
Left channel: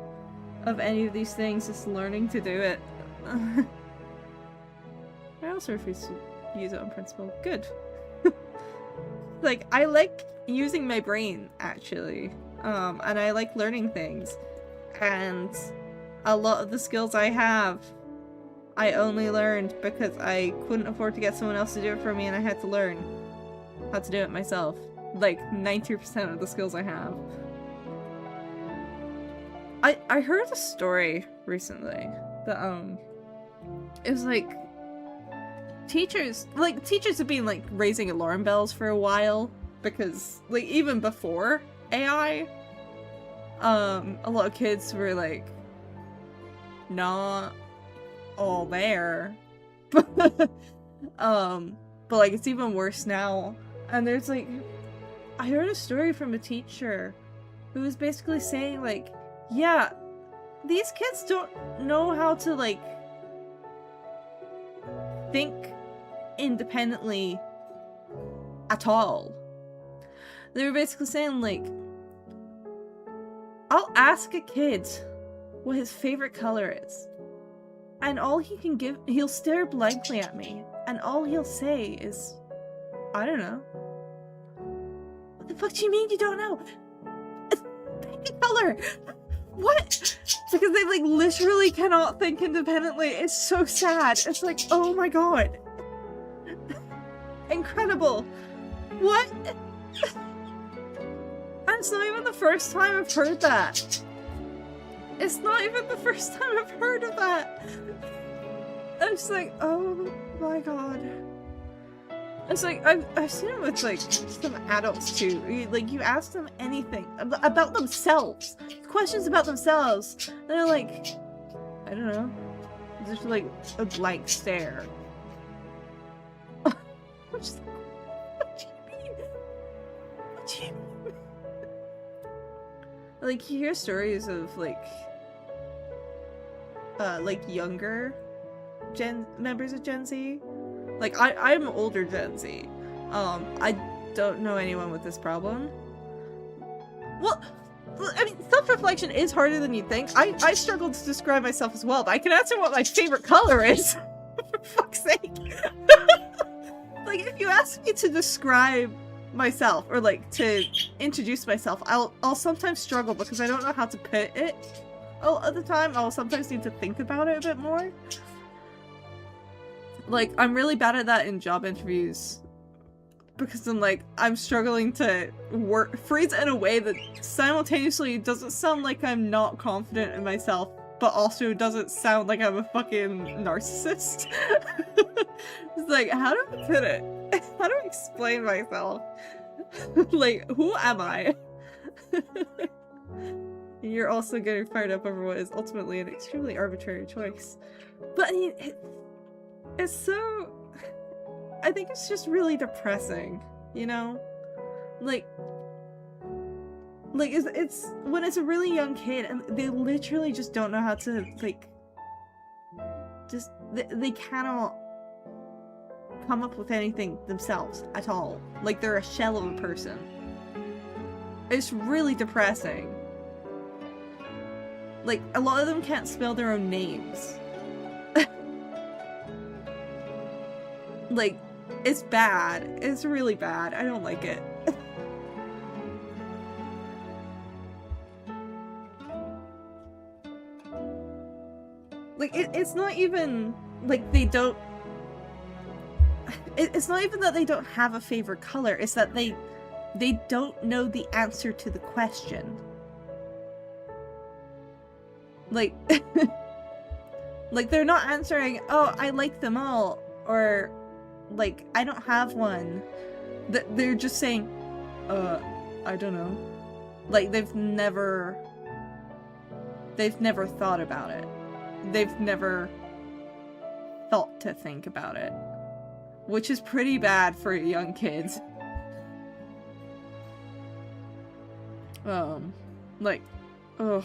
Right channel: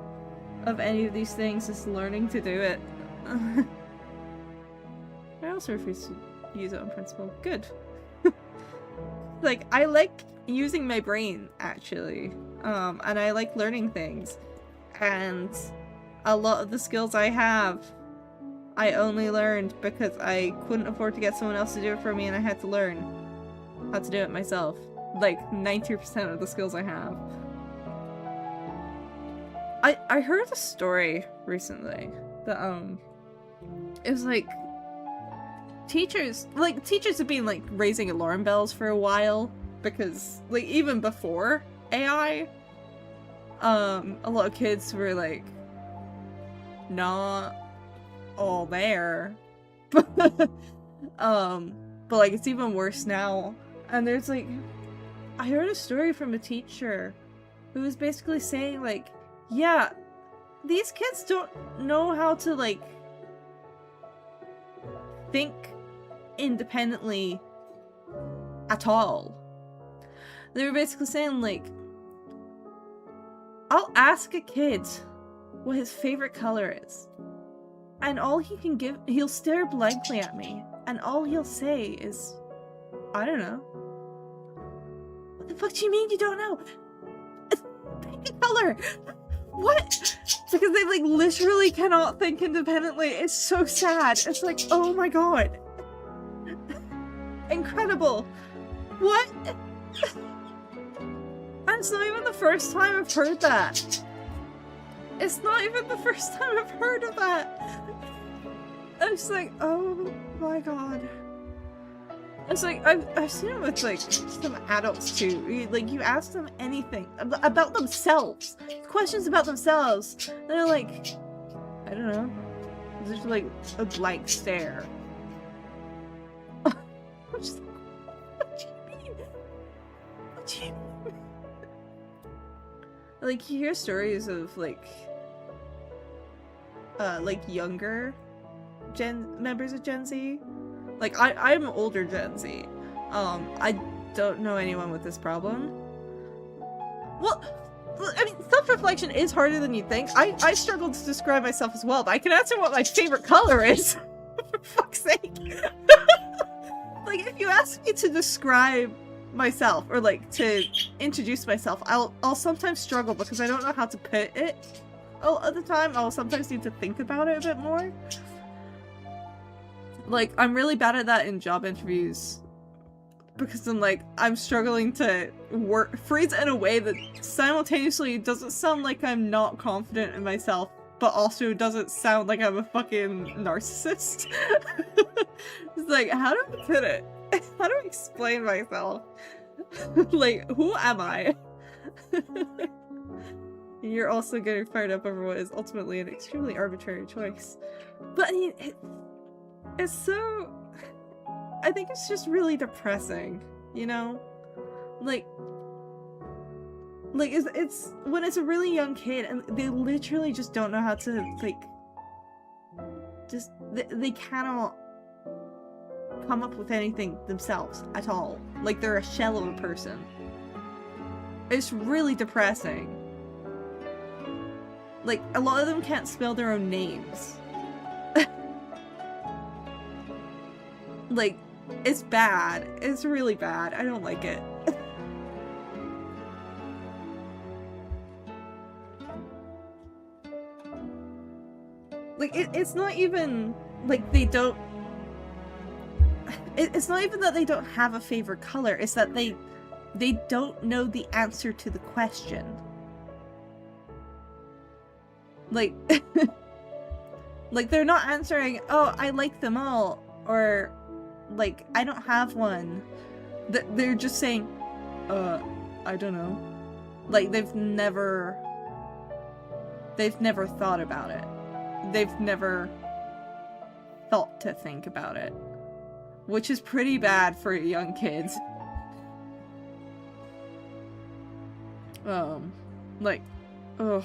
of any of these things is learning to do it. I also refuse to use it on principle. Good. like, I like using my brain, actually. And I like learning things. And a lot of the skills I have, I only learned because I couldn't afford to get someone else to do it for me, and I had to learn how to do it myself. Like, 90% of the skills I have. I heard a story recently that, it was like, teachers have been, like, raising alarm bells for a while, because, like, even before AI, a lot of kids were, like, not all there. But, like, it's even worse now. And there's, like, I heard a story from a teacher who was basically saying, like, yeah, these kids don't know how to, like, think independently at all. They were basically saying, like, I'll ask a kid what his favorite color is, and all he can give, he'll stare blankly at me, and all he'll say is, I don't know. What the fuck do you mean you don't know? It's pick a color! What? Because they, like, literally cannot think independently. It's so sad. It's like, oh my god. Incredible. What? And it's not even the first time I've heard that. It's not even the first time I've heard of that. I'm just like, oh my god. It's like, I've seen it with, like, some adults too. Like, you ask them anything about themselves. Questions about themselves. And they're like, I don't know. It's just like a blank stare. I'm just like, what do you mean? What do you mean? Like, you hear stories of, like younger members of Gen Z. Like, I'm older Gen Z. I don't know anyone with this problem. Well, I mean, self-reflection is harder than you think. I struggle to describe myself as well, but I can answer what my favorite color is. For fuck's sake. Like, if you ask me to describe myself, or, like, to introduce myself, I'll sometimes struggle because I don't know how to put it. Oh, at the time, I'll sometimes need to think about it a bit more. Like, I'm really bad at that in job interviews because I'm struggling to phrase it in a way that simultaneously doesn't sound like I'm not confident in myself, but also doesn't sound like I'm a fucking narcissist. It's like, how do I put it? How do I explain myself? Like, who am I? You're also getting fired up over what is ultimately an extremely arbitrary choice. But I mean, it's so... I think it's just really depressing, you know? Like it's when it's a really young kid and they literally just don't know how to, like, just, they cannot come up with anything themselves at all. Like, they're a shell of a person. It's really depressing. Like, a lot of them can't spell their own names. Like, it's bad. It's really bad. I don't like it. Like, it's not even, like, they don't... It's not even that they don't have a favorite color. It's that they don't know the answer to the question. Like, like, they're not answering, oh, I like them all, or, like, I don't have one. They're just saying, I don't know. Like, they've never thought about it. They've never thought to think about it. Which is pretty bad for young kids. Like, ugh.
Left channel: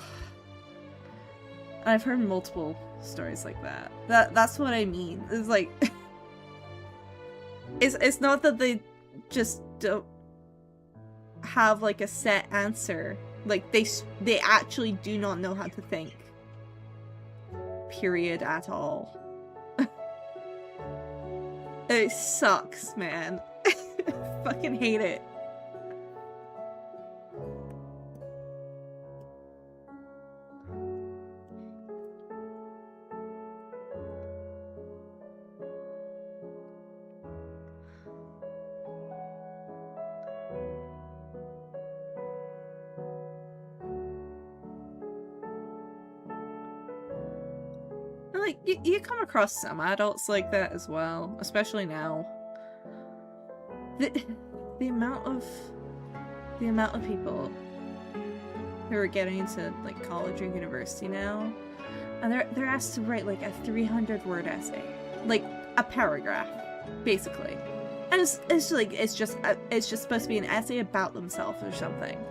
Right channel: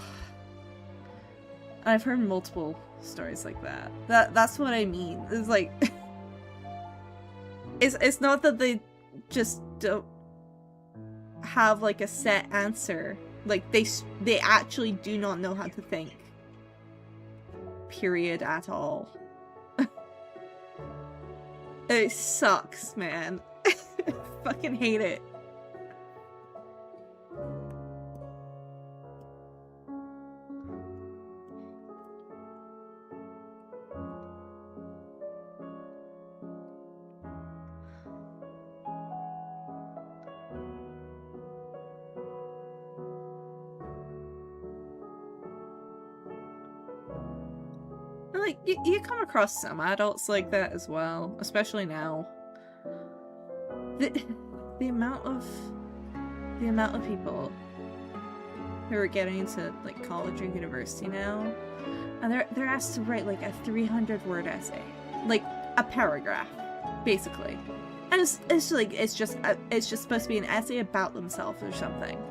I've heard multiple stories like that. That's what I mean. It's like, it's not that they just don't have, like, a set answer. Like, they actually do not know how to think. Period at all. It sucks, man. It fucking hate it. Like, you come across some adults like that as well, especially now. The amount of people who are getting into like college or university now, and they're asked to write like a 300-word essay, like a paragraph, basically, and it's just supposed to be an essay about themselves or something,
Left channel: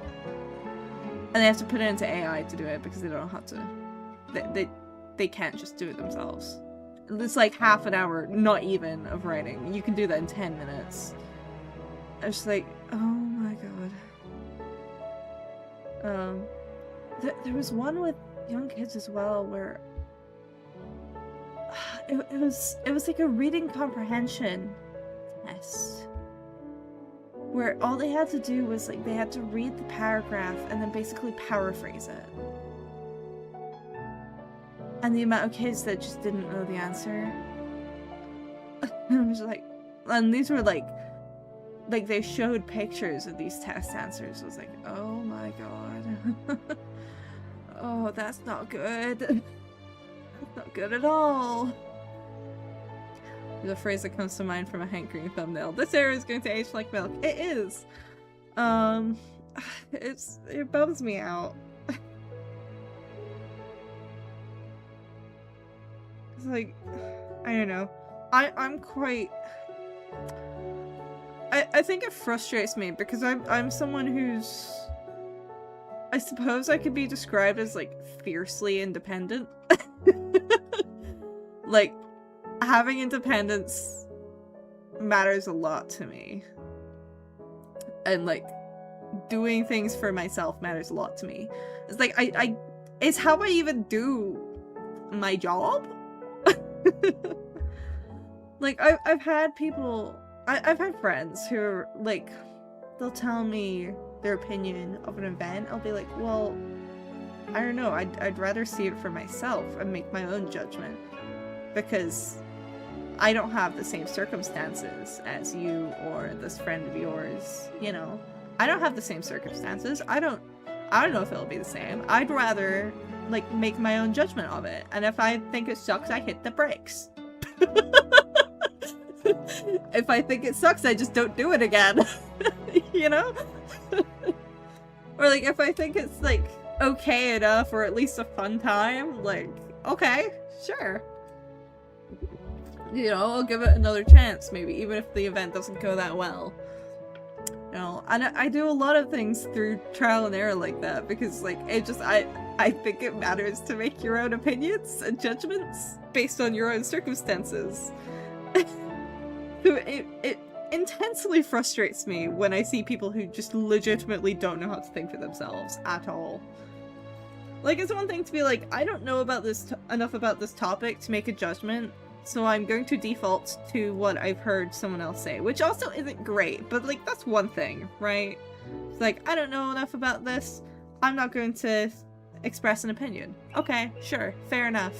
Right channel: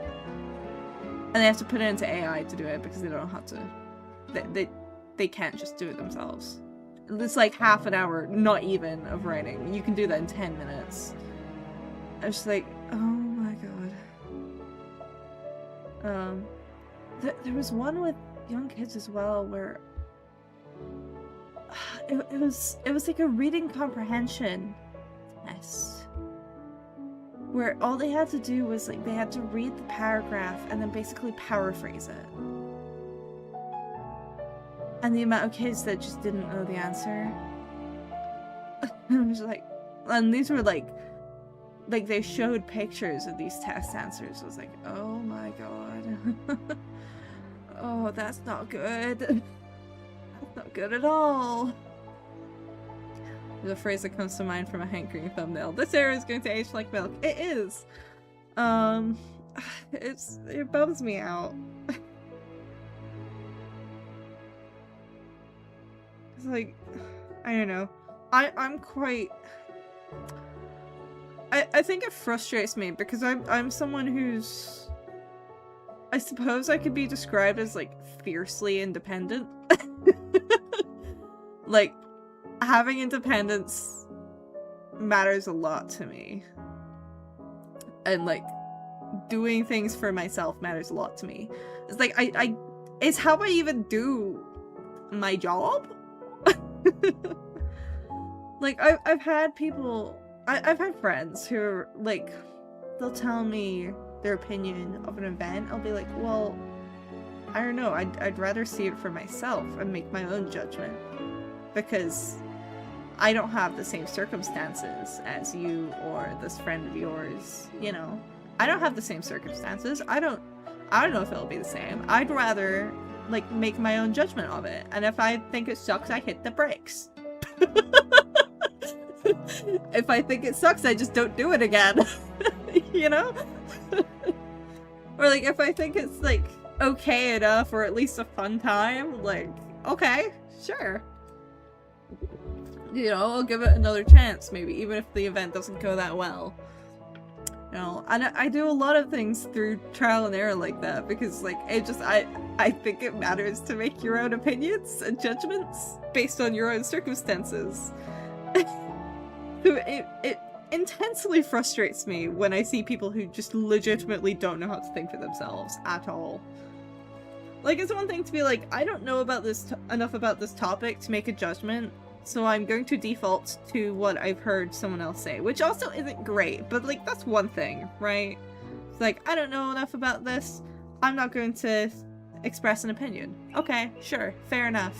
and they have to put it into AI to do it because they don't know how to. They can't just do it themselves. It's like half an hour, not even, of writing. You can do that in 10 minutes. I was just like, oh my god. There was one with young kids as well where it was like a reading comprehension test where all they had to do was like they had to read the paragraph and then basically paraphrase it. And the amount of kids that just didn't know the answer. I was like, and these were like they showed pictures of these test answers. I was like, oh my god. Oh, that's not good. That's not good at all. There's a phrase that comes to mind from a Hank Green thumbnail. This era is going to age like milk. It is. It bums me out. It's like, I don't know. I'm quite... I think it frustrates me because I'm someone who's... I suppose I could be described as, like, fiercely independent. Like, having independence matters a lot to me. And, like, doing things for myself matters a lot to me. It's like, it's how I even do my job. Like, I've had people... I've had friends who are, like, they'll tell me their opinion of an event. I'll be like, well, I don't know, I'd rather see it for myself and make my own judgment. Because I don't have the same circumstances as you or this friend of yours, you know? I don't have the same circumstances. I don't know if it'll be the same. I'd rather, like, make my own judgment of it. And if I think it sucks, I hit the brakes. If I think it sucks, I just don't do it again. You know? Or, like, if I think it's, like, okay enough or at least a fun time, like, okay, sure. You know, I'll give it another chance, maybe, even if the event doesn't go that well. You know, and I do a lot of things through trial and error like that, because, like, it just, I think it matters to make your own opinions and judgments based on your own circumstances. So it intensely frustrates me when I see people who just legitimately don't know how to think for themselves at all. Like, it's one thing to be like, I don't know about this enough about this topic to make a judgment, so I'm going to default to what I've heard someone else say, which also isn't great, but, like, that's one thing, right? It's like, I don't know enough about this, I'm not going to express an opinion. Okay, sure, fair enough.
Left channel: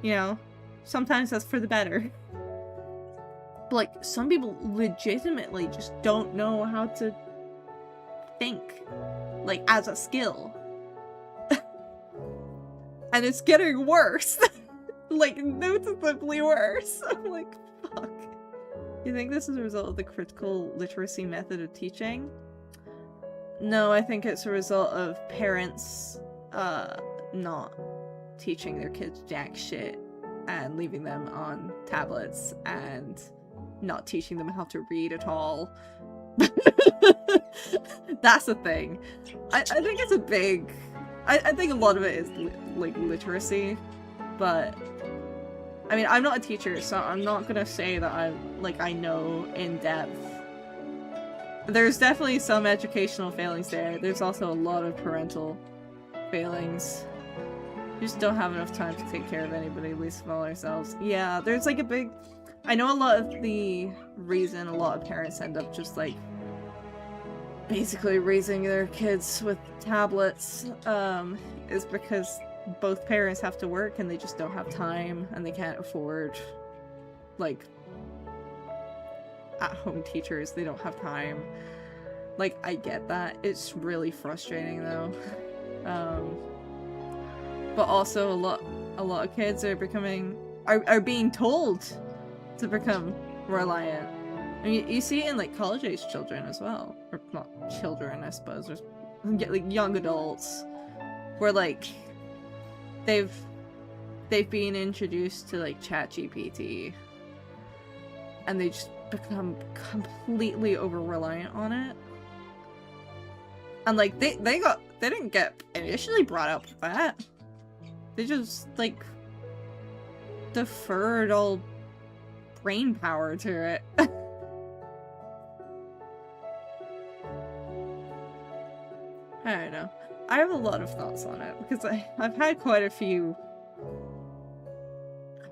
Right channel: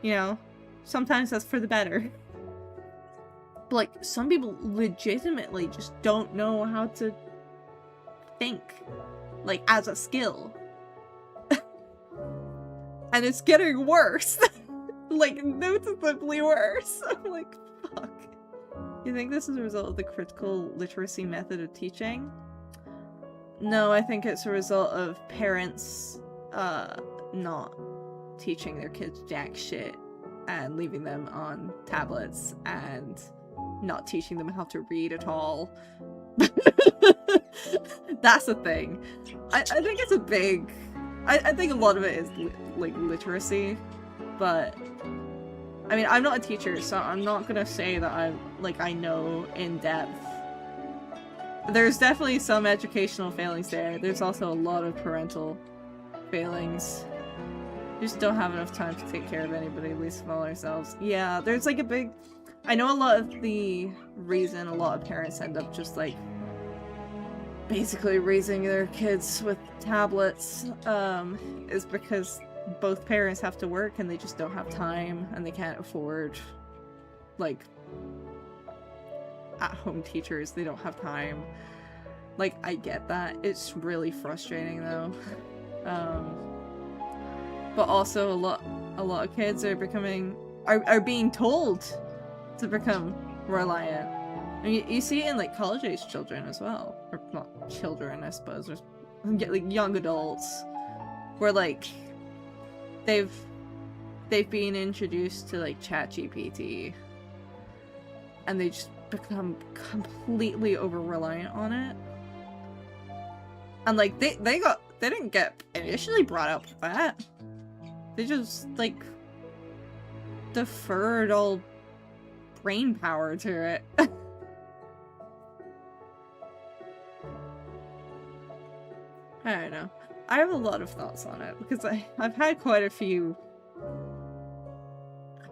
You know, sometimes that's for the better. But, like, some people legitimately just don't know how to think, like, as a skill. And it's getting worse. Like, noticeably worse. I'm like, fuck. You think this is a result of the critical literacy method of teaching? No, I think it's a result of parents, not teaching their kids jack shit and leaving them on tablets and not teaching them how to read at all. That's a thing. I think it's a big... I think a lot of it is, like, literacy, but... I mean, I'm not a teacher, so I'm not gonna say that I know in depth. There's definitely some educational failings there. There's also a lot of parental failings. We just don't have enough time to take care of anybody, least of all ourselves. Yeah, there's like a big... I know a lot of the reason a lot of parents end up just like basically raising their kids with tablets is because both parents have to work and they just don't have time and they can't afford like at-home teachers. They don't have time. Like, I get that. It's really frustrating though. But also a lot of kids are being told to become reliant. I mean, you see it in like college-age children as well, or not children, I suppose, or like young adults, where like they've been introduced to like ChatGPT, and they just become completely over-reliant on it, and like they didn't get initially brought up with that. They just like deferred all brain power to it. I don't know. I have a lot of thoughts on it because I've had quite a few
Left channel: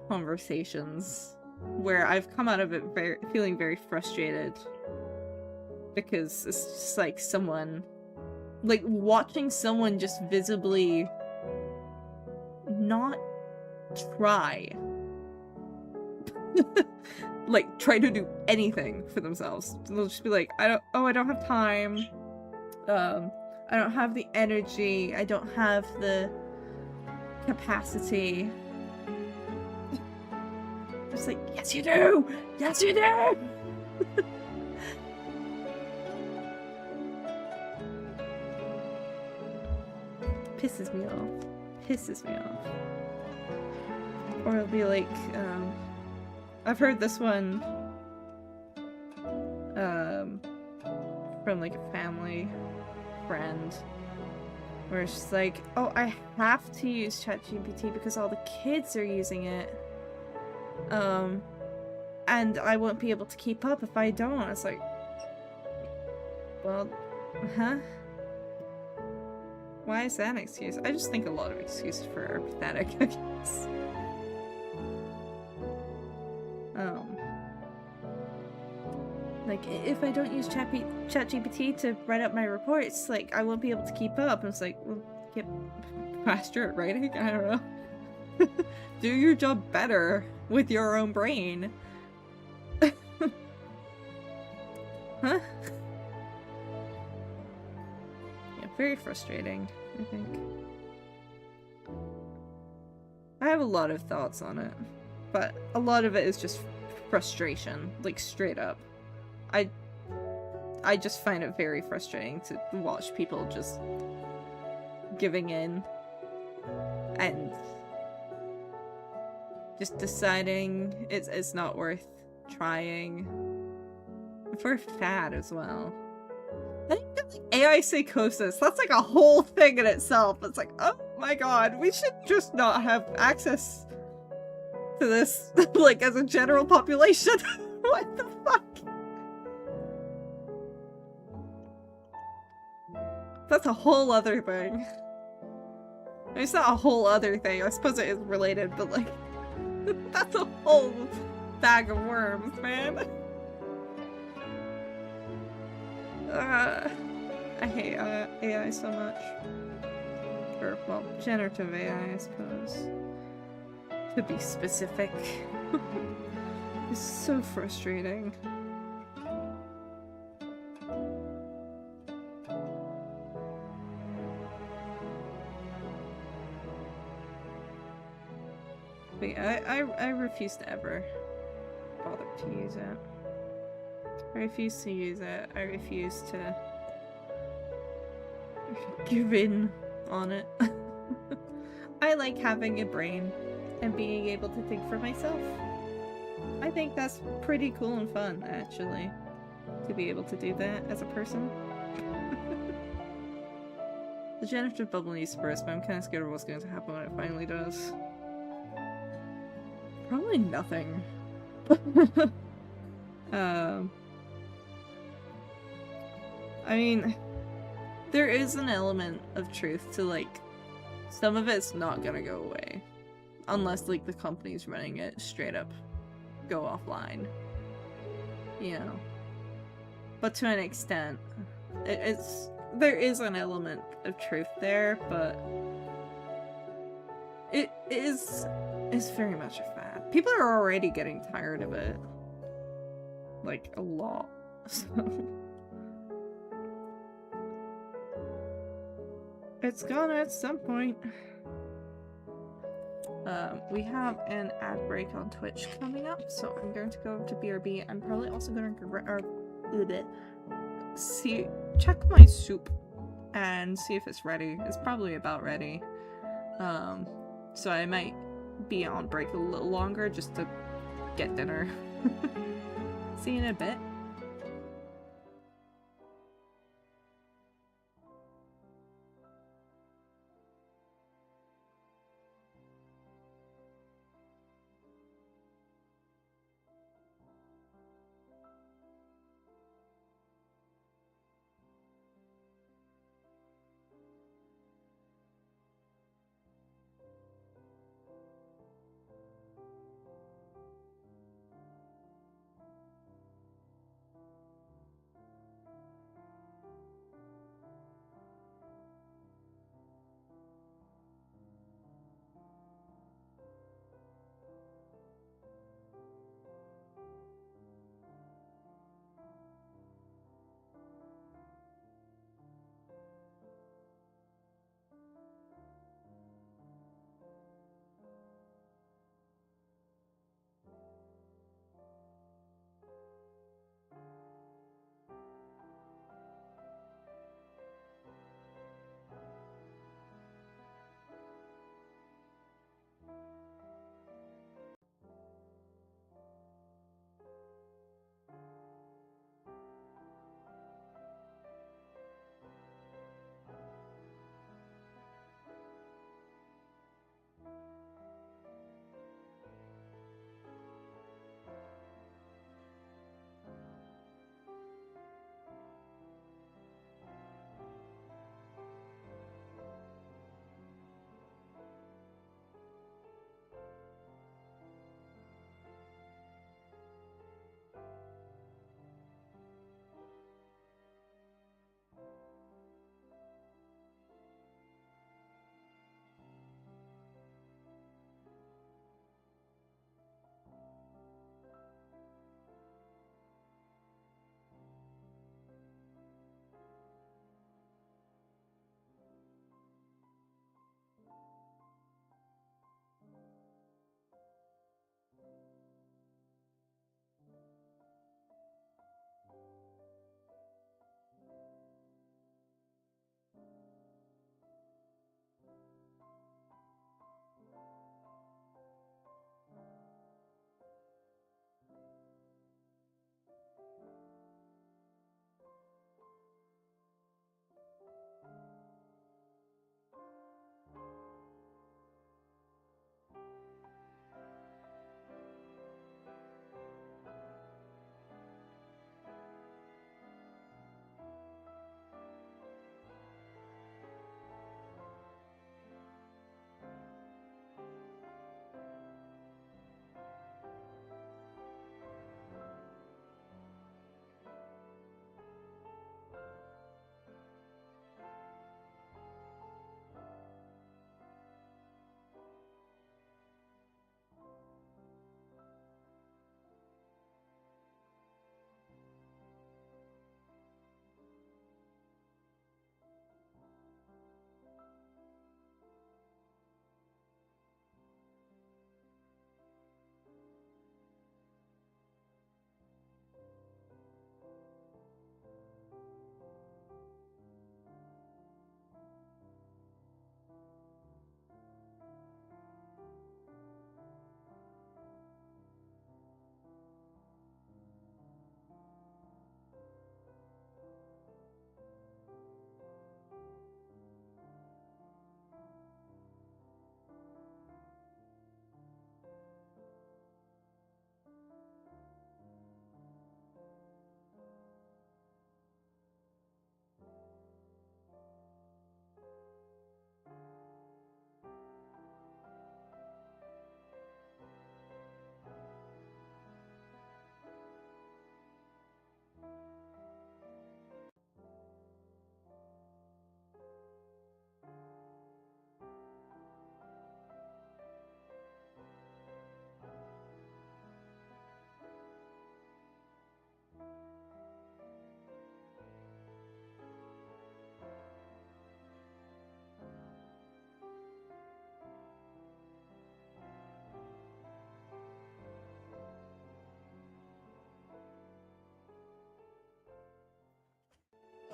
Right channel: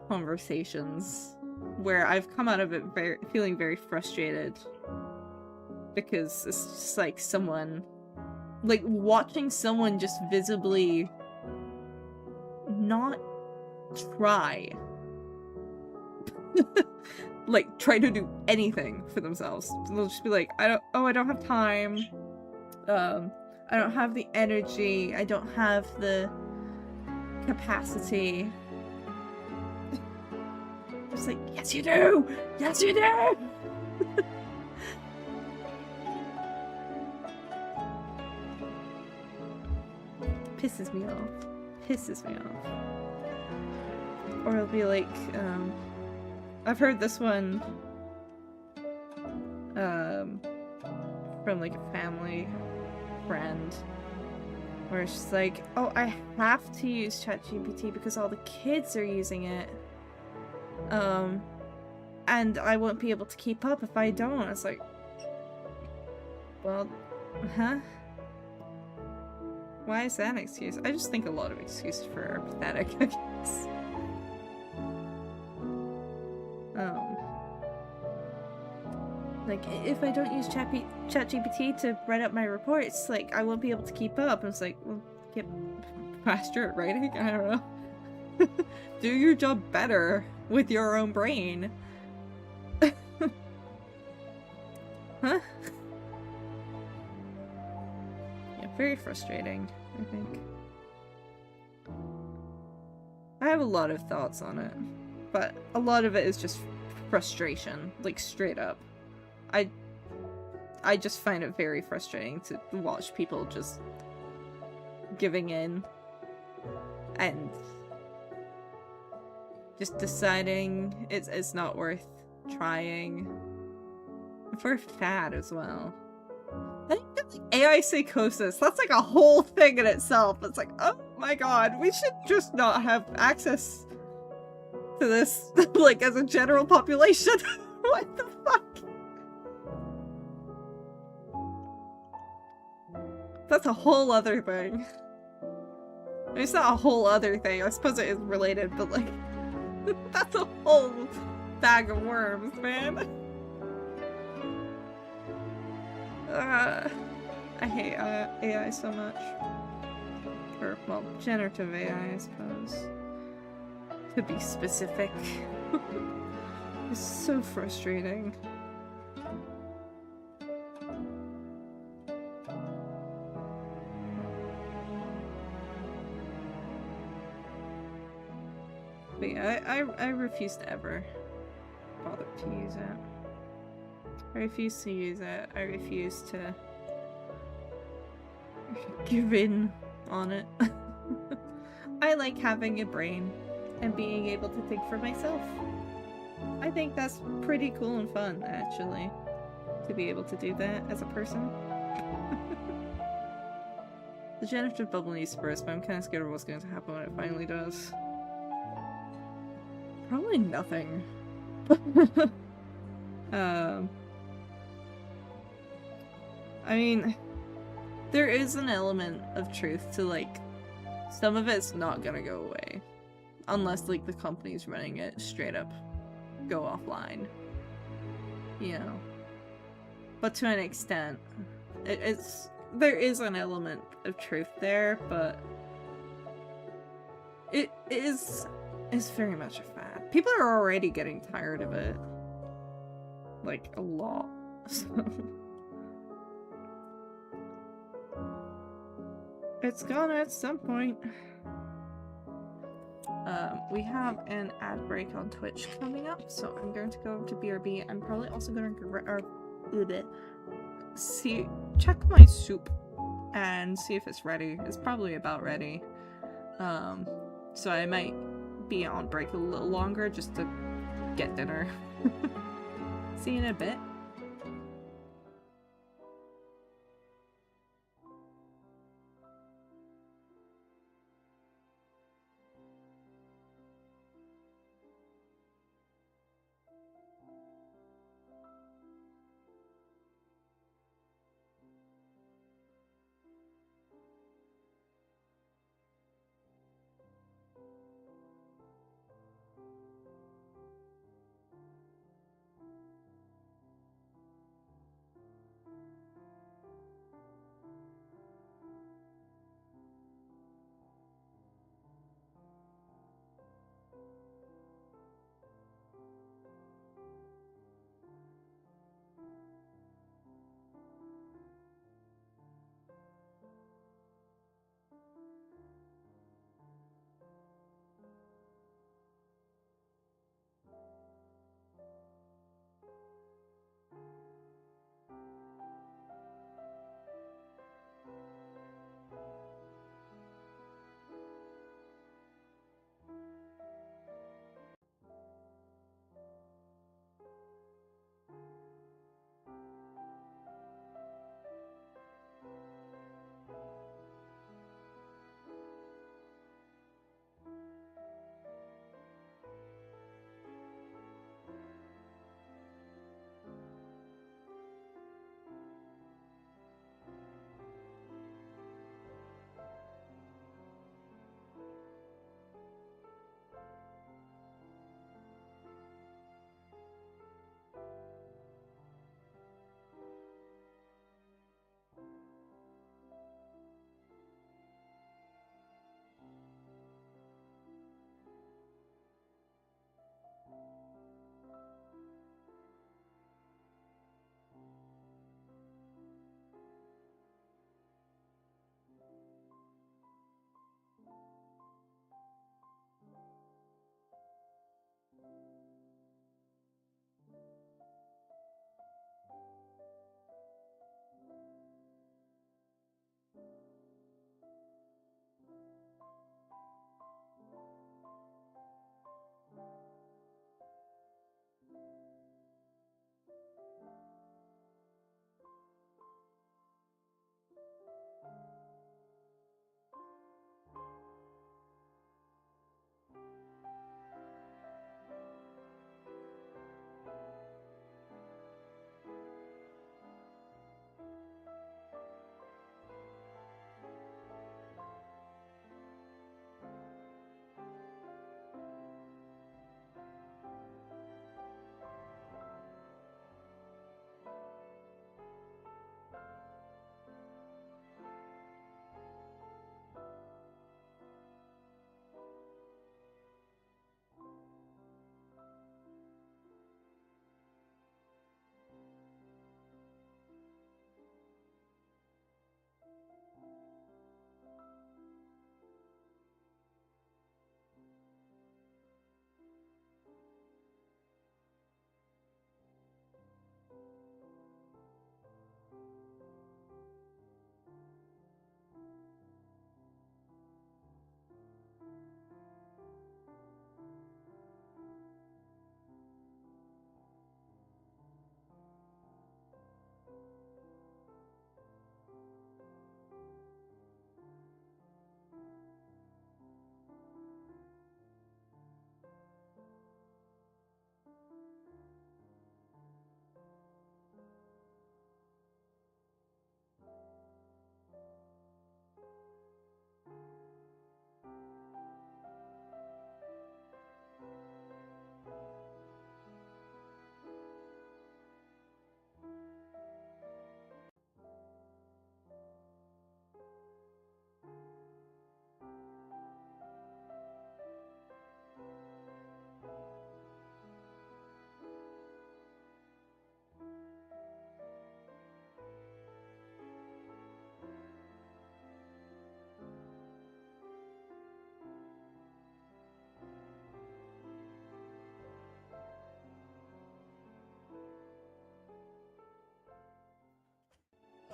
conversations where I've come out of it feeling very frustrated because it's just like someone, like watching someone just visibly not try like try to do anything for themselves. They'll just be like, I don't have time, I don't have the energy, I don't have the capacity. It's like, yes you do! Yes you do! Pisses me off. Pisses me off. Or it'll be like, I've heard this one, from like a family friend, where it's just like, oh, I have to use ChatGPT because all the kids are using it, and I won't be able to keep up if I don't. It's like, well, huh? Why is that an excuse? I just think a lot of excuses for are pathetic, I guess. Like, if I don't use ChatGPT to write up my reports, like, I won't be able to keep up. And it's like, well, get faster at writing? I don't know. Do your job better with your own brain. Huh? Yeah, very frustrating, I think. I have a lot of thoughts on it, but a lot of it is just frustration, like straight up. I just find it very frustrating to watch people just giving in and just deciding it's not worth trying. For a fad as well. I think that, like, AI psychosis, that's like a whole thing in itself. It's like, oh my god, we should just not have access to this, like, as a general population. What the fuck? That's a whole other thing. I mean, it's not a whole other thing. I suppose it is related, but like, that's a whole bag of worms, man. I hate AI so much. Or, well, generative AI, I suppose. To be specific. It's so frustrating. But yeah, I refuse to ever bother to use it. I refuse to use it. I refuse to give in on it. I like having a brain and being able to think for myself. I think that's pretty cool and fun, actually, to be able to do that as a person. The generative bubble needs to burst, but I'm kind of scared of what's going to happen when it finally does. Probably nothing. I mean, there is an element of truth to, like, some of it's not gonna go away. Unless, like, the company's running it straight up go offline. You know. But to an extent, there is an element of truth there, but it is very much a fad. People are already getting tired of it. Like, a lot. So it's gonna at some point. We have an ad break on Twitch coming up, so I'm going to go over to BRB. I'm probably also going to check my soup and see if it's ready. It's probably about ready. So I might be on break a little longer just to get dinner. See you in a bit.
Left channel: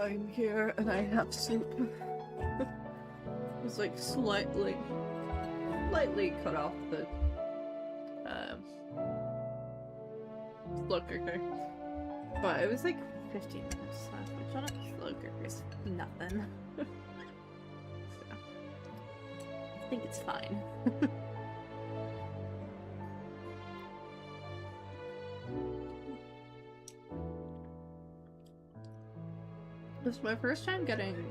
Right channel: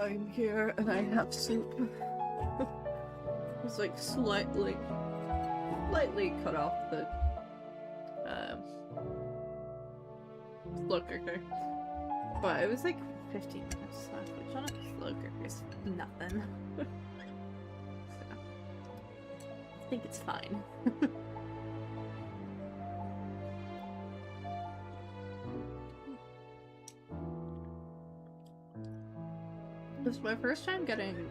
I'm here and I have soup. It's like slightly cut off the slow cooker. But it was like 15 minutes left, which on a slow cooker is nothing. So, I think it's fine. This is my first time getting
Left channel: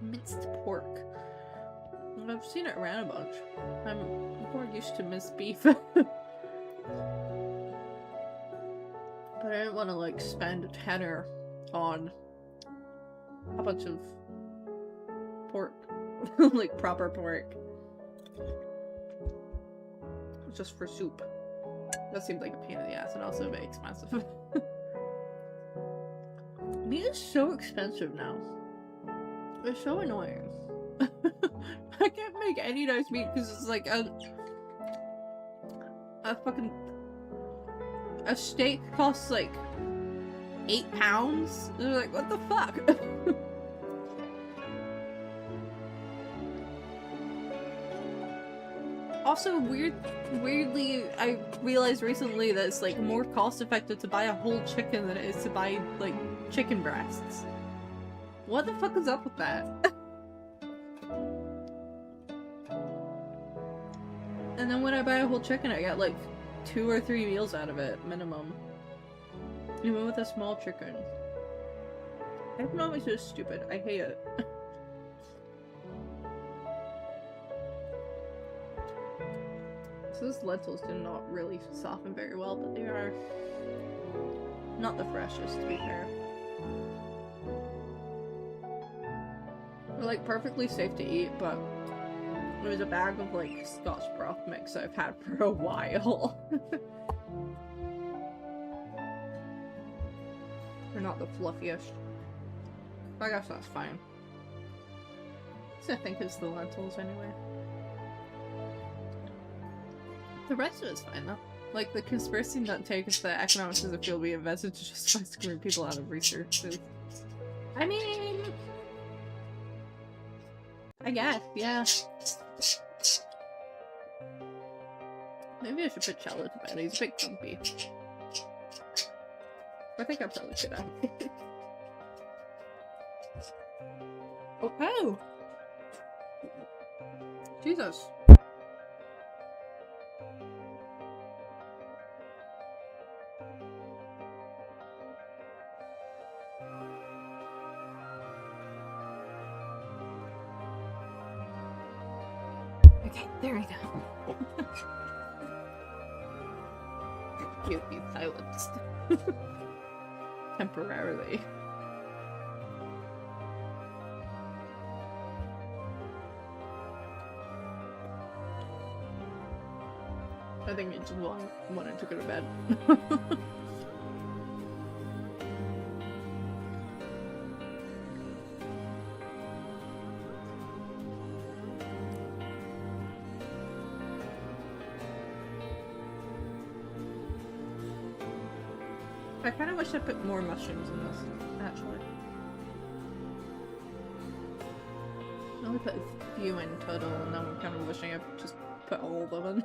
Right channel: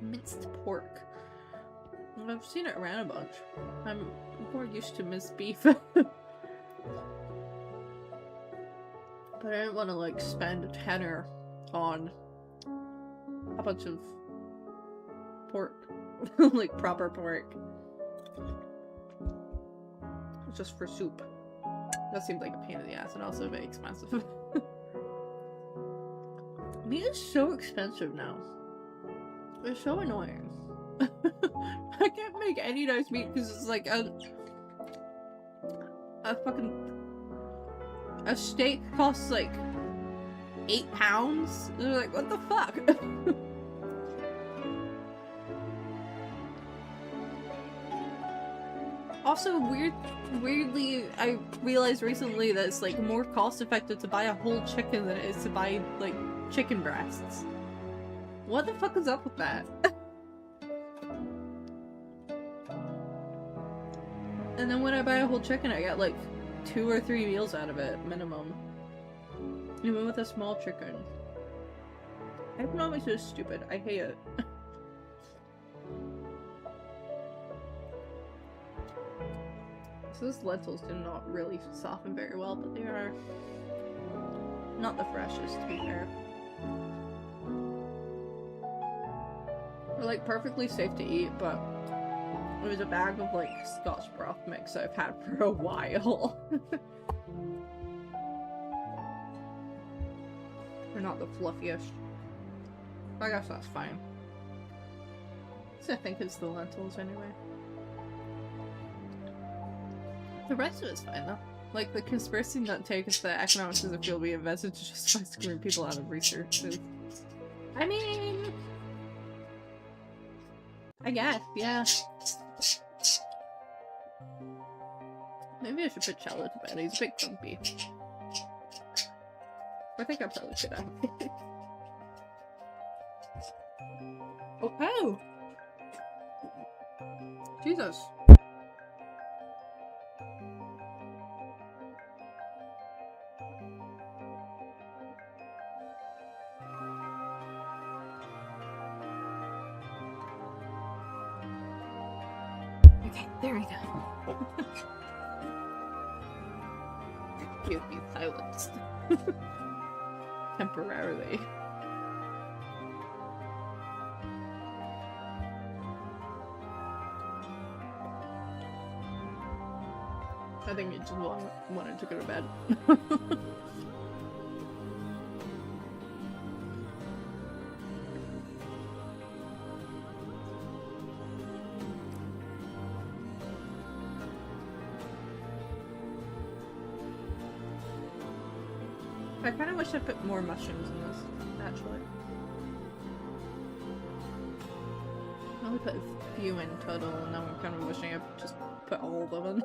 minced pork. I've seen it around a bunch. I'm more used to minced beef. But I didn't want to like spend a tenner on a bunch of pork. Like proper pork. Just for soup. That seemed like a pain in the ass and also very expensive. Meat is so expensive now. It's so annoying. I can't make any nice meat because it's like a fucking... A steak costs like 8 pounds? And they're like, what the fuck? Also, weirdly, I realized recently that it's like more cost effective to buy a whole chicken than it is to buy like chicken breasts. What the fuck is up with that? And then when I buy a whole chicken, I get like 2 or 3 meals out of it, minimum. Even with a small chicken. Economics is stupid. I hate it. So those lentils did not really soften very well, but they are not the freshest, to be fair. They're like perfectly safe to eat, but it was a bag of like Scotch broth mix I've had for a while. They're not the fluffiest. I guess that's fine. So I think it's the lentils anyway. The rest of it's fine though. Like the conspiracy nut take is that economics is a field we invested to justify screwing people out of research. I mean, I guess, yeah. Maybe I should put Cello to bed. He's a bit grumpy. I think I probably should have. Oh! Jesus. Okay, there we go. You'd be silenced. Temporarily. I think you just wanted to go to bed. I kind of wish I put more mushrooms in this, actually. I only put a few in total, and now I'm kind of wishing I just put all of them in.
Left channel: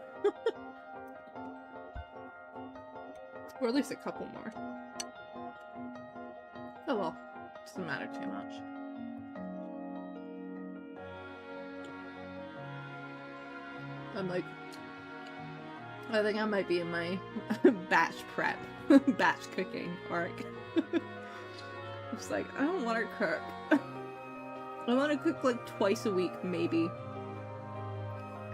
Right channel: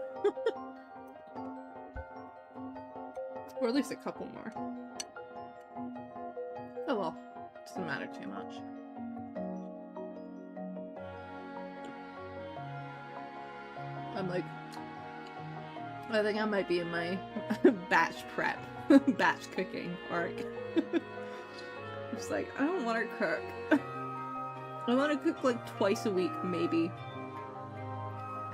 Or at least a couple more. Oh well, doesn't matter too much. I'm like, I think I might be in my batch prep, batch cooking arc. It's like, I don't want to cook. I want to cook like twice a week, maybe.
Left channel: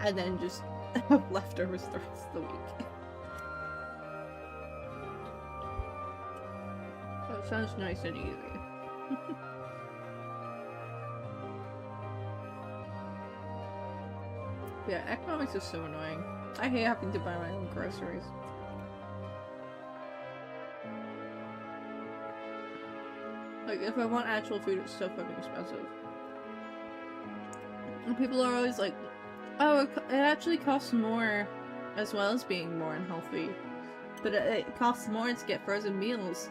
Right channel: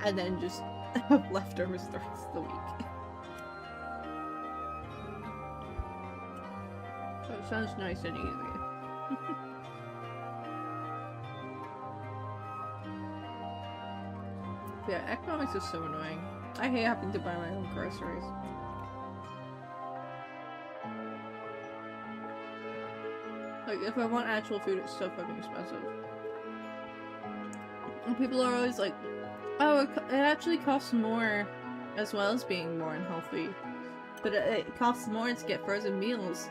And then just have leftovers the rest of the week. So it sounds nice and easy. Yeah, economics is so annoying. I hate having to buy my own groceries. Like, if I want actual food, it's so fucking expensive. And people are always like, oh, it actually costs more as well as being more unhealthy. But it costs more to get frozen meals.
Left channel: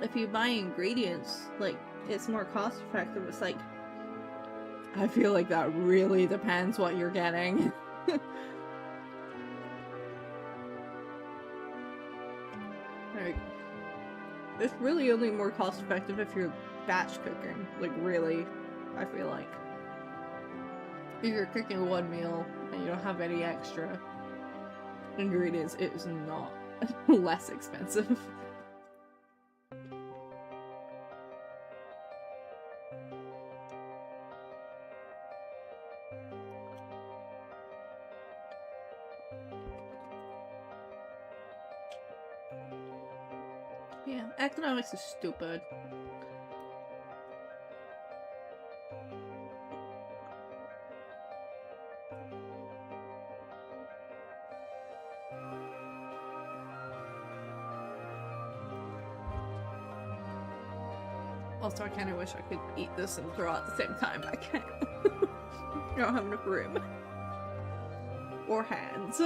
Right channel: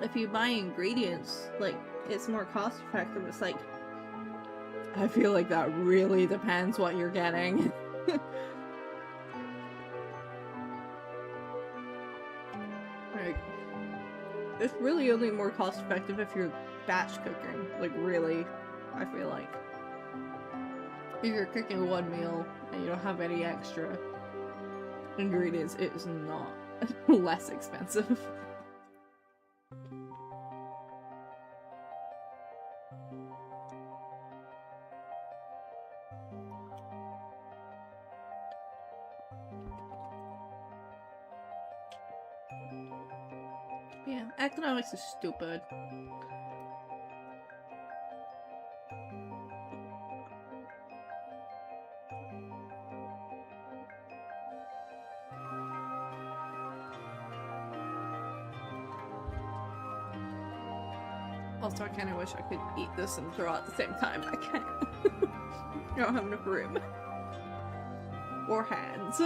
if you buy ingredients, like, it's more cost effective. It's like, I feel like that really depends what you're getting. Like, it's really only more cost effective if you're batch cooking. Like, really, I feel like. If you're cooking one meal and you don't have any extra ingredients, it is not less expensive. Yeah, economics is stupid. Also, I kind of wish I could eat this and throw it at the same time, but I can't. I don't have enough room. Or hands.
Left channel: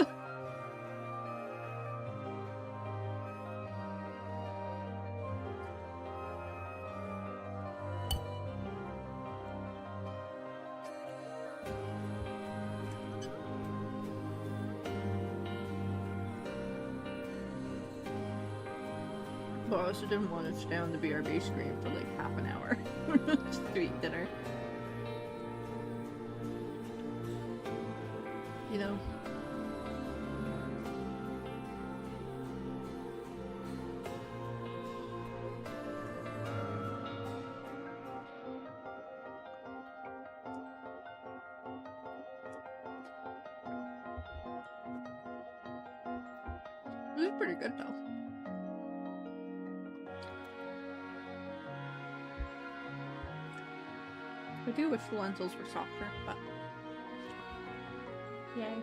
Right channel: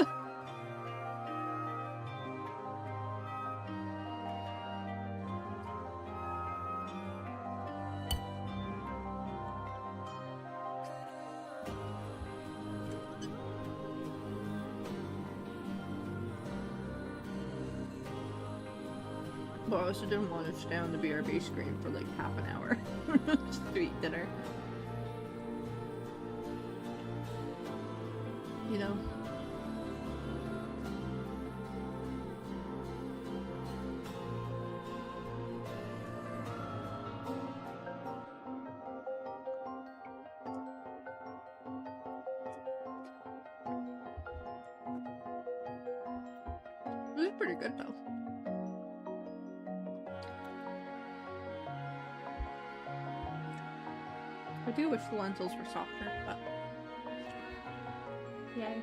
But I also didn't want to stay on the BRB screen for like half an hour just to eat dinner. You know? This is pretty good though. I do wish the lentils were softer, but yay.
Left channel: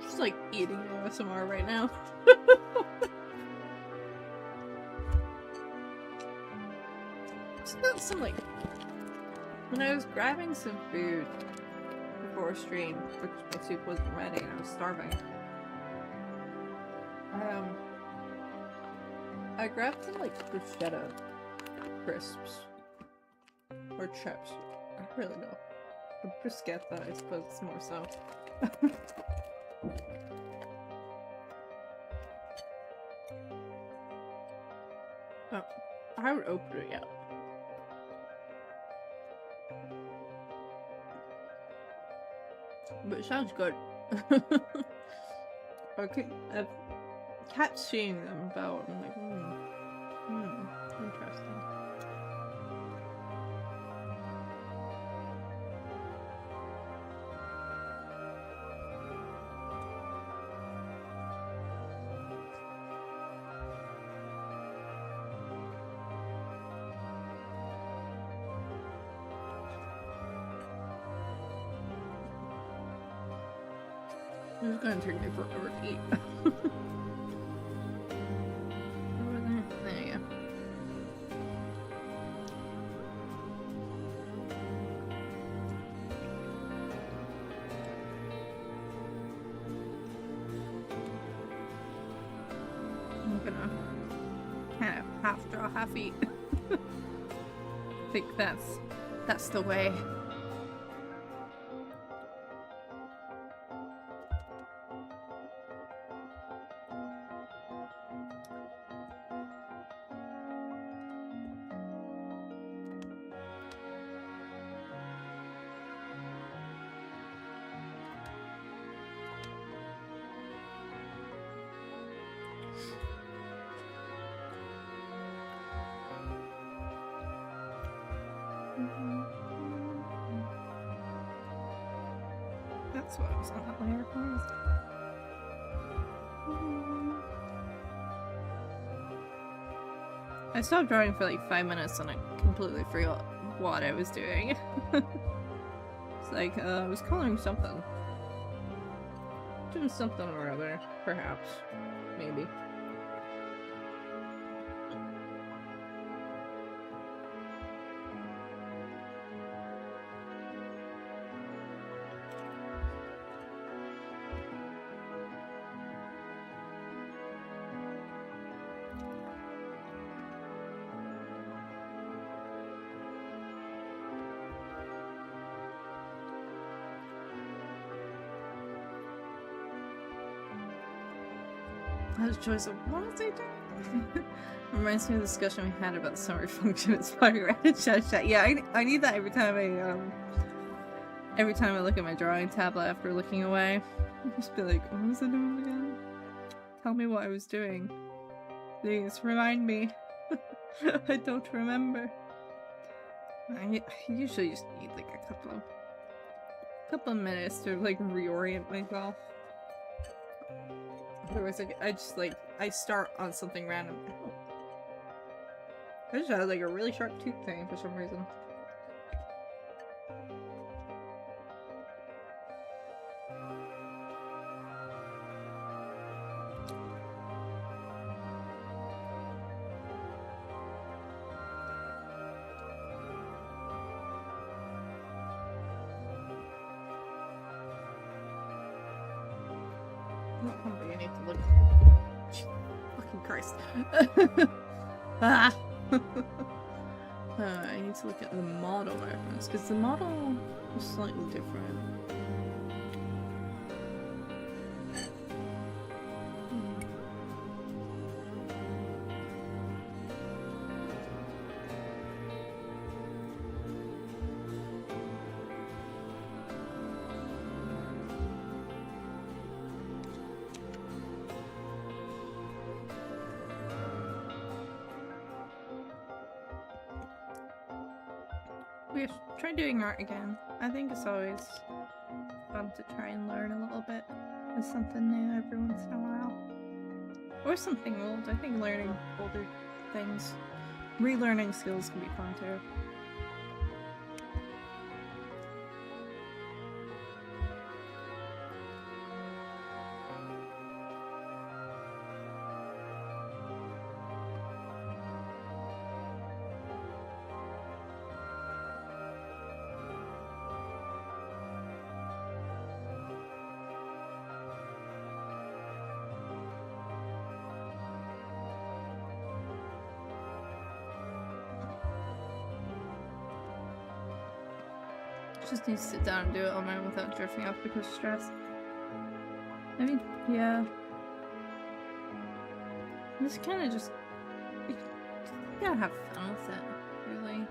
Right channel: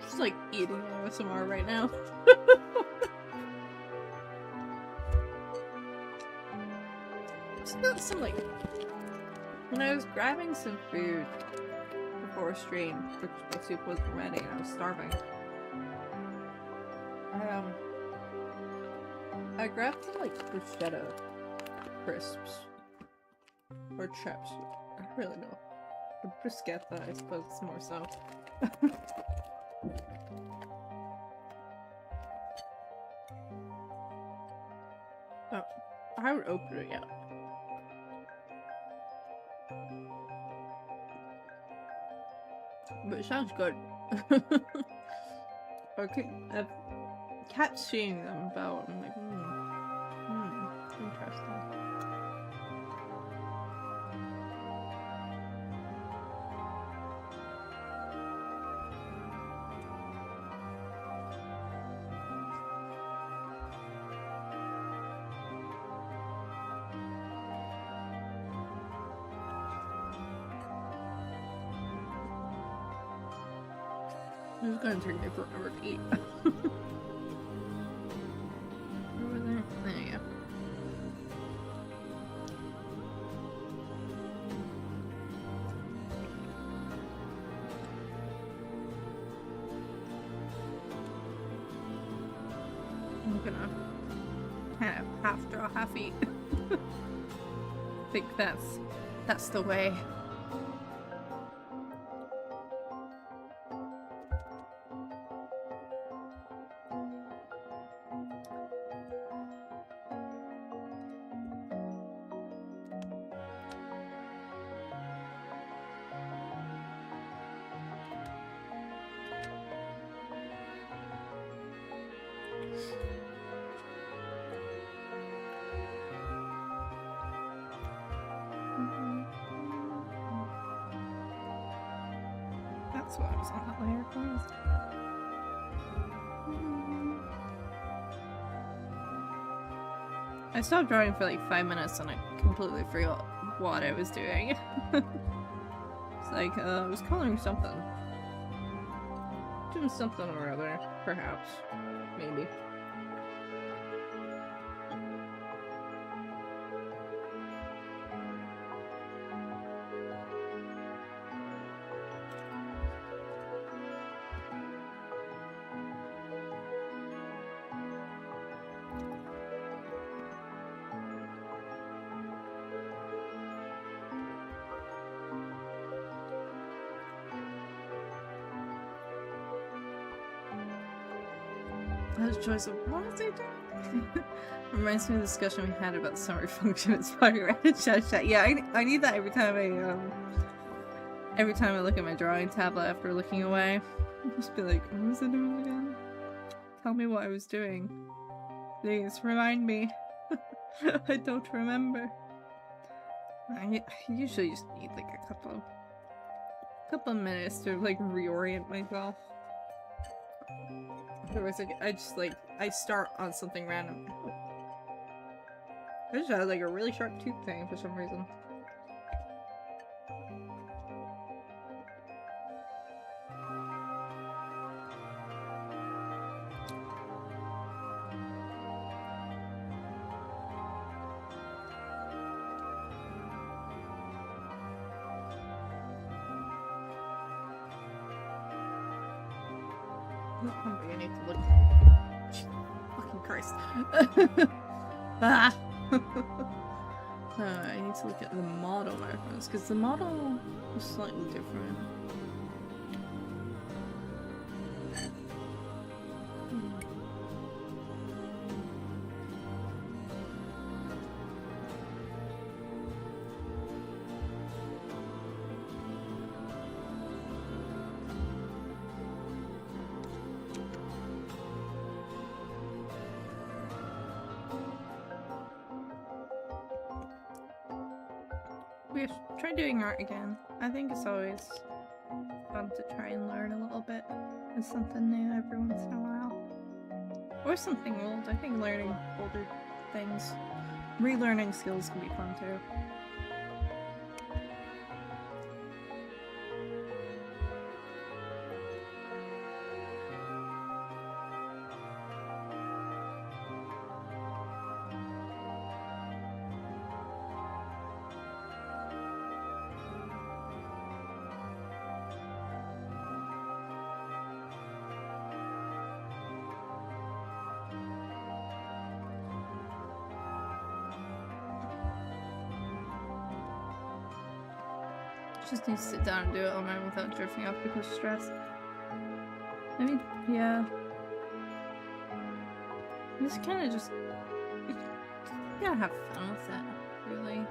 Just like eating ASMR right now. Just got some like, when I was grabbing some food before stream, because my soup wasn't ready and I was starving. I grabbed some like bruschetta crisps or chips. I don't really know. Or bruschetta, I suppose it's more so. Oh, I haven't opened it yet. But it sounds good. Okay, I've kept seeing them about. I'm like, interesting. This is gonna take me forever to eat. Over there? There you go. I'm gonna kind of half draw, half eat. I think that's the way. That's why I was on that layer first. I stopped drawing for like 5 minutes and I completely forgot what I was doing. It's like, I was coloring something. Doing something or other, perhaps. Maybe. That choice of what was I doing? Reminds me of the discussion we had about the summary function with Spotty Red and Chat. Yeah, I need that every time I look at my drawing tablet after looking away. I'll just be like, what was I doing again? Tell me what I was doing. Please remind me. I don't remember. I usually just need like a couple of minutes to like reorient myself. Otherwise, I start on something random. I just had like a really sharp tooth thing for some reason. I need to look. Fucking Christ. Ah! I need to look at the model reference, because the model was slightly different. We have tried doing art again. I think it's always fun to try and learn a little bit of something new every once in a while. Or something old. I think learning older things, relearning skills can be fun too. Just need to sit down and do it on my own without drifting off because of stress. I mean, yeah. It's kind of just... You gotta have fun with it, really.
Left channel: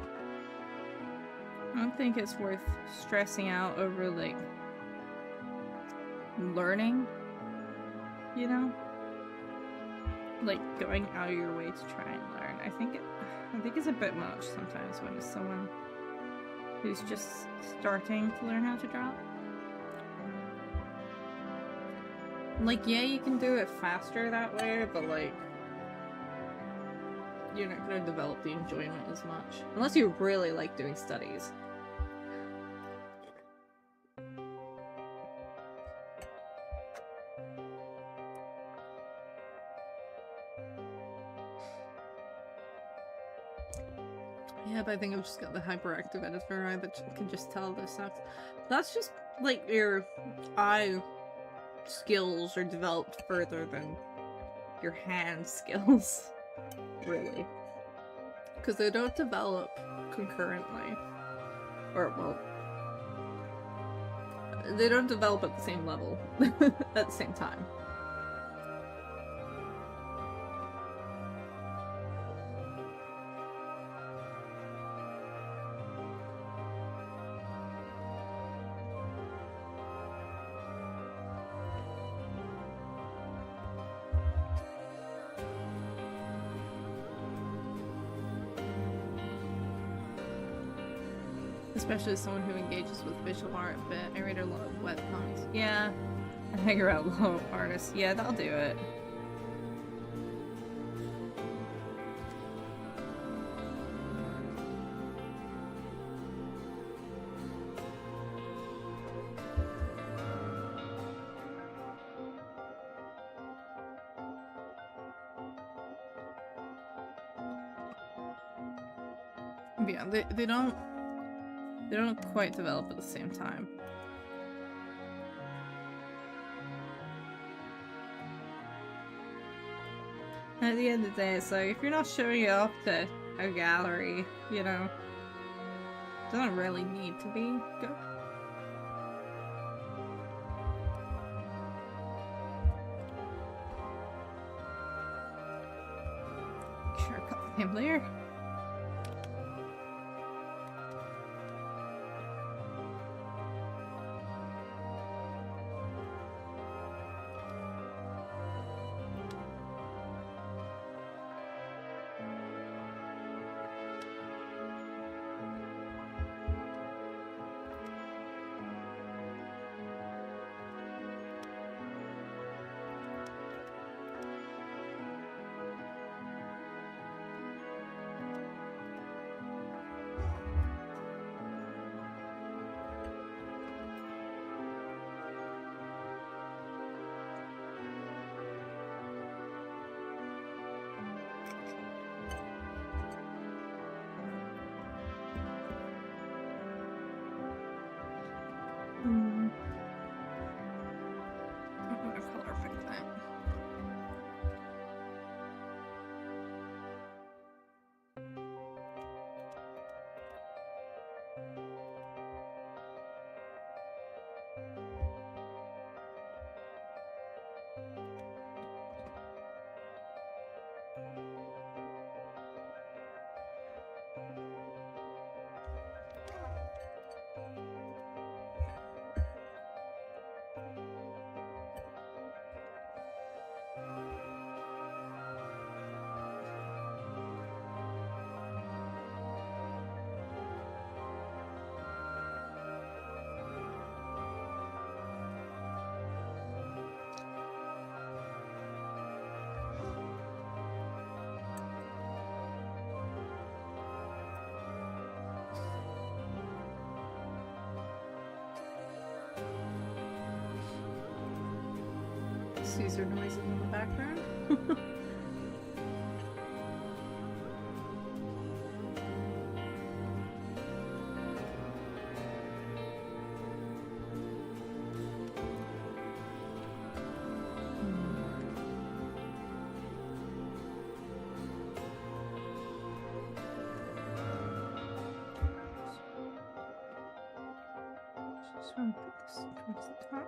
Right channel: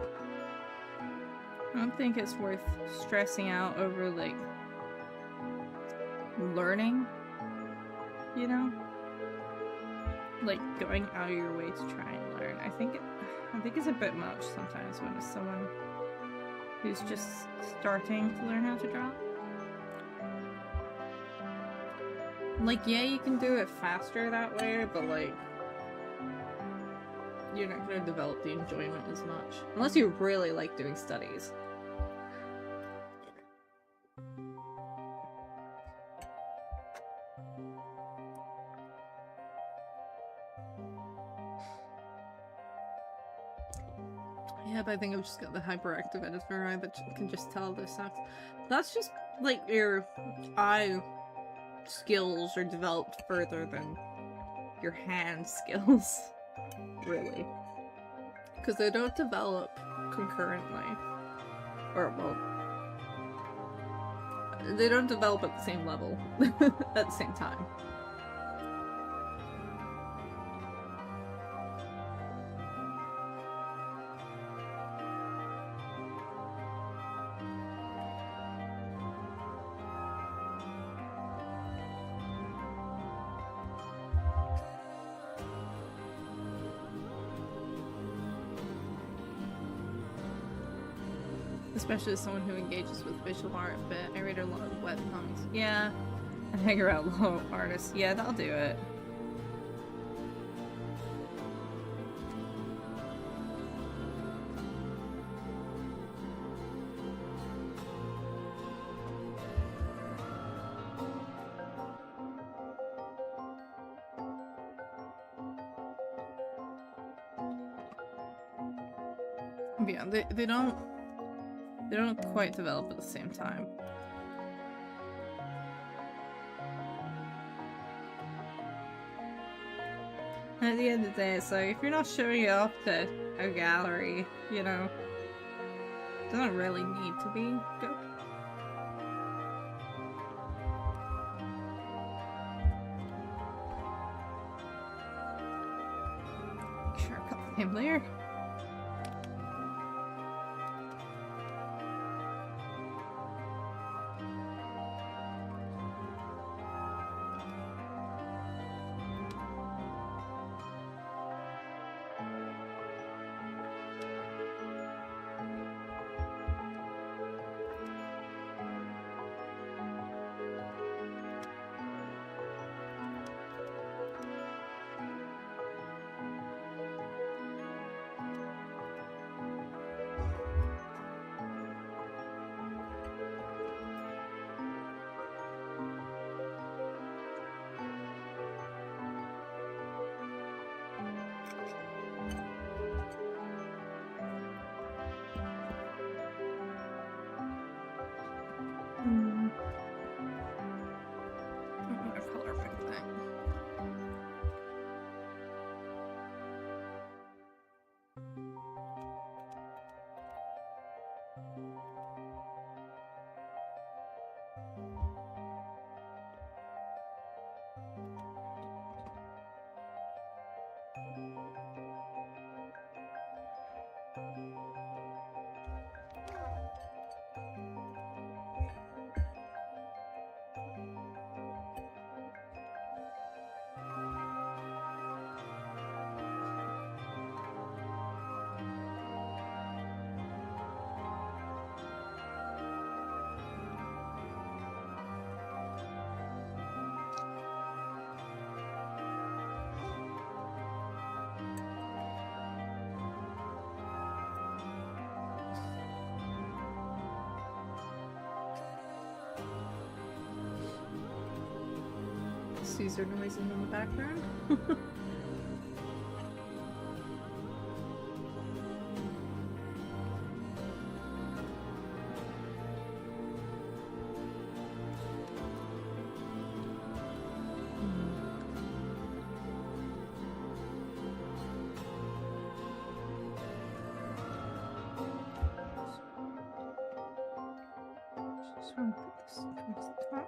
I don't think it's worth stressing out over, like, learning, you know? Like, going out of your way to try and learn. I think it's a bit much sometimes when it's someone who's just starting to learn how to draw. Like, yeah, you can do it faster that way, but like, you're not gonna develop the enjoyment as much. Unless you really like doing studies. Yeah, but I think I've just got the hyperactive editor eye that can just tell this sucks. That's just, like, your eye skills are developed further than your hand skills, really. Because they don't develop concurrently. Or, well, they don't develop at the same level at the same time. Especially as someone who engages with visual art a bit. I read a lot of webcomics. Yeah. And hang around a lot of artists. Yeah, that'll do it. Yeah, they don't quite develop at the same time. And at the end of the day, it's like, if you're not showing it off to a gallery, you know, it doesn't really need to be good. Sure, cut the name layer. I'm gonna color pick that. Caesar noises in the background. Just want to put this towards the top.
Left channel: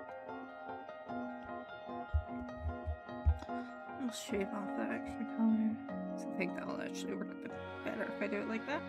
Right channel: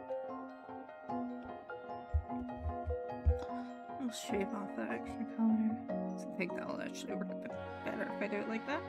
I'll shave off that extra color. So I think that'll actually work a bit better if I do it like that.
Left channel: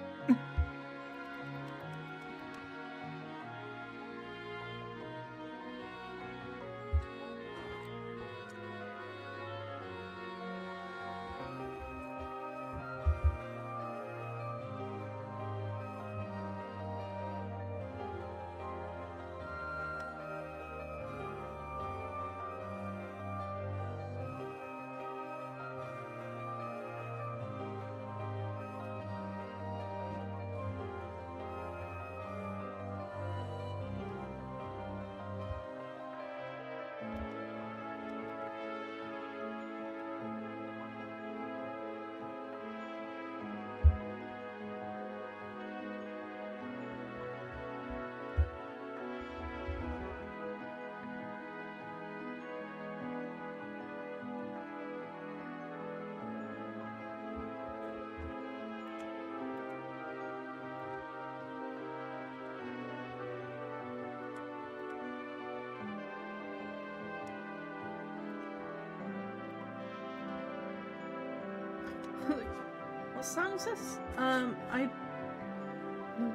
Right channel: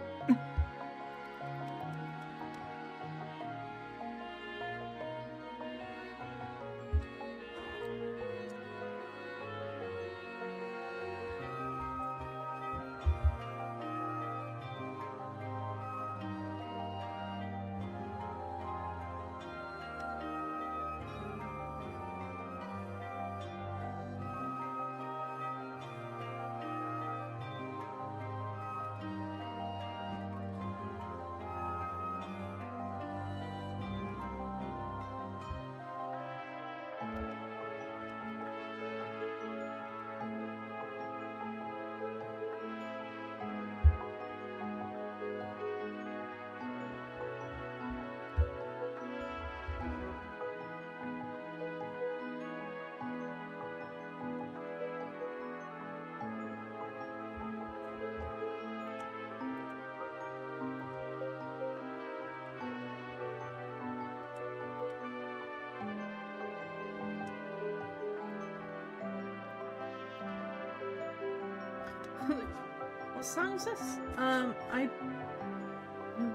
What song is this? I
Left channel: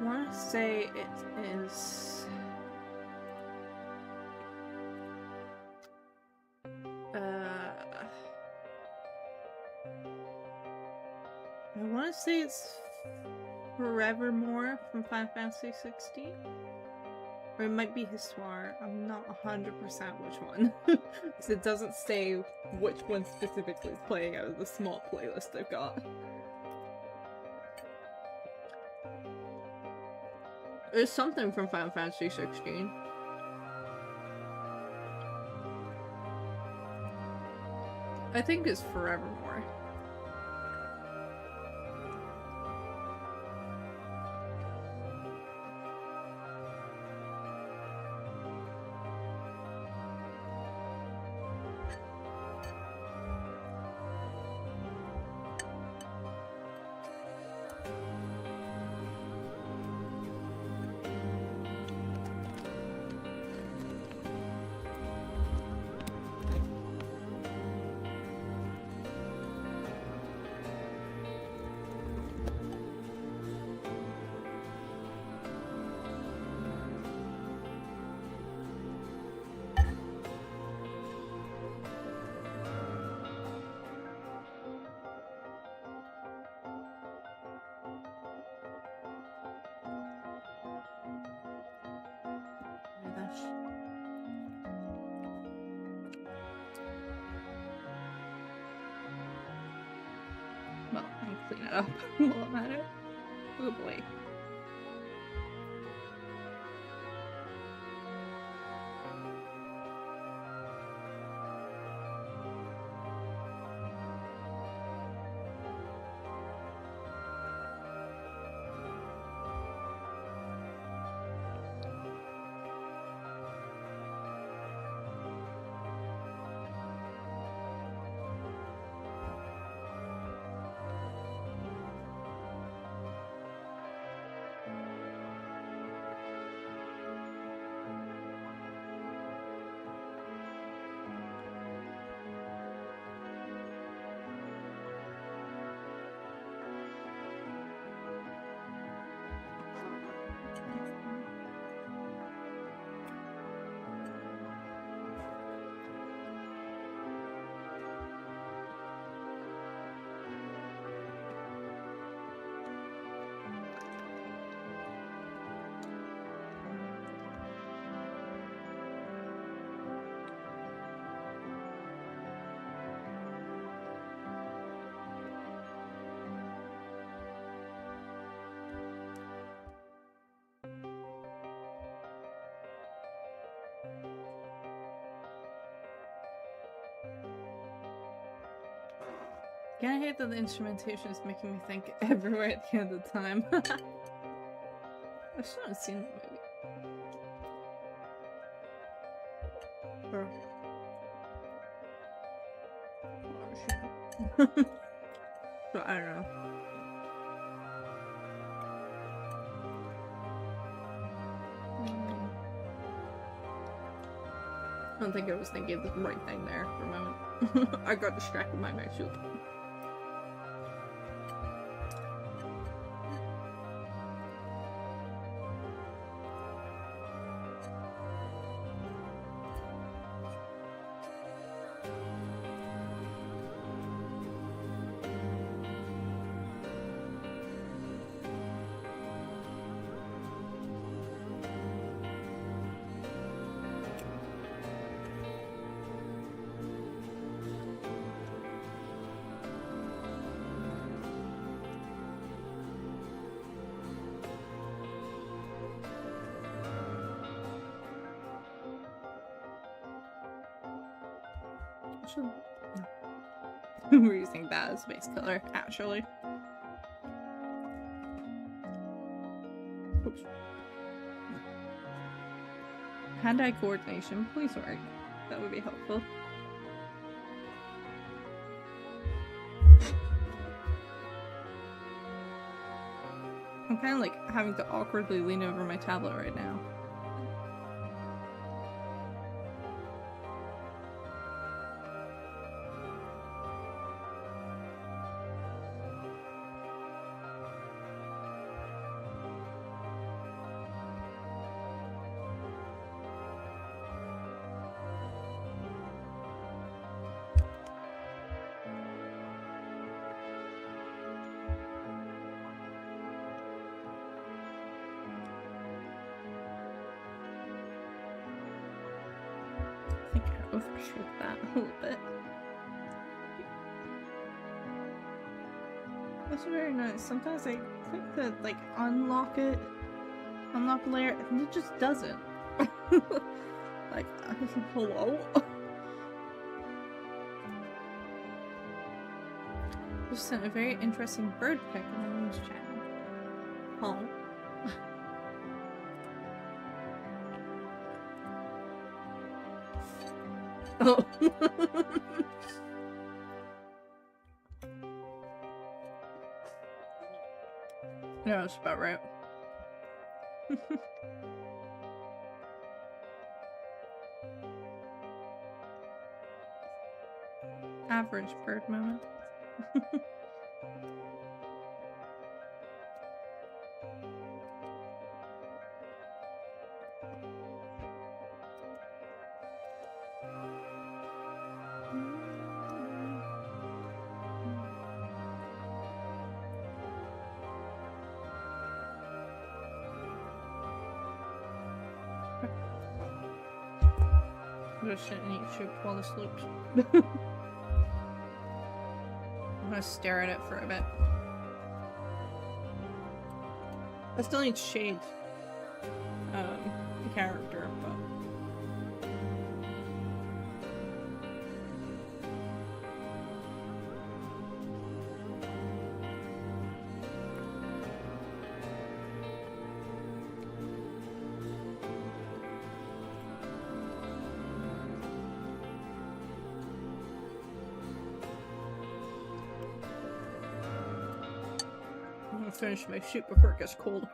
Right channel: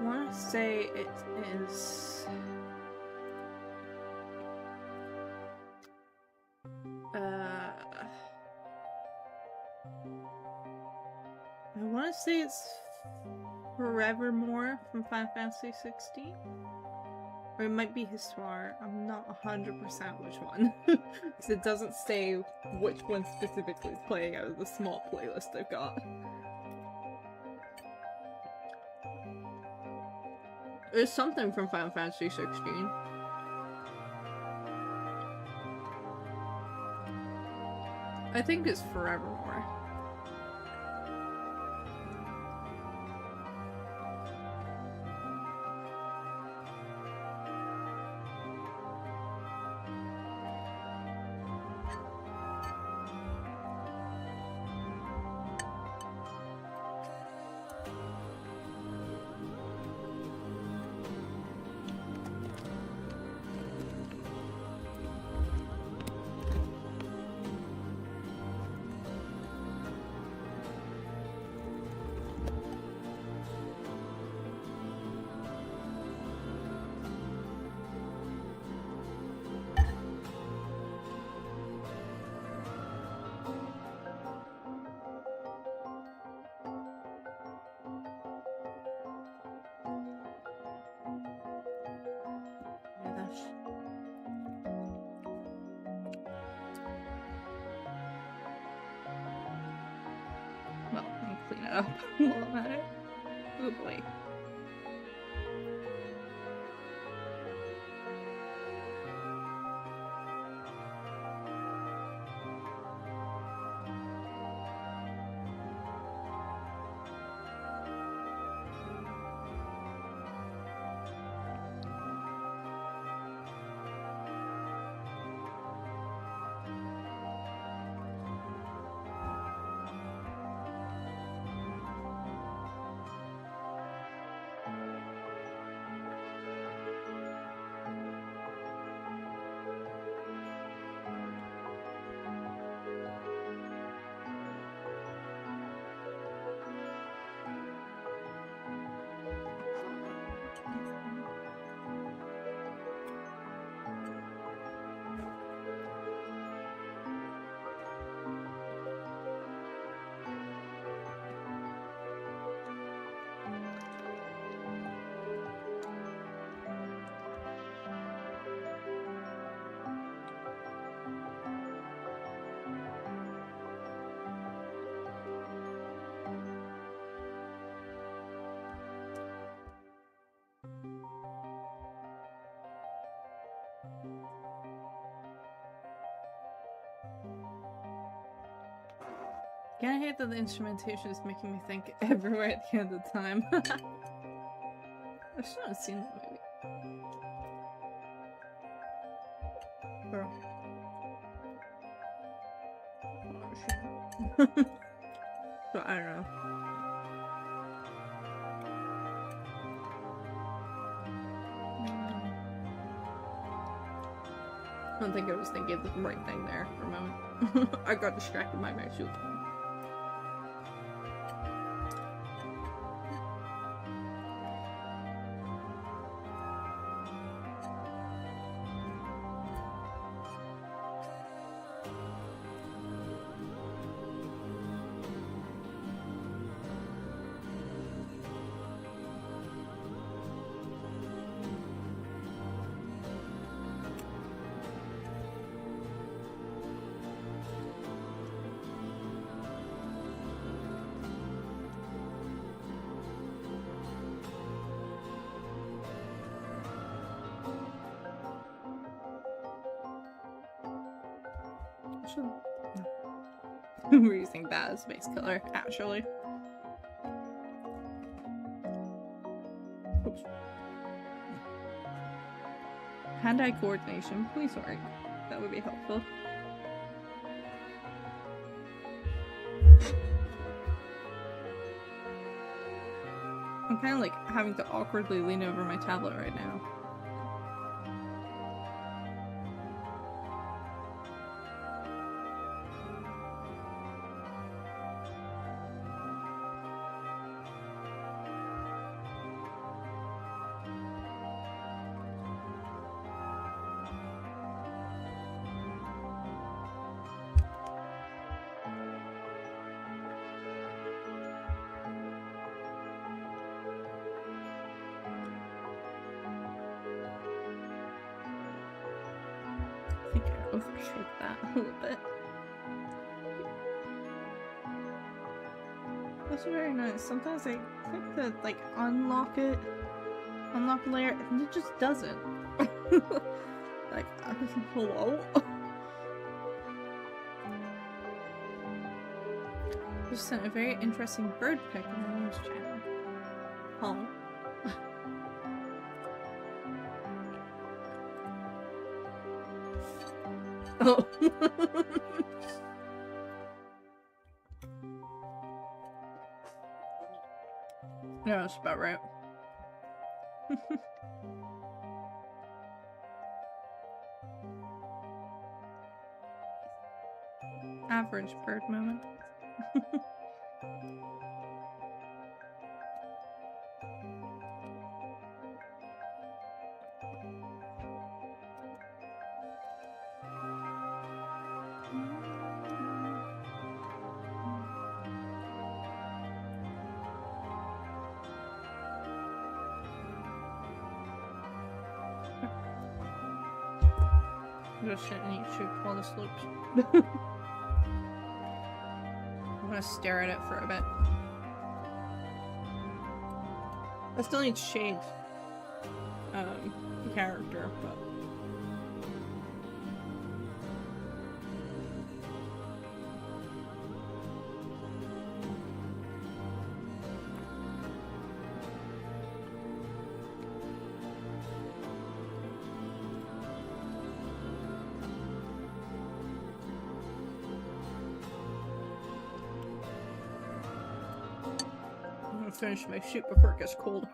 want to say it is. I want to say it's Forevermore from Final Fantasy 16. Or it might be Histoire. I'm not 100% which one. Because it doesn't say which one specifically is playing out of the small playlist I've got. There's something from Final Fantasy 16. I think it's Forevermore. Well, I'll clean it up while I'm at it. Oh boy. Yeah, I hate that the instrumentation is making me think everywhere at the end of the time. I still haven't seen that movie. Or... oh, shit. So, I don't know. I don't think I was thinking the right thing there for a moment. I got distracted by my soup. We're using that as base color, actually. Oops. Hand-eye coordination, please work. That would be helpful. I'm kind of like having to awkwardly lean over my tablet right now. overshape that a little bit. That's very nice. Sometimes I click to like unlock the layer, and it just doesn't. Like, hello? Just sent a very interesting bird pic on the news channel. Oh. Oh. Yeah, that's about right. Average bird moment. I'm just sitting and eat soup while this loops. I'm gonna stare at it for a bit. I still need shade the character, but I'm gonna finish my soup before it gets cold.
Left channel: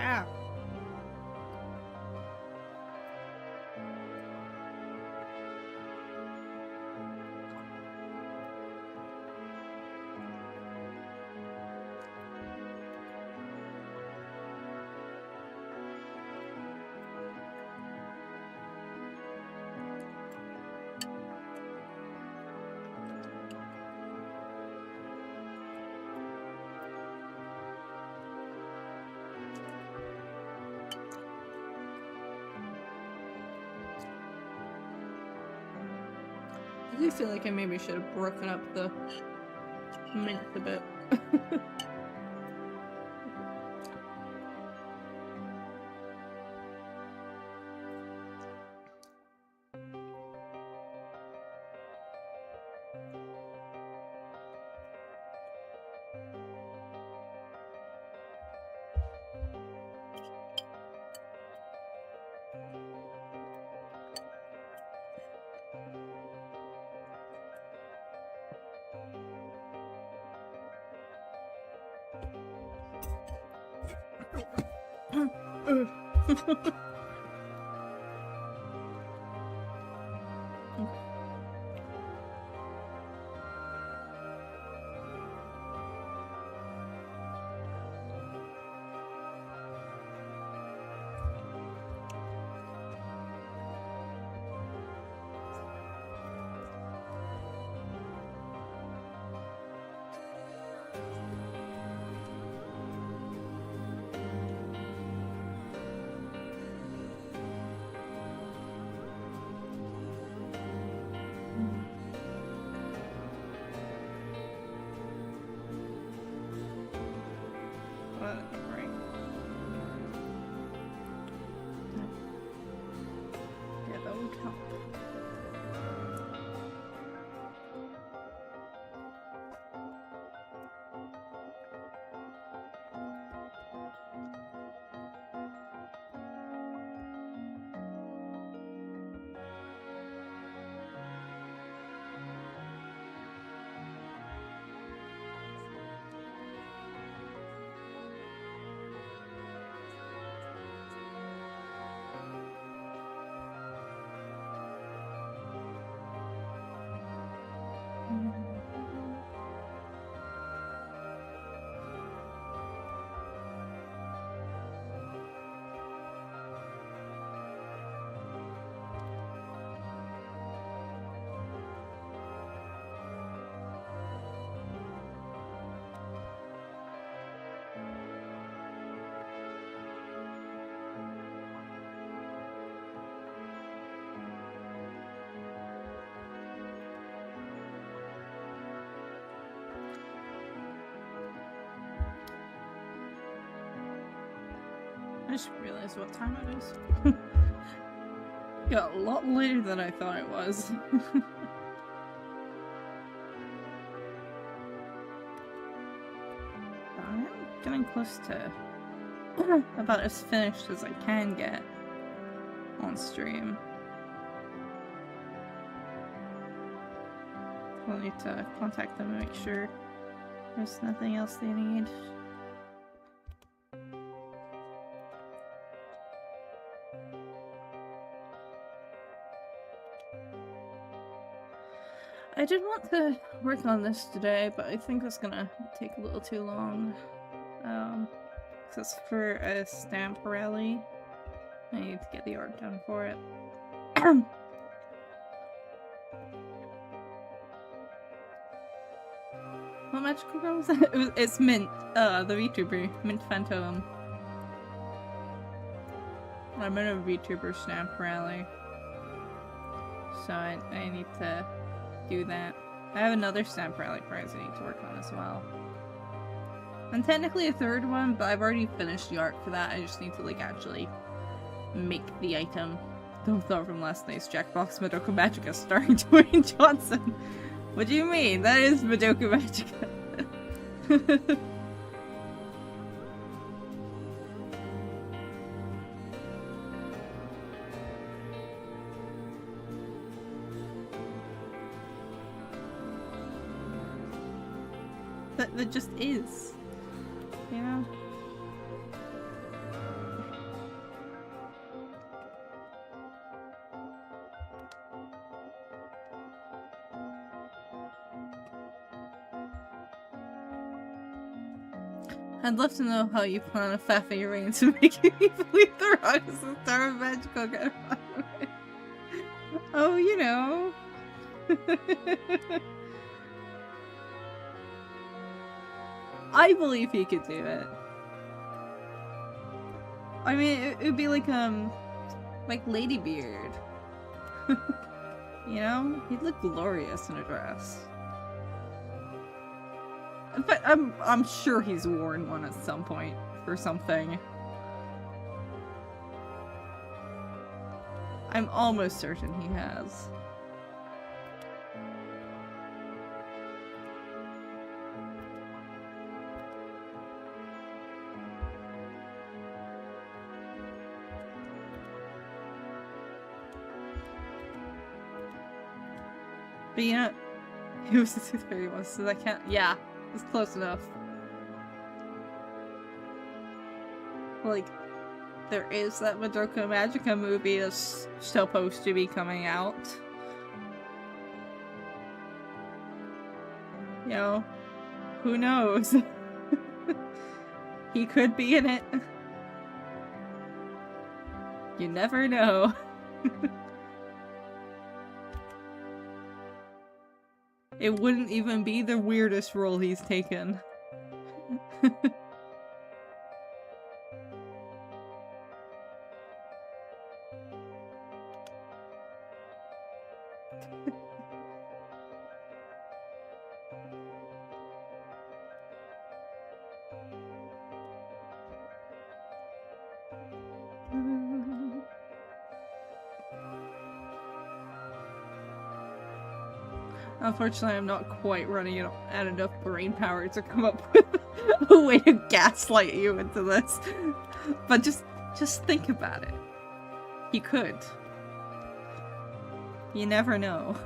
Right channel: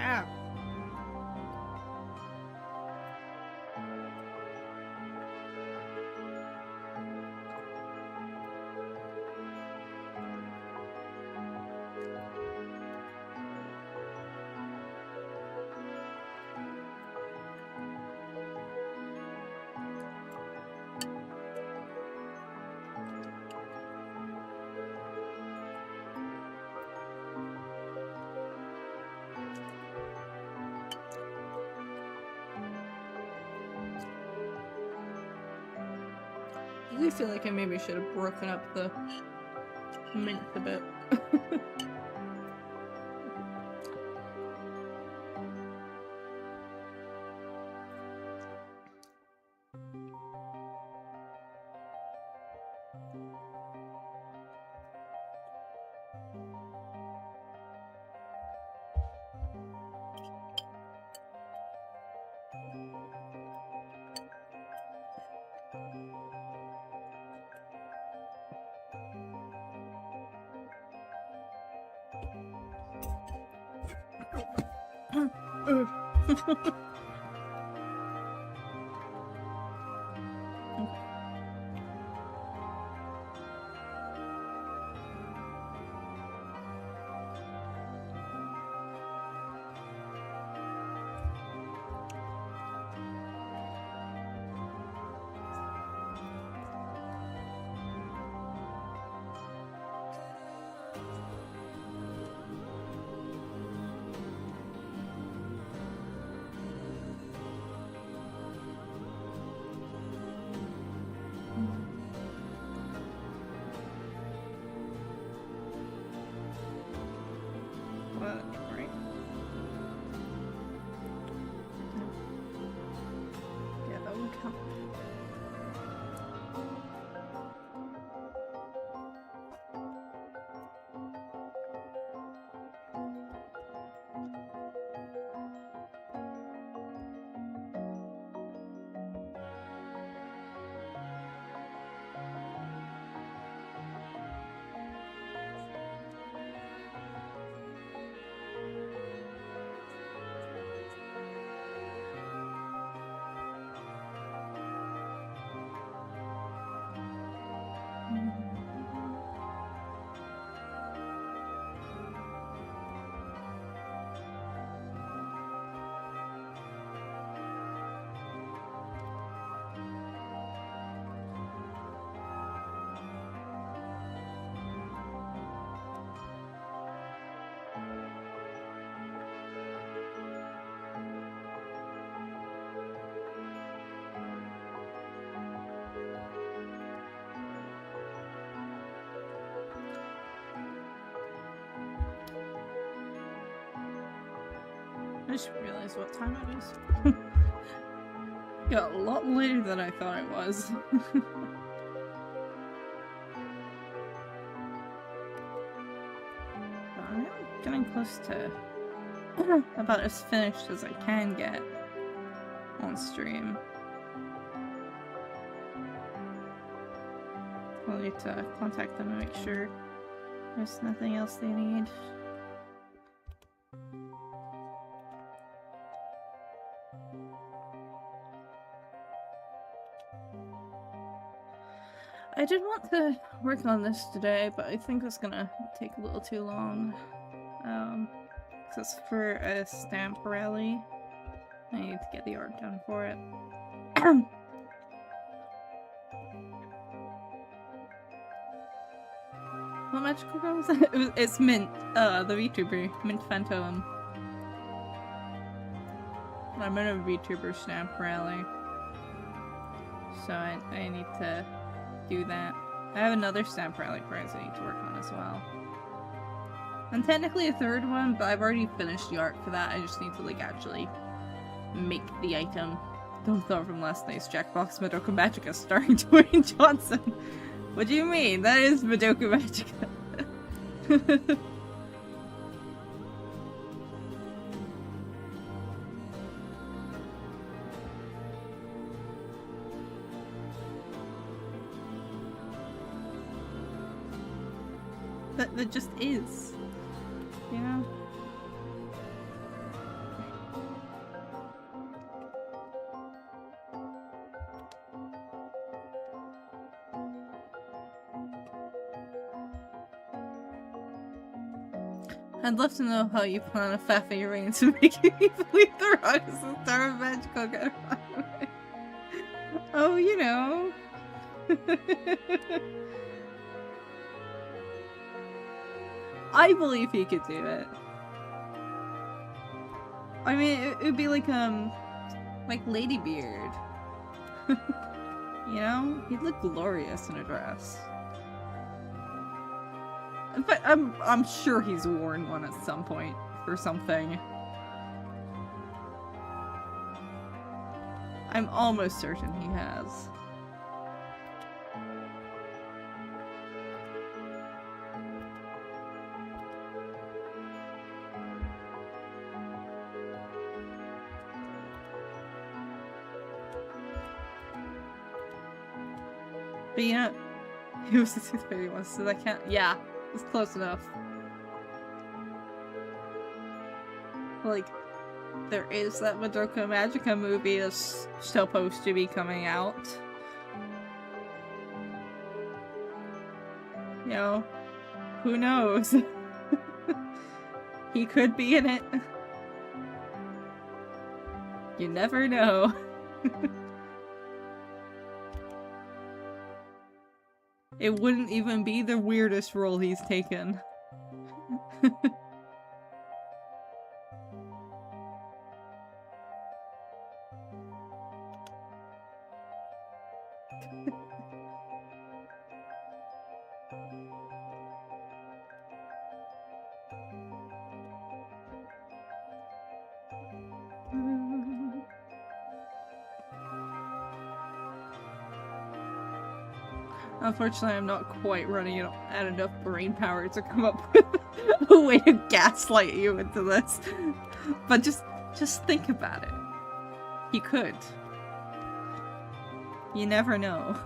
Ah. I do feel like I maybe should have broken up the mint a bit. Okay. What? Right? No. Yeah, that would help. I just realized what time it is. Got a lot later than I thought it was. I'm getting close to about as finished as I can get on stream. We'll need to contact them and make sure there's nothing else they need. I did want to work on this today, but I think it's gonna take a little too long. Because it's for a stamp rally. I need to get the art done for it. What magical girl was that? It's Mint, the VTuber, Mint Phantom. I'm in a VTuber stamp rally. So I need to do that. I have another stamp rally prize I need to work on as well. And technically a third one, but I've already finished the art for that. I just need to like actually make the item. Don't thought from last night's Jackbox Madoka Magica starring Dwayne Johnson. What do you mean? That is Madoka Magica. That just is. You know? I'd love to know how you plan on faffing your way into making me believe the rock is the star of magical get away. Oh, you know. I believe he could do it. I mean, it would be like Ladybeard. You know? He'd look glorious in a dress. But I'm sure he's worn one at some point for something. I'm almost certain he has. But you know, he was the 231, so I can't. Yeah, it's close enough. Like, there is that Madoka Magica movie that's supposed to be coming out. You know, who knows? He could be in it. You never know. It wouldn't even be the weirdest role he's taken. Unfortunately, I'm not quite running at enough brain power to come up with a way to gaslight you into this. But just think about it. He could. You never know.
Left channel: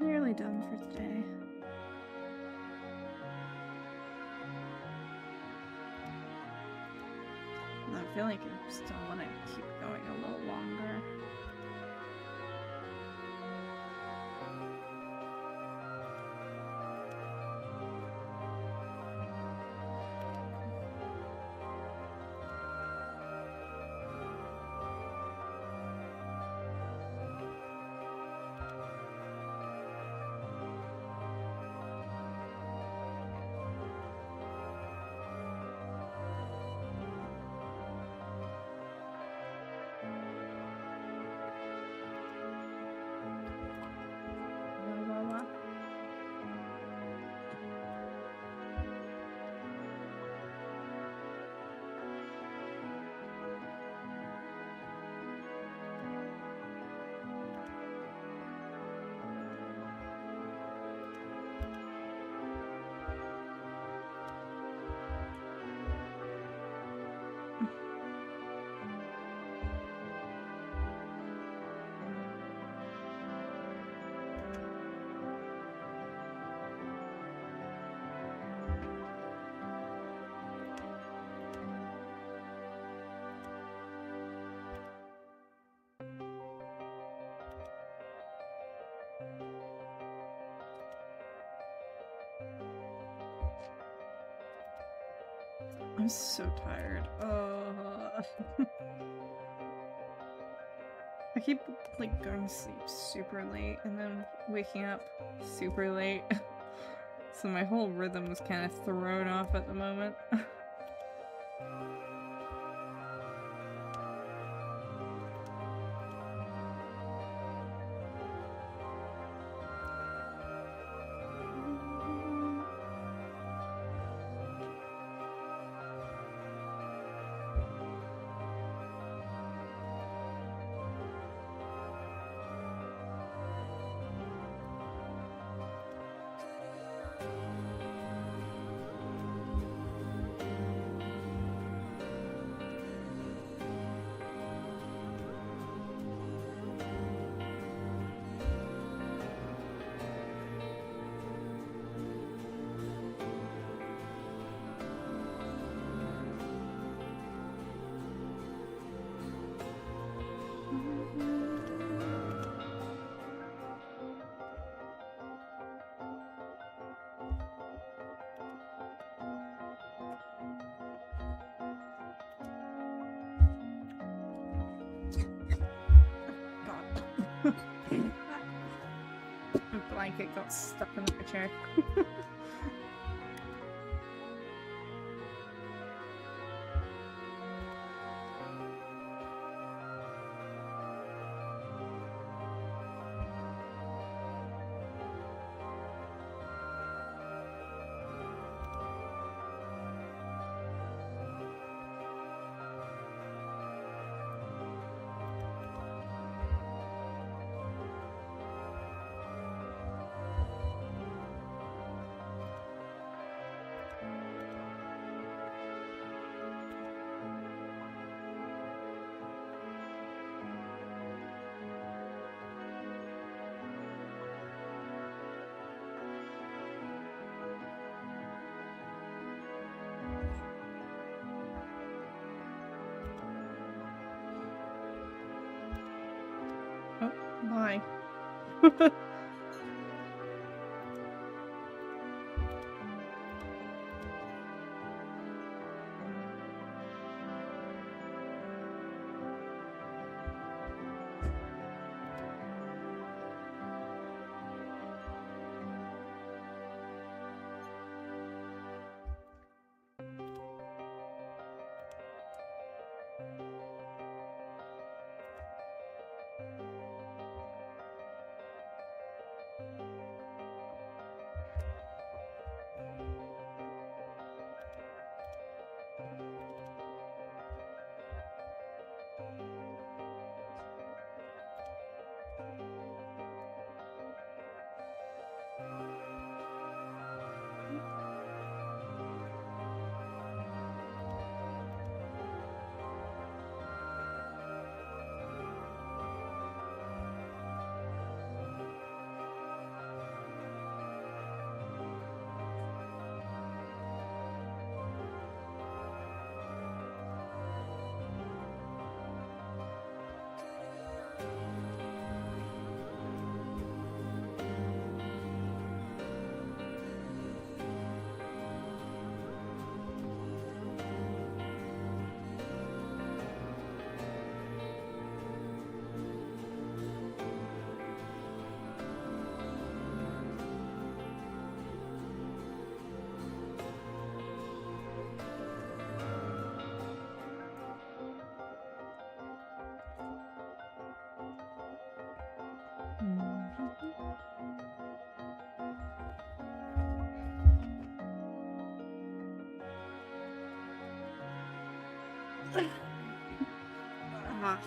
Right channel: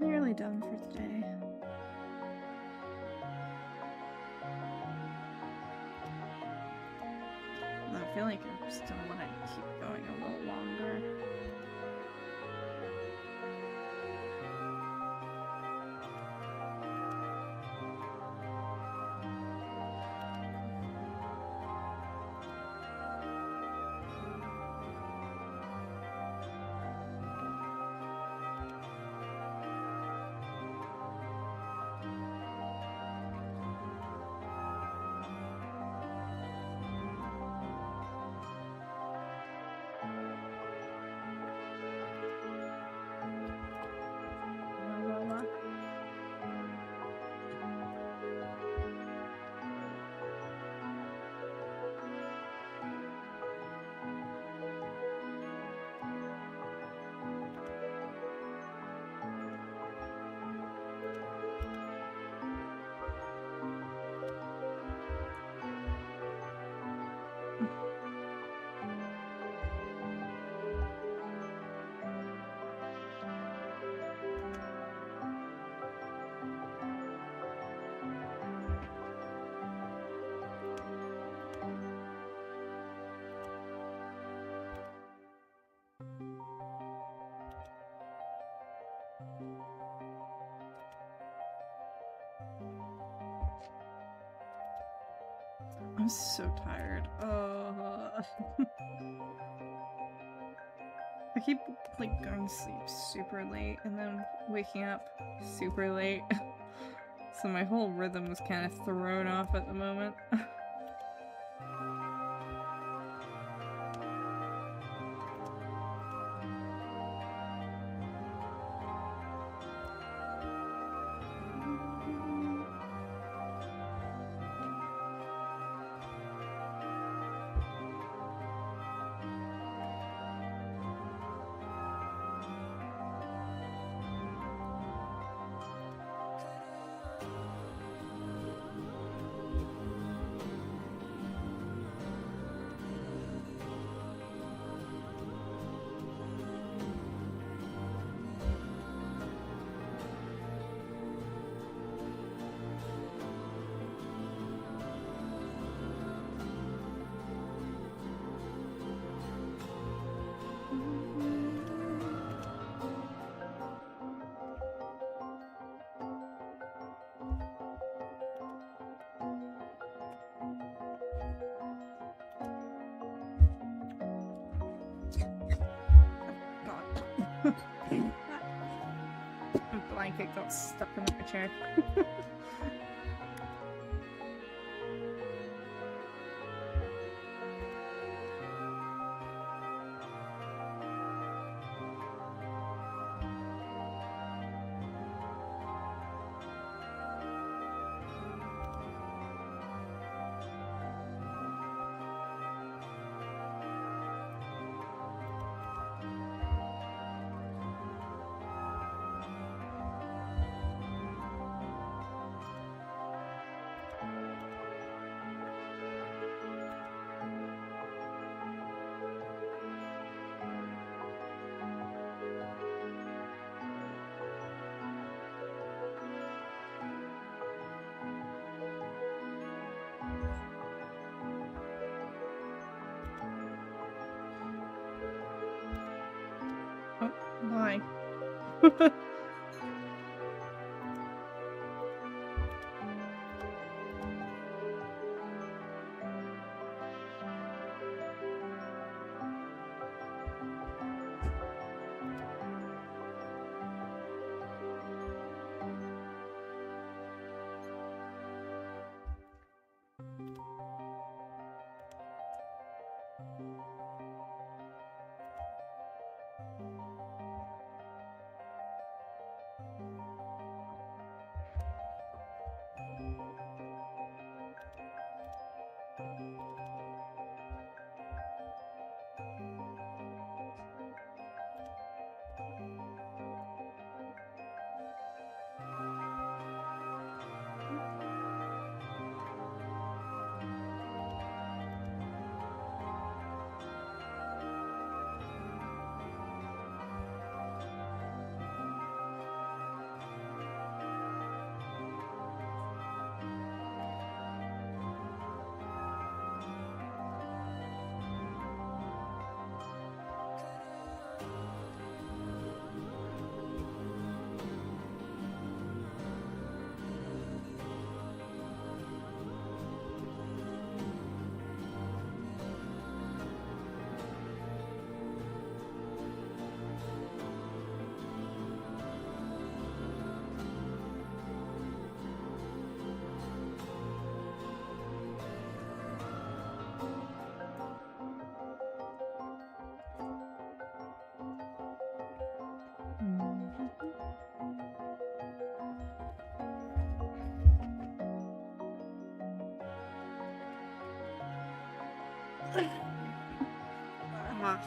Nearly done for today. I feel like I still want to keep going a little longer. I'm so tired. I keep like going to sleep super late and then waking up super late. So my whole rhythm was kind of thrown off at the moment. blanket got stuck in my chair. Oh, why? Ah.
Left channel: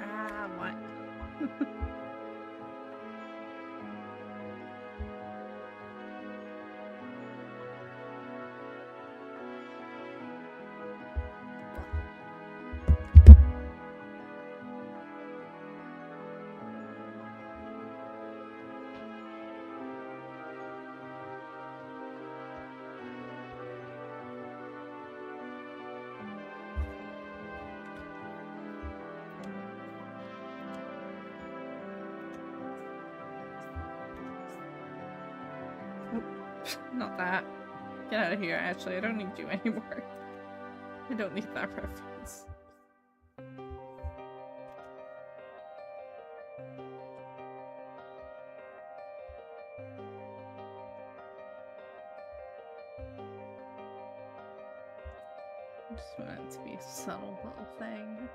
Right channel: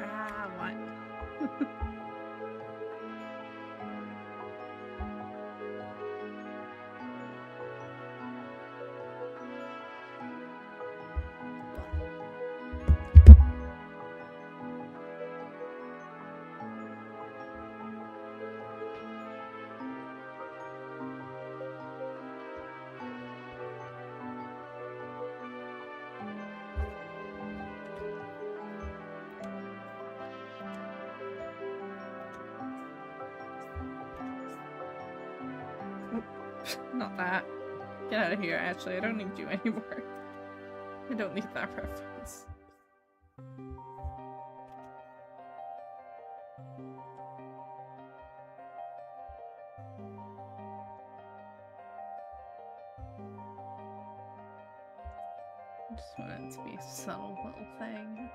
Ah, what? Not that. Get out of here, actually. I don't need you anymore. I don't need that reference. I just want it to be a subtle little thing.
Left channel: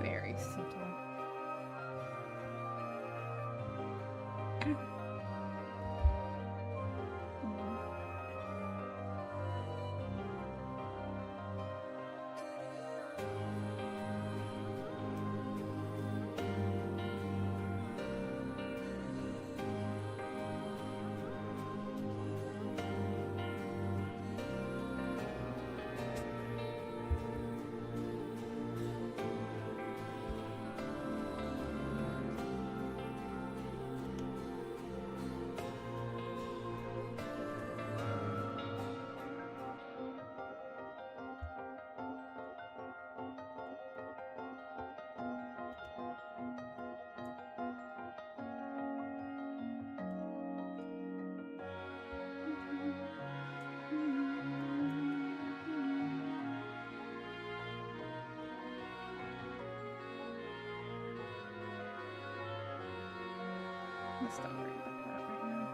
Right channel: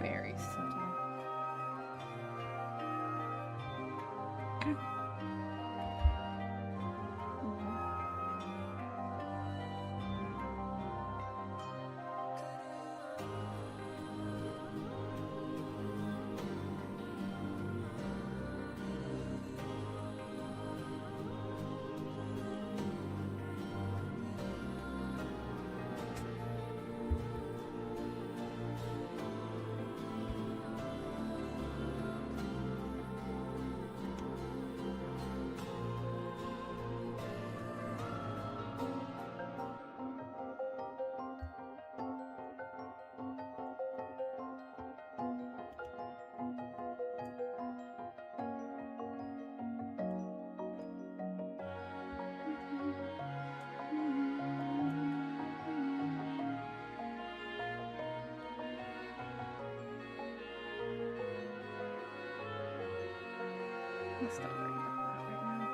Very subtle. Let's not worry about that right now.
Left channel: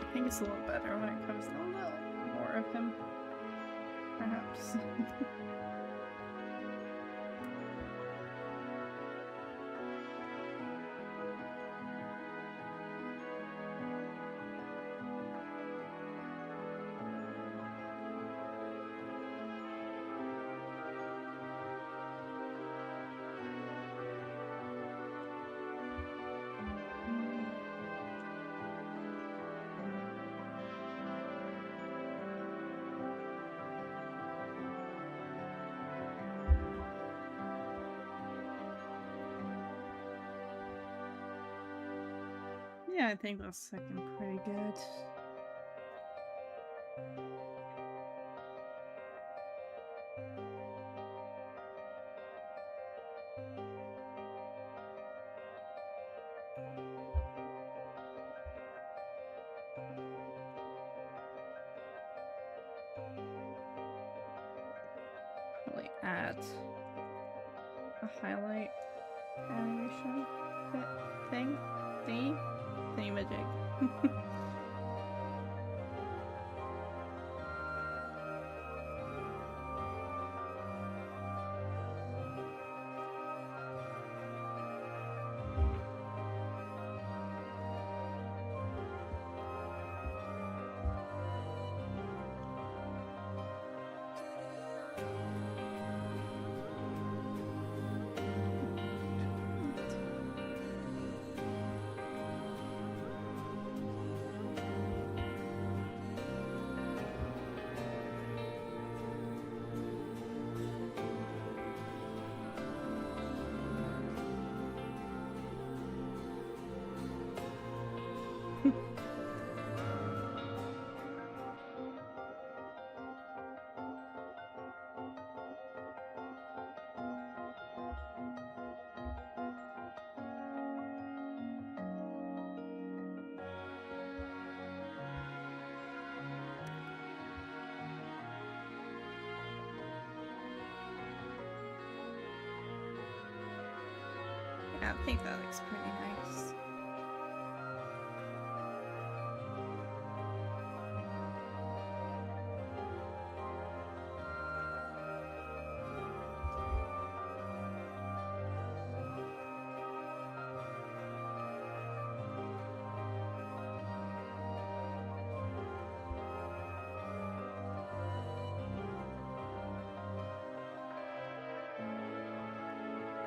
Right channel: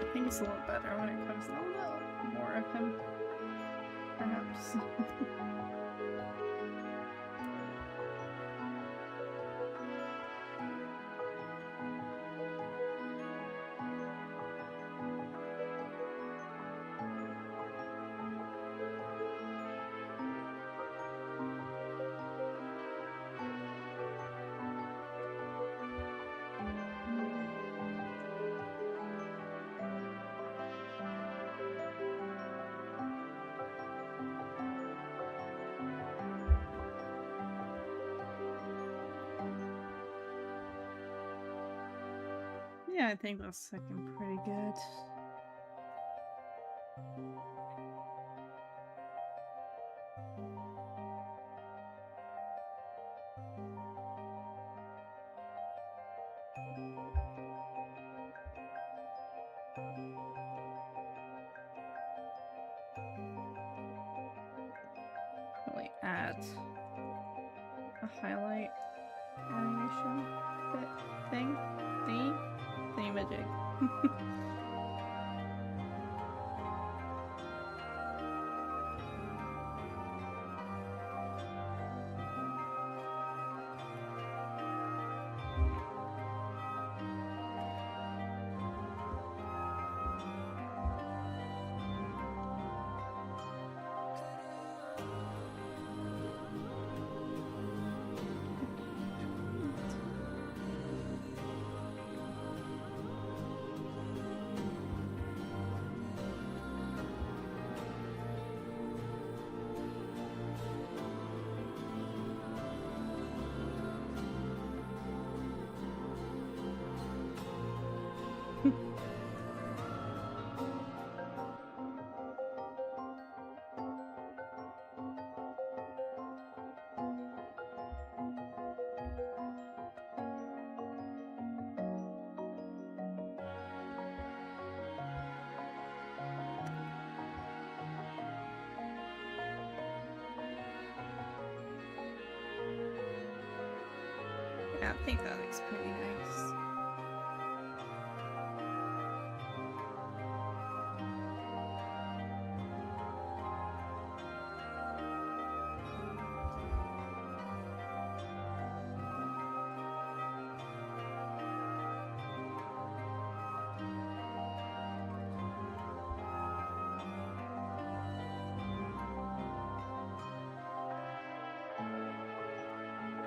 I think it's a little better when it comes to a little more of him, perhaps. Yeah, I think that's looking pretty good. Probably add a highlight animation bit thing. Thingamajig. Yeah, I think that looks pretty nice.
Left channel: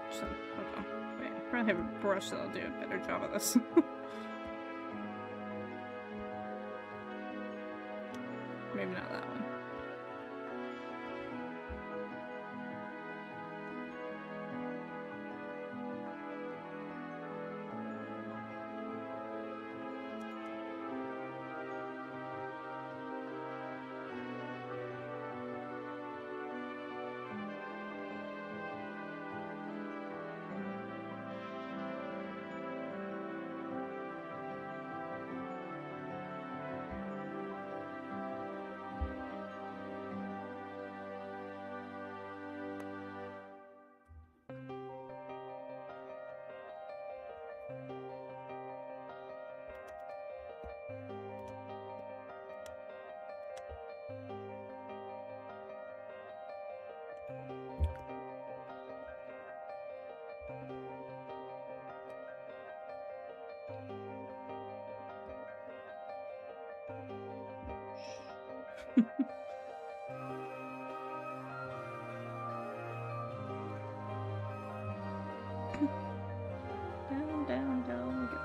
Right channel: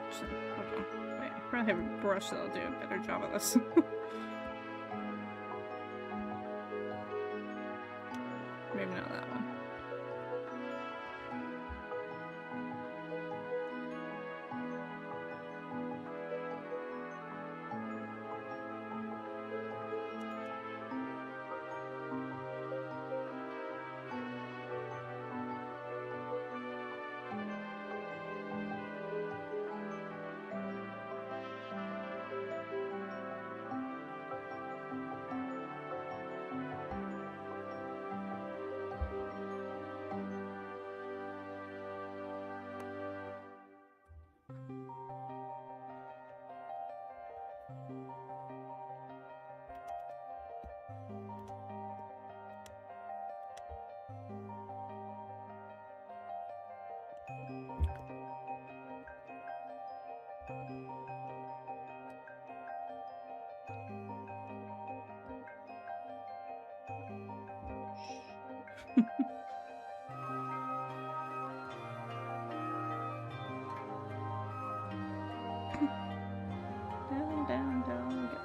Actually, hold on. Wait, I probably have a brush that'll do a better job of this. Maybe not that one. Down, down, down we go.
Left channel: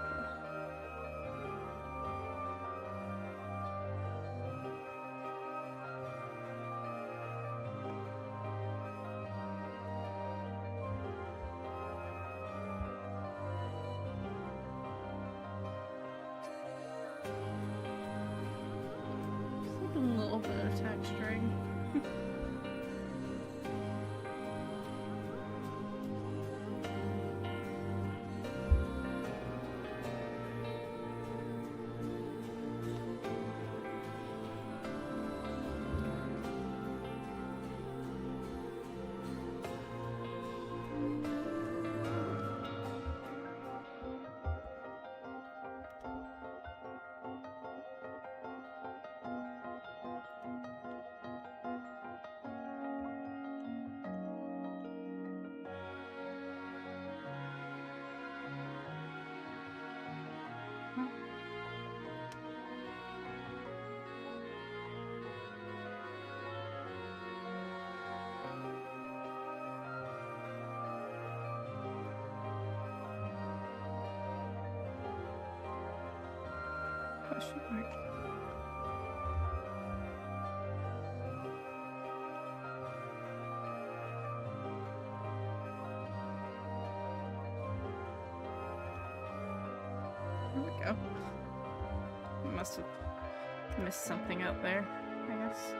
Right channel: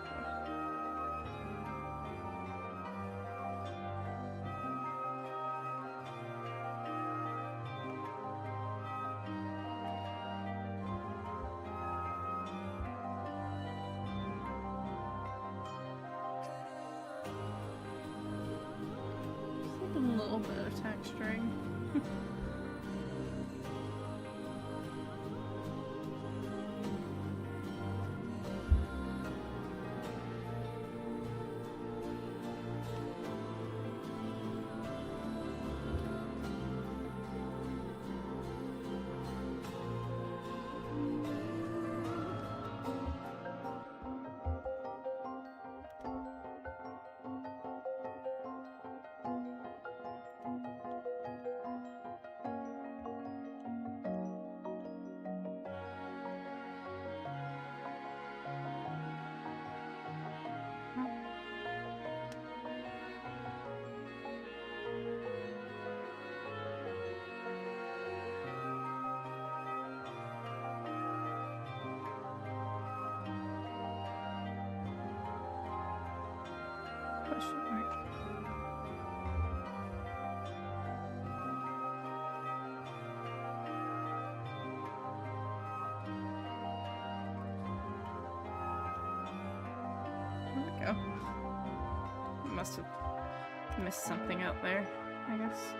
It's like a little little bit of texturing. Question mark. There we go. Must have missed something out there, I guess.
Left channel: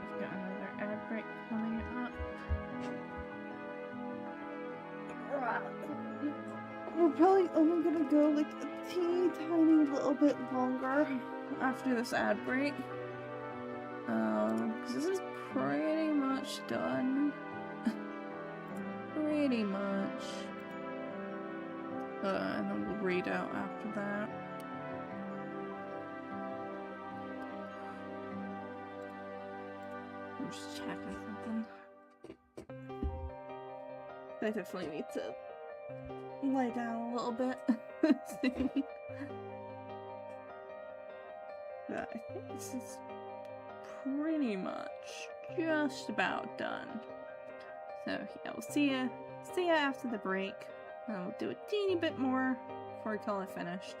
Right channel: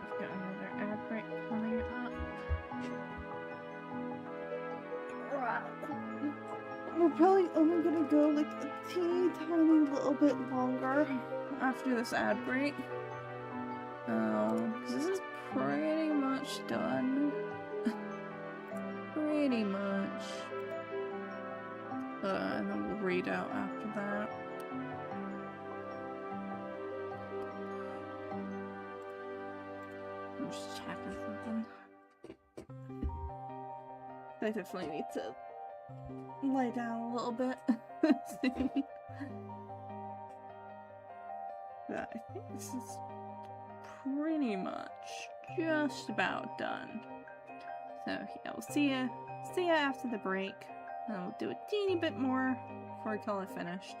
We've got another ad break coming up. We're probably only gonna go like a teeny tiny little bit longer after this ad break. Because this is pretty much done. Pretty much. And then we'll read out after that. I'm just checking something. I definitely need to lay down a little bit soon. But I think this is pretty much just about done. So yeah, we'll see ya after the break. And we'll do a teeny bit more before we call it finished.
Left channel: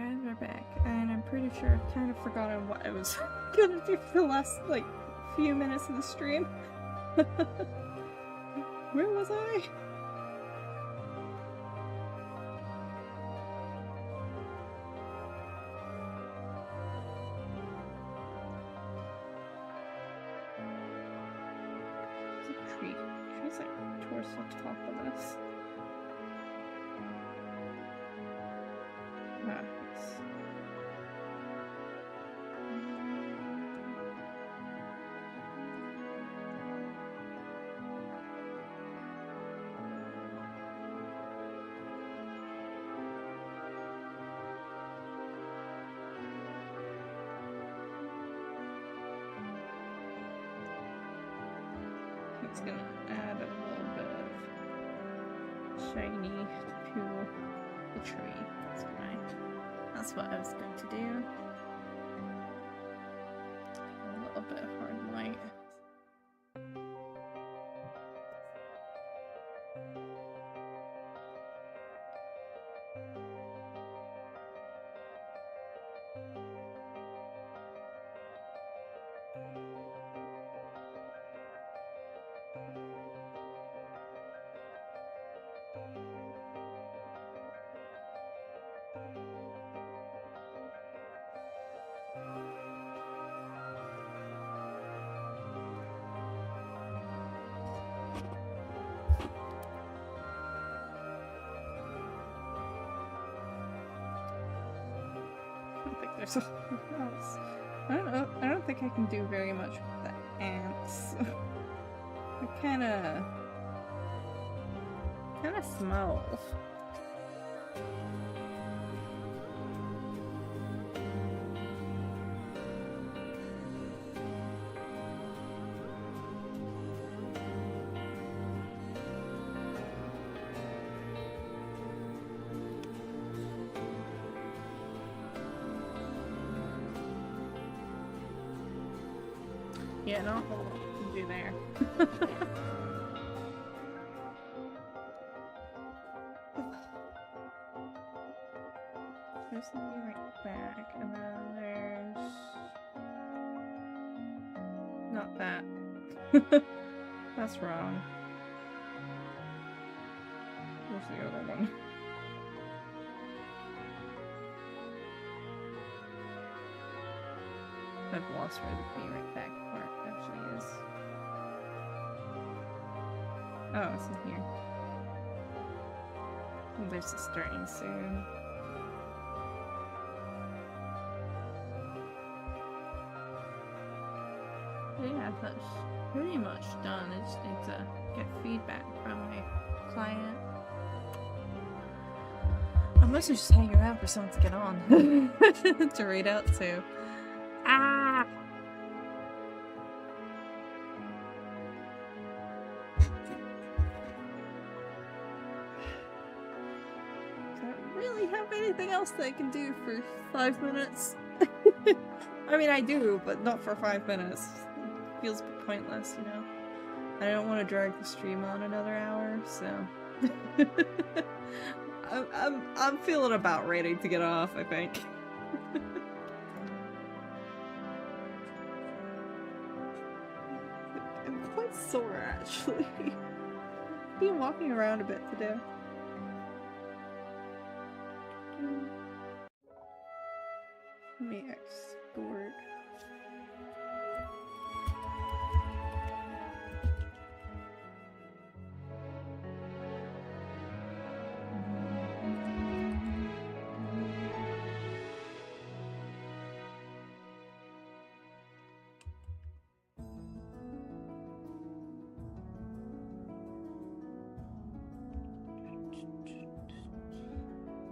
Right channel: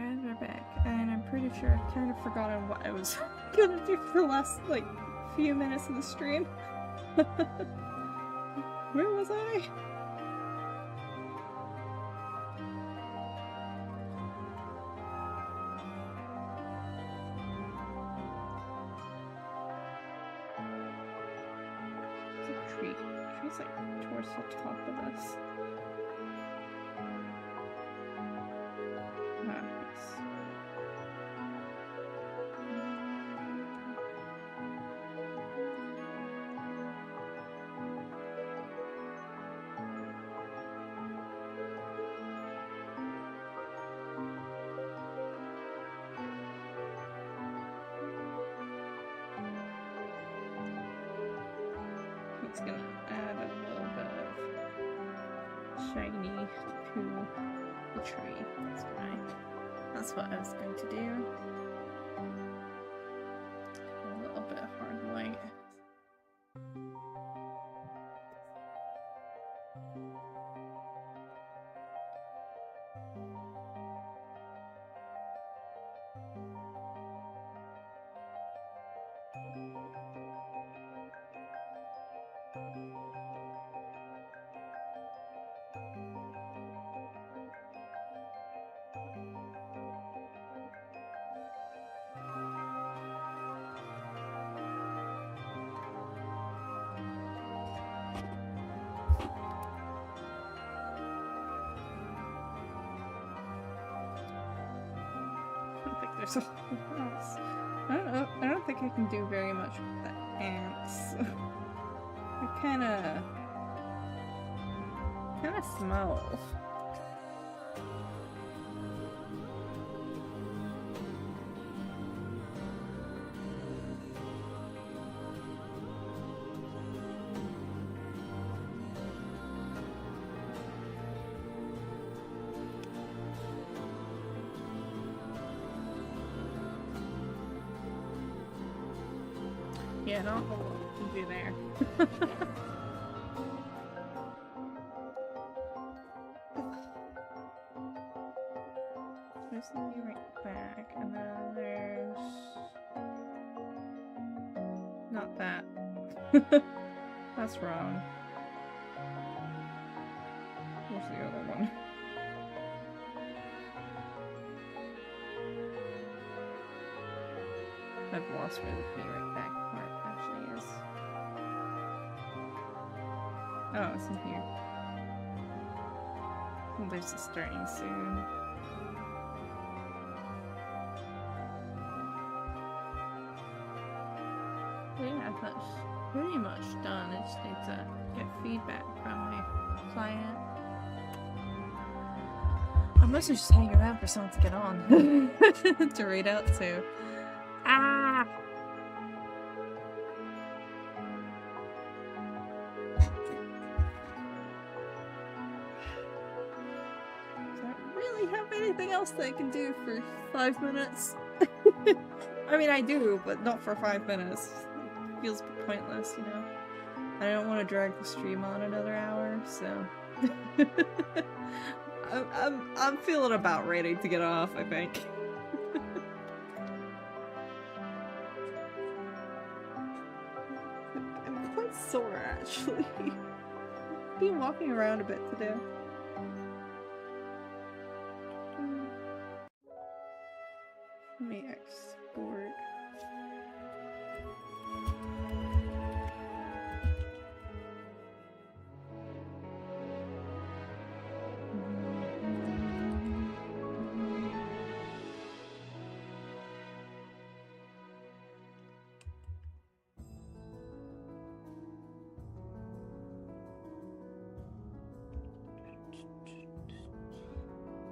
Okay, we're back, and I'm pretty sure I've kind of forgotten what I was gonna do for the last, like, few minutes of the stream. Where was I? There's a tree. The tree's like towards the top of this. Ah, yes. It's gonna add a little bit of shiny to the tree. That's what I was going to do. A little bit of hard light. There's a else. I don't know. I don't think I can do very much with the ants. They kind of smell. Yeah, not a whole lot to do there. There's the view right back, and then there's... not that. That's wrong. Where's the other one? I've lost where the view right back part actually is. Oh, it's in here. Oh, there's a starting soon. Yeah, that's pretty much done. I just need to get feedback from my client. I must just hang around for someone to get on to read out to. Ah! Don't really have anything else that I can do for 5 minutes. I mean, I do, but not for 5 minutes. It feels pointless, you know? I don't want to drag the stream on another hour, so... I'm feeling about ready to get off, I think. I'm quite sore, actually. I've been walking around a bit today. Let me export.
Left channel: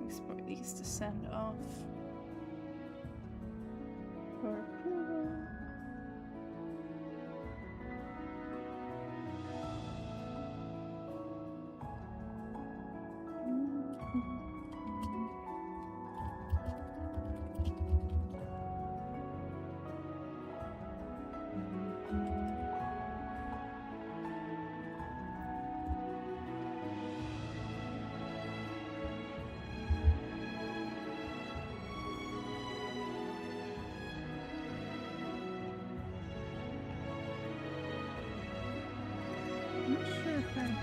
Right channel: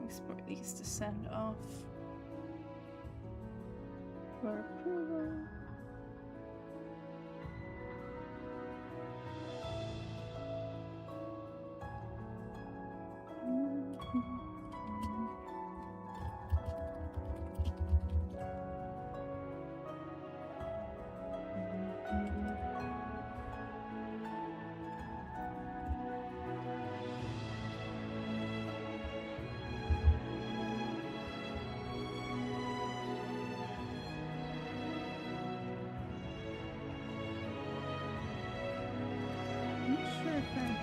Export these to send off for approval. it's fine.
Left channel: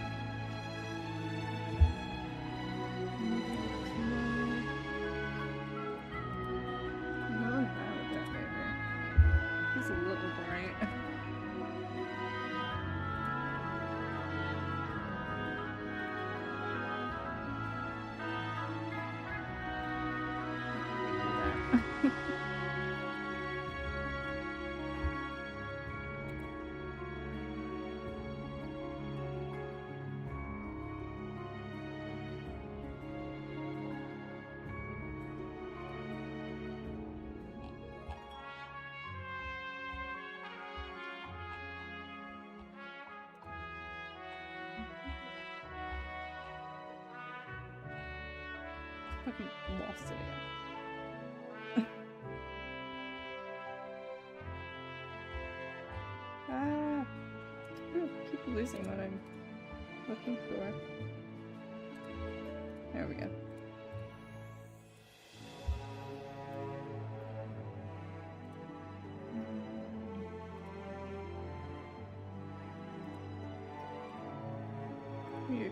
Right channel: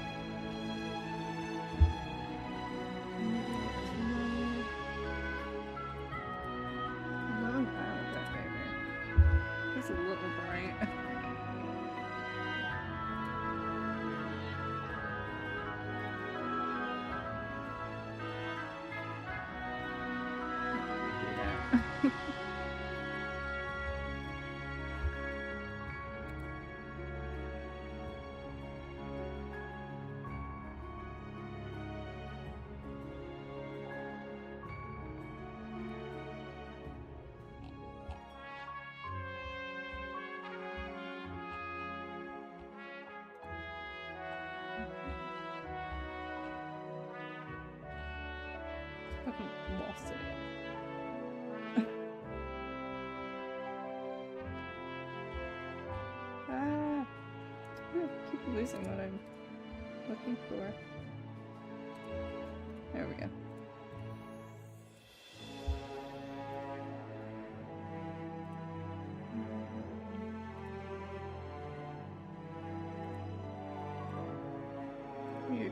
It's a little bright. Fucking lost it again. Ah! I keep losing what I'm looking for. There we go. Here.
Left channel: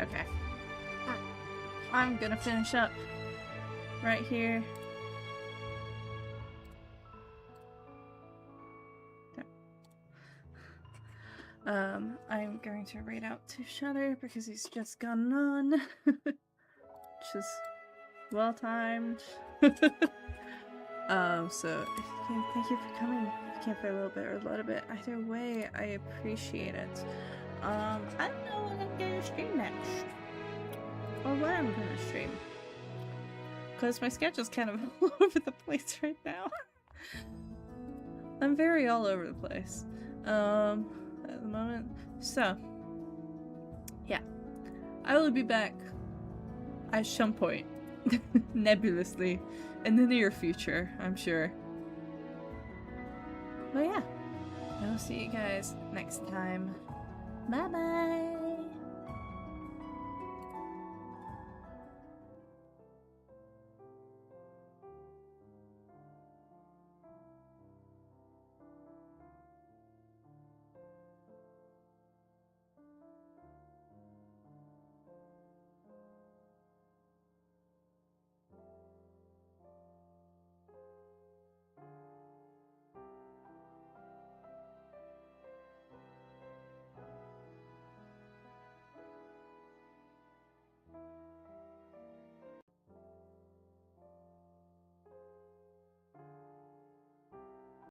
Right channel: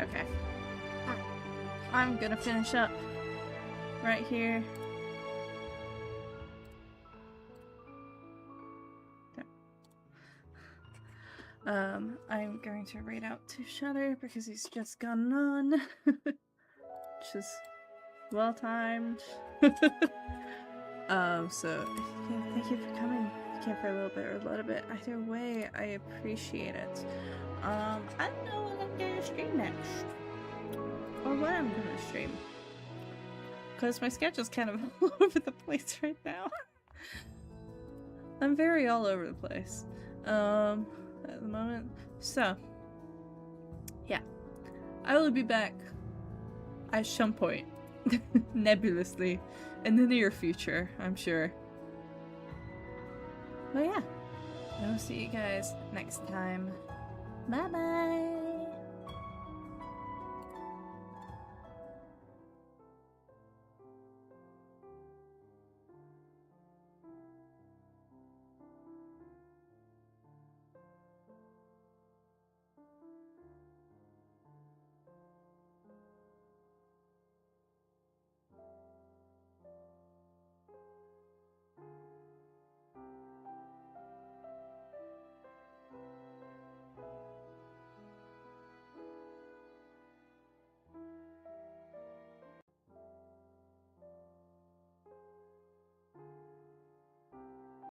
Okay. I'm gonna finish up right here. I'm going to read out to Shutter because he's just gone on, which is well timed. So thank you for coming. If you came for a little bit or a little bit, either way, I appreciate it. I don't know what I'm gonna stream next, or what I'm gonna stream, because my schedule's kind of all over the place right now. I'm very all over the place at the moment. So yeah, I will be back at some point nebulously in the near future, I'm sure. But yeah, I will see you guys next time. Bye bye.